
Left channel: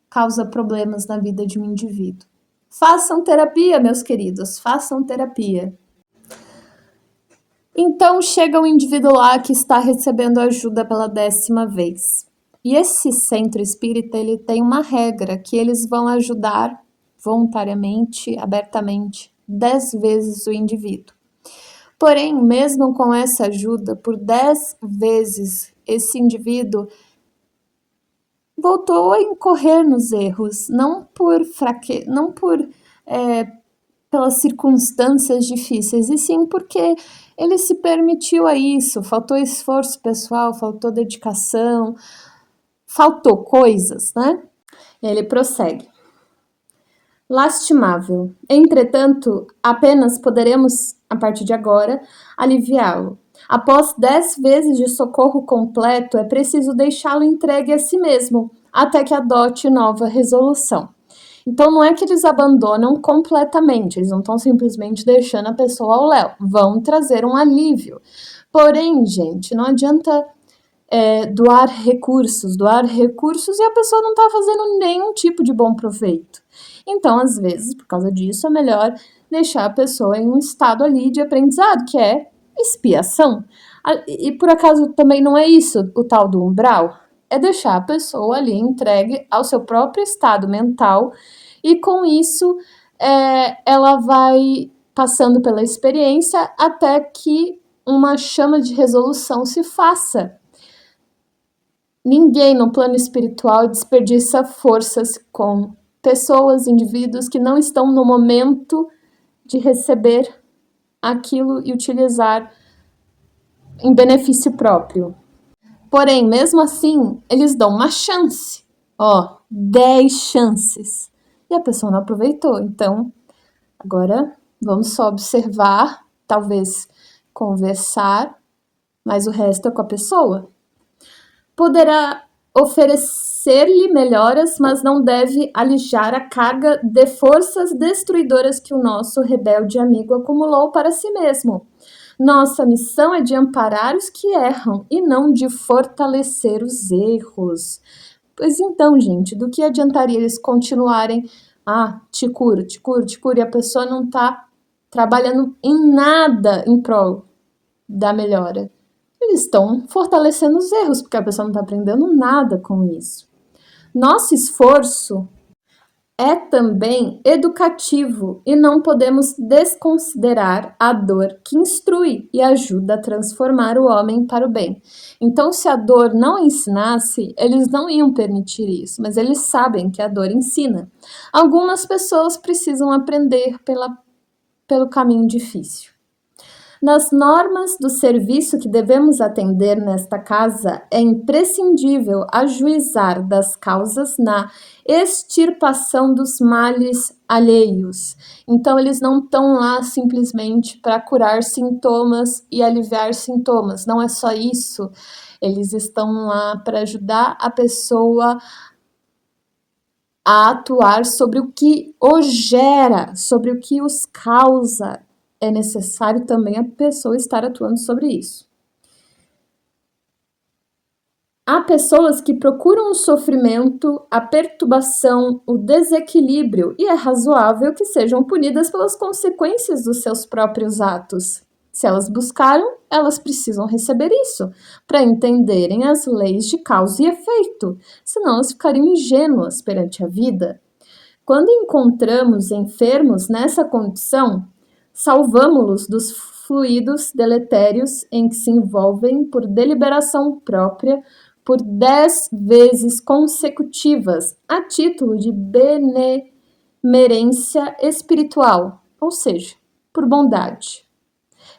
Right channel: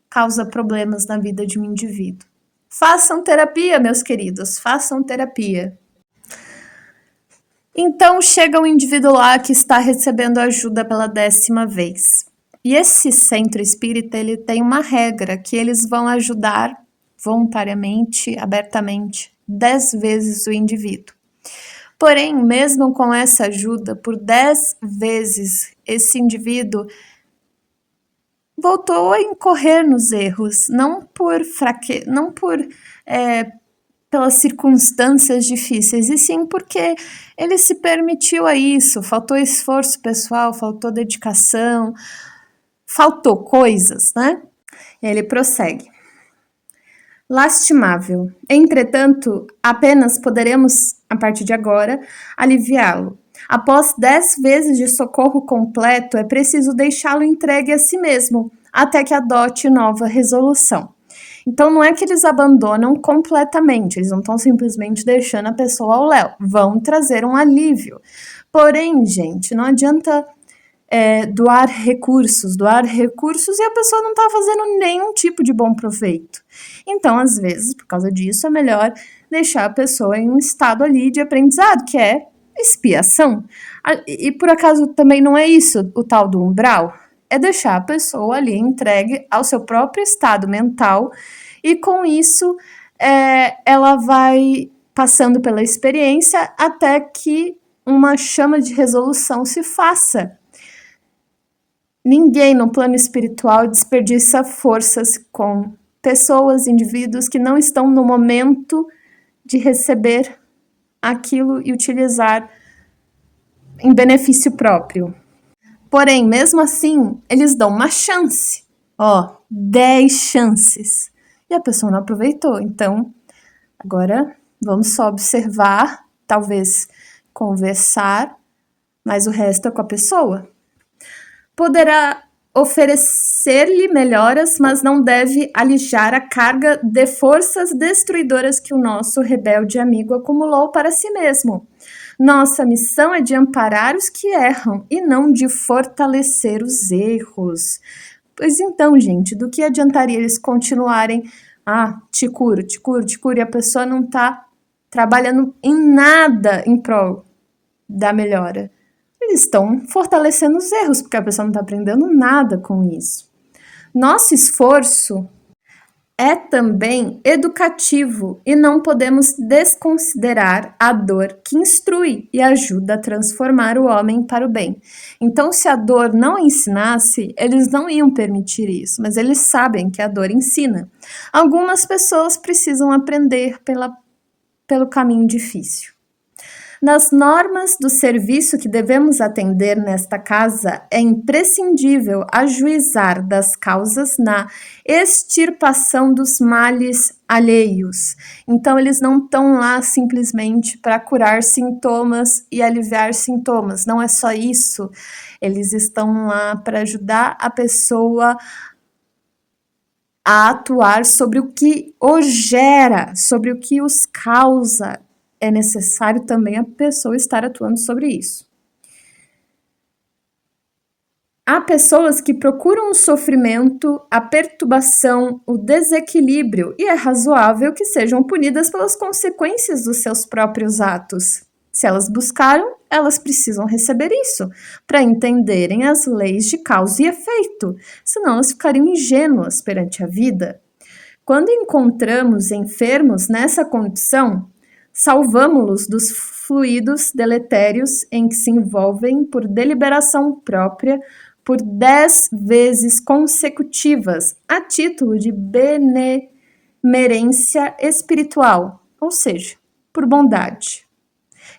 causa problemas na vida de um indivíduo. Façam terapia, meus queridos, façam terapia. Então chega um indivíduo lá que está recebendo ajuda pela 10ª vez. E esse centro espírita, ele tem uma regra que eles vão ajudar voluntariamente, abertamente, 10 vezes o indivíduo. Porém, mesmo com essa ajuda, por 10 vezes, esse indivíduo voltou a incorrer nos erros, não por fraqueza, não pelas circunstâncias difíceis, e sim porque ele se permitiu a isso, faltou esforço pessoal, faltou dedicação, faltou coisas, né? Ele prossegue. Lastimável. Entretanto, apenas poderemos, a partir de agora, aliviá-lo. Após 10 vezes de socorro completo, é preciso deixá-lo entregue a si mesmo, até que adote nova resolução. Então, não é que eles abandonam completamente, eles não estão simplesmente deixando a pessoa ao léu, vão trazer um alívio. Porém, gente, não adianta doar recursos e a pessoa não está fazendo nenhum tipo de bom proveito. Então, às vezes, por causa disso, é melhor deixar a pessoa em um estado ali de aprendizado, que é expiação. E por acaso também não é isso o tal do umbral? É deixar a pessoa ali entregue ao seu próprio estado mental e com isso ela vai passando pela experiência até que uma chama de resolução se faça. Ninguém no plano espiritual desperdiça forças com pessoas, indivíduos que não estão no momento de receber aquilo e utilizar em benefício próprio. Porém, mesmo assim, eles dão uma chance. 10 chances. E a pessoa não aproveitou. Então, agora vamos só observar, talvez conversar, mas o resto é com a pessoa. Poderá oferecer-lhe melhoras, mas não deve alijar a carga de forças destruidoras que o nosso rebelde amigo acumulou para si mesmo. Nossa missão é de amparar os que erram e não de fortalecer os erros. Pois então, gente, do que adiantaria eles continuarem te curo, e a pessoa não está trabalhando em nada em prol da melhora? Eles estão fortalecendo os erros, porque a pessoa não está aprendendo nada com isso. Nosso esforço é também educativo e não podemos desconsiderar a dor que instrui e ajuda a transformar o homem para o bem. Então, se a dor não ensinasse, eles não iam permitir isso, mas eles sabem que a dor ensina. Algumas pessoas precisam aprender pelo caminho difícil. Nas normas do serviço que devemos atender nesta casa, é imprescindível ajuizar das causas na extirpação dos males alheios. Então, eles não estão lá simplesmente para curar sintomas e aliviar sintomas. Não é só isso. Eles estão lá para ajudar a pessoa a atuar sobre o que os gera, sobre o que os causa. É necessário também a pessoa estar atuando sobre isso. Há pessoas que procuram o sofrimento, a perturbação, o desequilíbrio, e é razoável que sejam punidas pelas consequências dos seus próprios atos. Se elas buscaram, elas precisam receber isso, para entenderem as leis de causa e efeito, senão elas ficariam ingênuas perante a vida. Quando encontramos enfermos nessa condição, salvamo-los dos fluidos deletérios em que se envolvem por deliberação própria por 10 vezes consecutivas, a título de benemerência espiritual, ou seja, por bondade.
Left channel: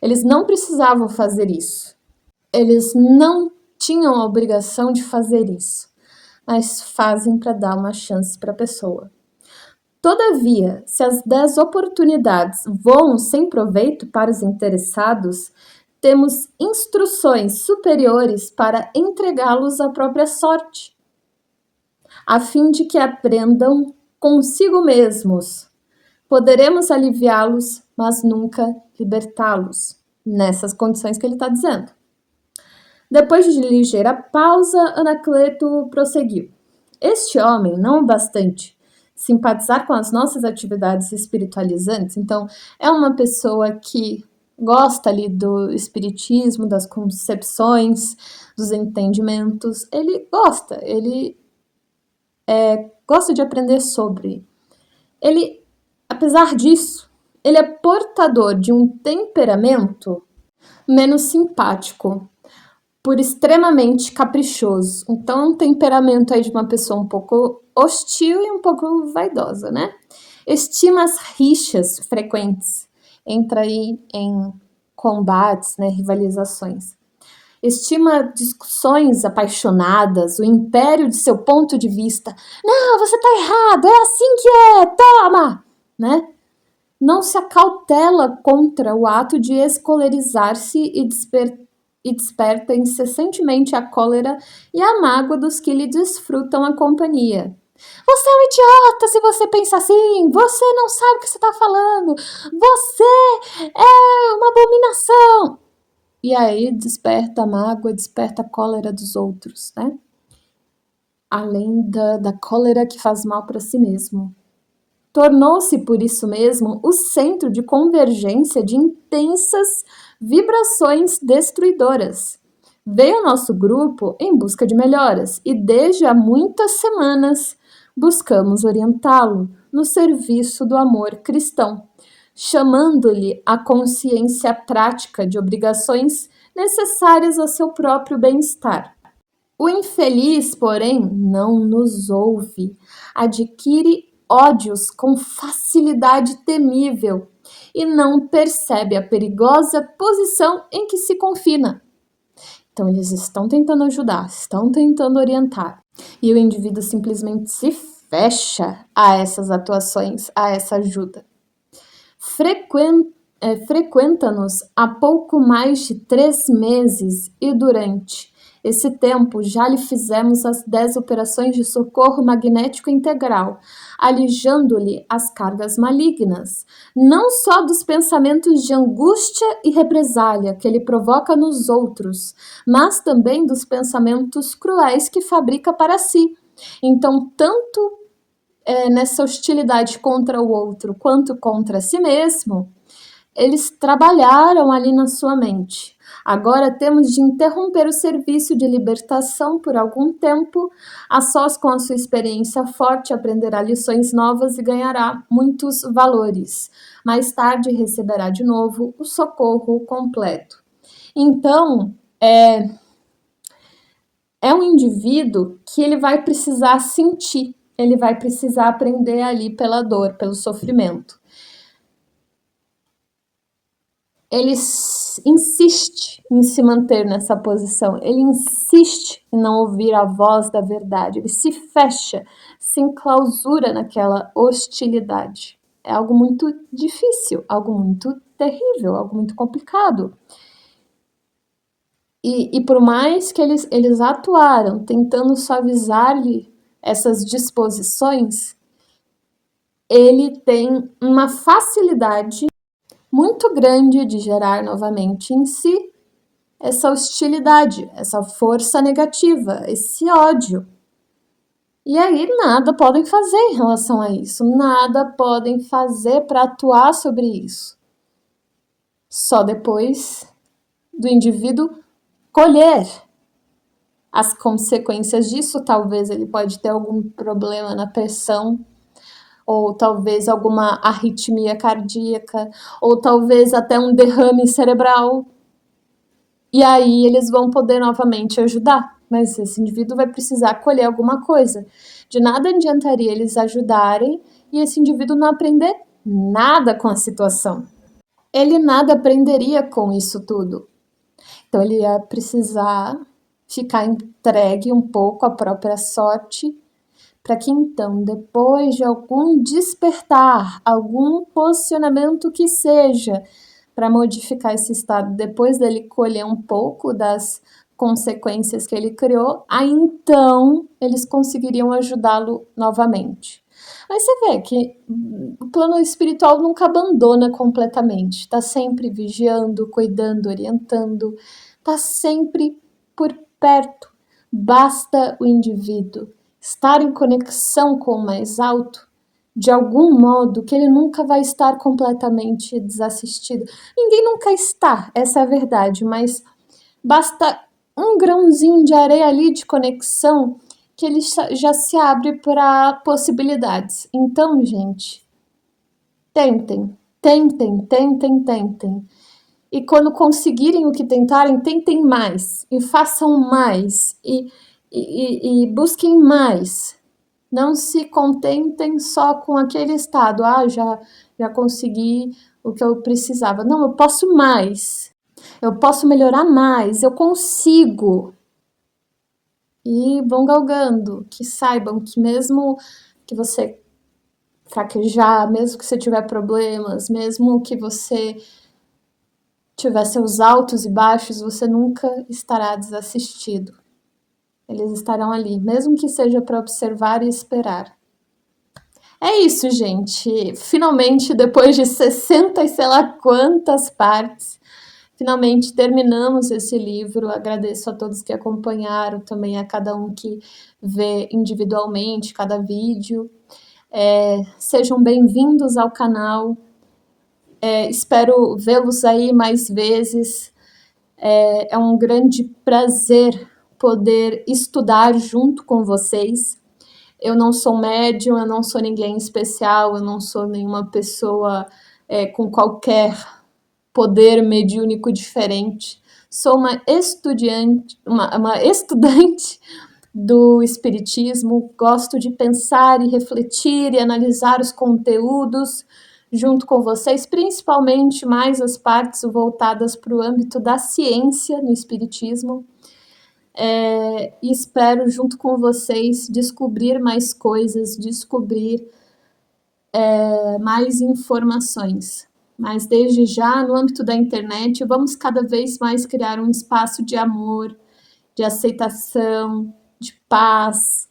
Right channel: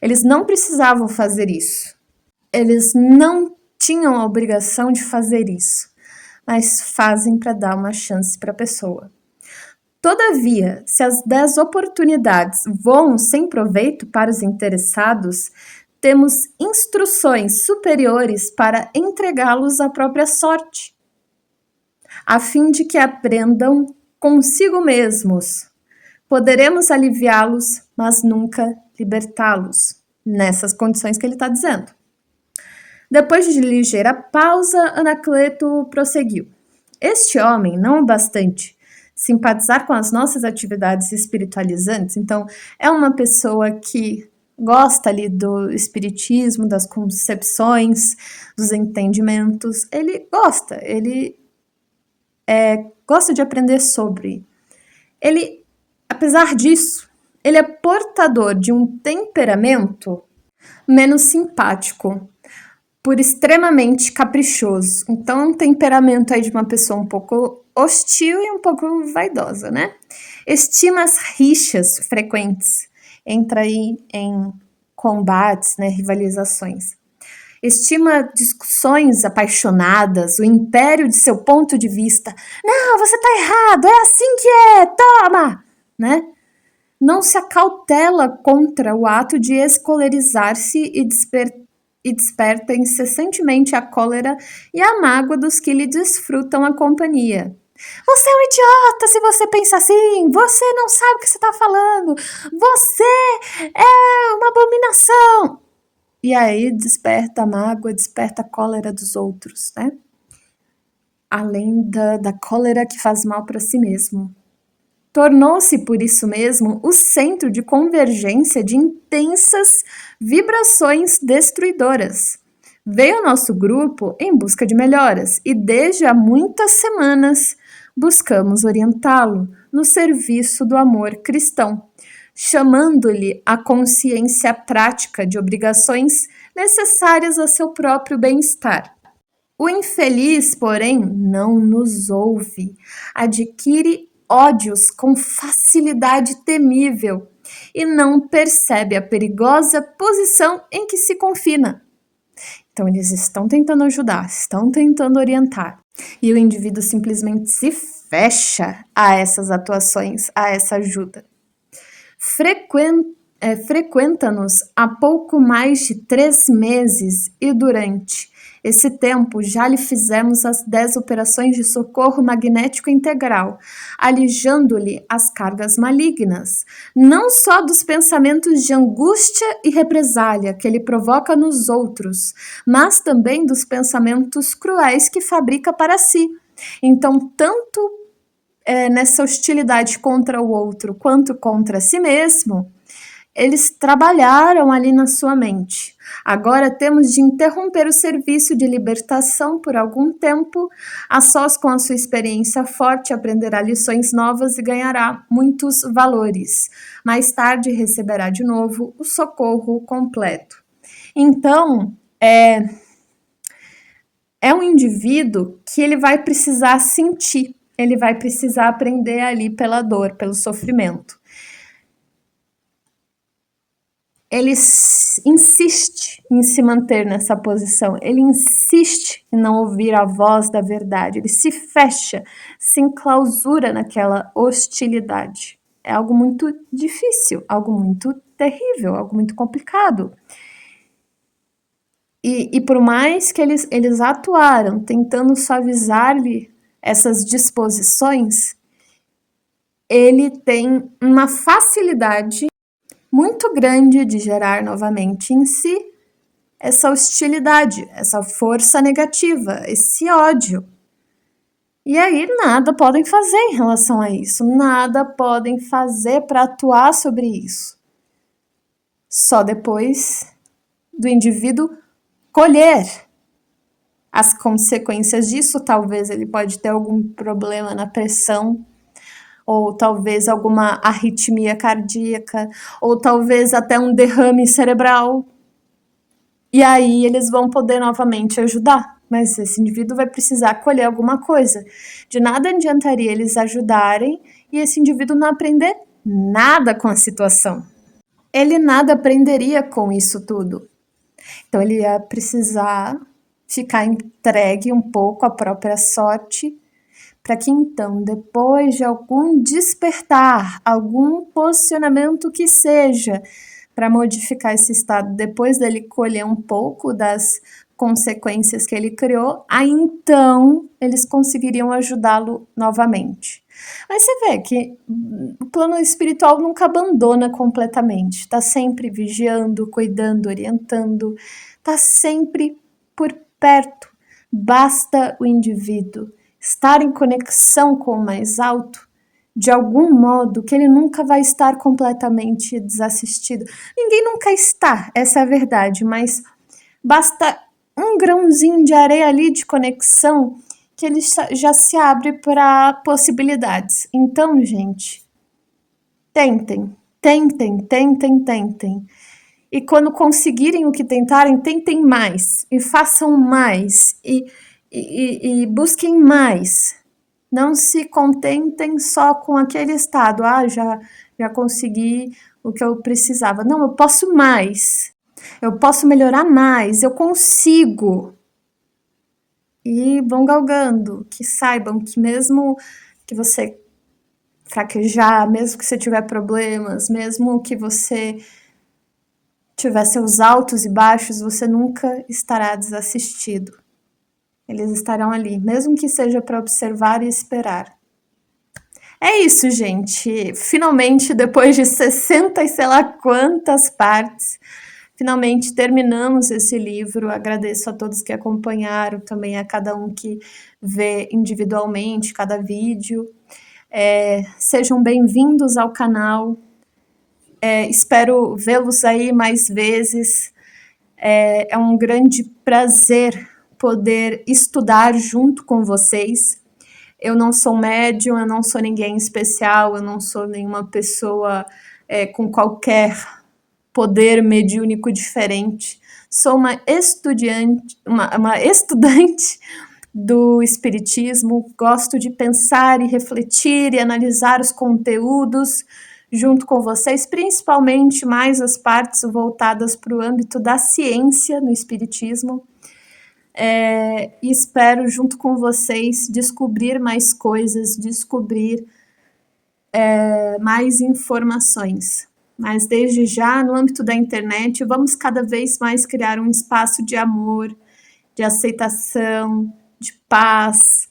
Eles não precisavam fazer isso. Eles não tinham a obrigação de fazer isso, mas fazem para dar uma chance para a pessoa. Todavia, se as 10 oportunidades voam sem proveito para os interessados, temos instruções superiores para entregá-los à própria sorte, a fim de que aprendam consigo mesmos. Poderemos aliviá-los, mas nunca libertá-los, nessas condições que ele está dizendo. Depois de ligeira pausa, Anacleto prosseguiu. Este homem, não o bastante simpatizar com as nossas atividades espiritualizantes, então é uma pessoa que gosta ali do espiritismo, das concepções, dos entendimentos, ele gosta de aprender sobre. Ele, apesar disso, ele é portador de um temperamento menos simpático, por extremamente caprichoso. Então, é um temperamento aí de uma pessoa um pouco hostil e um pouco vaidosa, né? Estima as rixas frequentes, entra aí em combates, né, rivalizações. Estima discussões apaixonadas, o império de seu ponto de vista. Não, você tá errado, é assim que é, toma! Né? Não se acautela contra o ato de escolerizar-se e desperta incessantemente a cólera e a mágoa dos que lhe desfrutam a companhia. Você é um idiota se você pensa assim, você não sabe o que você está falando, você é uma abominação. E aí desperta a mágoa, desperta a cólera dos outros, né? Além da cólera que faz mal para si mesmo. Tornou-se, por isso mesmo, o centro de convergência de intensas vibrações destruidoras. Veio ao nosso grupo em busca de melhoras e desde há muitas semanas buscamos orientá-lo no serviço do amor cristão, chamando-lhe a consciência prática de obrigações necessárias a seu próprio bem-estar. O infeliz, porém, não nos ouve, adquire ódios com facilidade temível e não percebe a perigosa posição em que se confina. Então, eles estão tentando ajudar, estão tentando orientar, e o indivíduo simplesmente se fecha a essas atuações, a essa ajuda. Frequenta-nos há pouco mais de 3 meses e durante esse tempo já lhe fizemos as 10 operações de socorro magnético integral, alijando-lhe as cargas malignas, não só dos pensamentos de angústia e represália que ele provoca nos outros, mas também dos pensamentos cruéis que fabrica para si. Então, tanto nessa hostilidade contra o outro quanto contra si mesmo, eles trabalharam ali na sua mente. Agora temos de interromper o serviço de libertação por algum tempo. A sós com a sua experiência forte, aprenderá lições novas e ganhará muitos valores. Mais tarde receberá de novo o socorro completo. Então, é um indivíduo que ele vai precisar sentir, ele vai precisar aprender ali pela dor, pelo sofrimento. Ele insiste em se manter nessa posição, ele insiste em não ouvir a voz da verdade, ele se fecha, se enclausura naquela hostilidade. É algo muito difícil, algo muito terrível, algo muito complicado. E por mais que eles atuaram tentando suavizar-lhe essas disposições, ele tem uma facilidade muito grande de gerar novamente em si essa hostilidade, essa força negativa, esse ódio. E aí nada podem fazer em relação a isso, nada podem fazer para atuar sobre isso. Só depois do indivíduo colher as consequências disso. Talvez ele pode ter algum problema na pressão, ou talvez alguma arritmia cardíaca, ou talvez até um derrame cerebral. E aí eles vão poder novamente ajudar, mas esse indivíduo vai precisar colher alguma coisa. De nada adiantaria eles ajudarem e esse indivíduo não aprender nada com a situação. Ele nada aprenderia com isso tudo. Então ele ia precisar ficar entregue um pouco à própria sorte, para que então, depois de algum despertar, algum posicionamento que seja, para modificar esse estado, depois dele colher um pouco das consequências que ele criou, aí então eles conseguiriam ajudá-lo novamente. Mas você vê que o plano espiritual nunca abandona completamente, está sempre vigiando, cuidando, orientando, está sempre por perto. Basta o indivíduo estar em conexão com o mais alto, de algum modo, que ele nunca vai estar completamente desassistido. Ninguém nunca está, essa é a verdade, mas basta um grãozinho de areia ali de conexão que ele já se abre para possibilidades. Então, gente, tentem. E quando conseguirem o que tentarem, tentem mais e façam mais e busquem mais. Não se contentem só com aquele estado. Já consegui o que eu precisava. Não, eu posso mais. Eu posso melhorar mais. Eu consigo. E vão galgando. Que saibam que mesmo que você fraquejar, mesmo que você tiver problemas, mesmo que você tiver seus altos e baixos, você nunca estará desassistido. Eles estarão ali, mesmo que seja para observar e esperar. É isso, gente. Finalmente, depois de 60 e sei lá quantas partes, finalmente terminamos esse livro. Agradeço a todos que acompanharam, também a cada um que vê individualmente cada vídeo. Sejam bem-vindos ao canal. Espero vê-los aí mais vezes. É um grande prazer poder estudar junto com vocês. Eu não sou médium, eu não sou ninguém especial, eu não sou nenhuma pessoa com qualquer poder mediúnico diferente. Sou uma estudante do Espiritismo, gosto de pensar e refletir e analisar os conteúdos junto com vocês, principalmente mais as partes voltadas para o âmbito da ciência no Espiritismo. E espero, junto com vocês, descobrir mais coisas, descobrir mais informações. Mas desde já, no âmbito da internet, vamos cada vez mais criar um espaço de amor, de aceitação, de paz.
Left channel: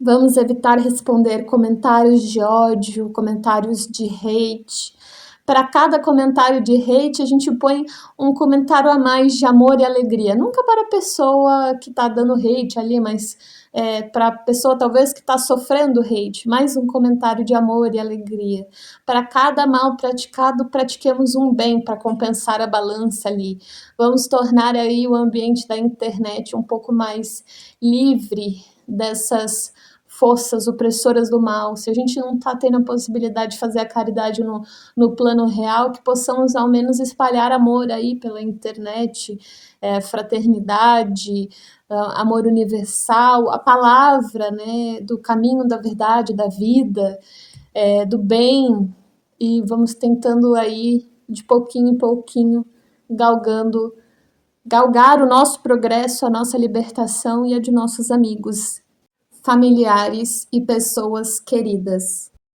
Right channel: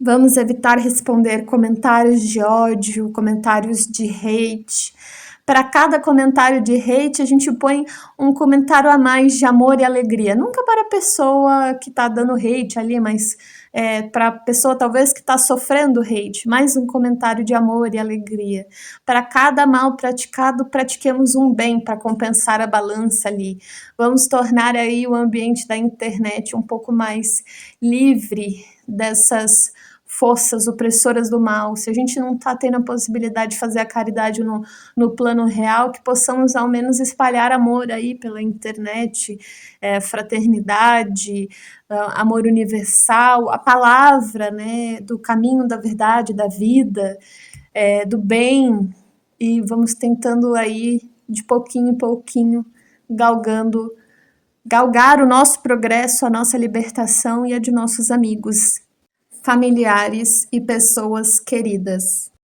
Vamos evitar responder comentários de ódio, comentários de hate. Para cada comentário de hate, a gente põe um comentário a mais de amor e alegria. Nunca para a pessoa que está dando hate ali, mas para a pessoa talvez que está sofrendo hate. Mais um comentário de amor e alegria. Para cada mal praticado, pratiquemos um bem para compensar a balança ali. Vamos tornar aí o ambiente da internet um pouco mais livre dessas forças opressoras do mal. Se a gente não está tendo a possibilidade de fazer a caridade no plano real, que possamos ao menos espalhar amor aí pela internet, fraternidade, amor universal, a palavra, né, do caminho da verdade, da vida, do bem, e vamos tentando aí, de pouquinho em pouquinho, galgar o nosso progresso, a nossa libertação e a de nossos amigos, familiares e pessoas queridas.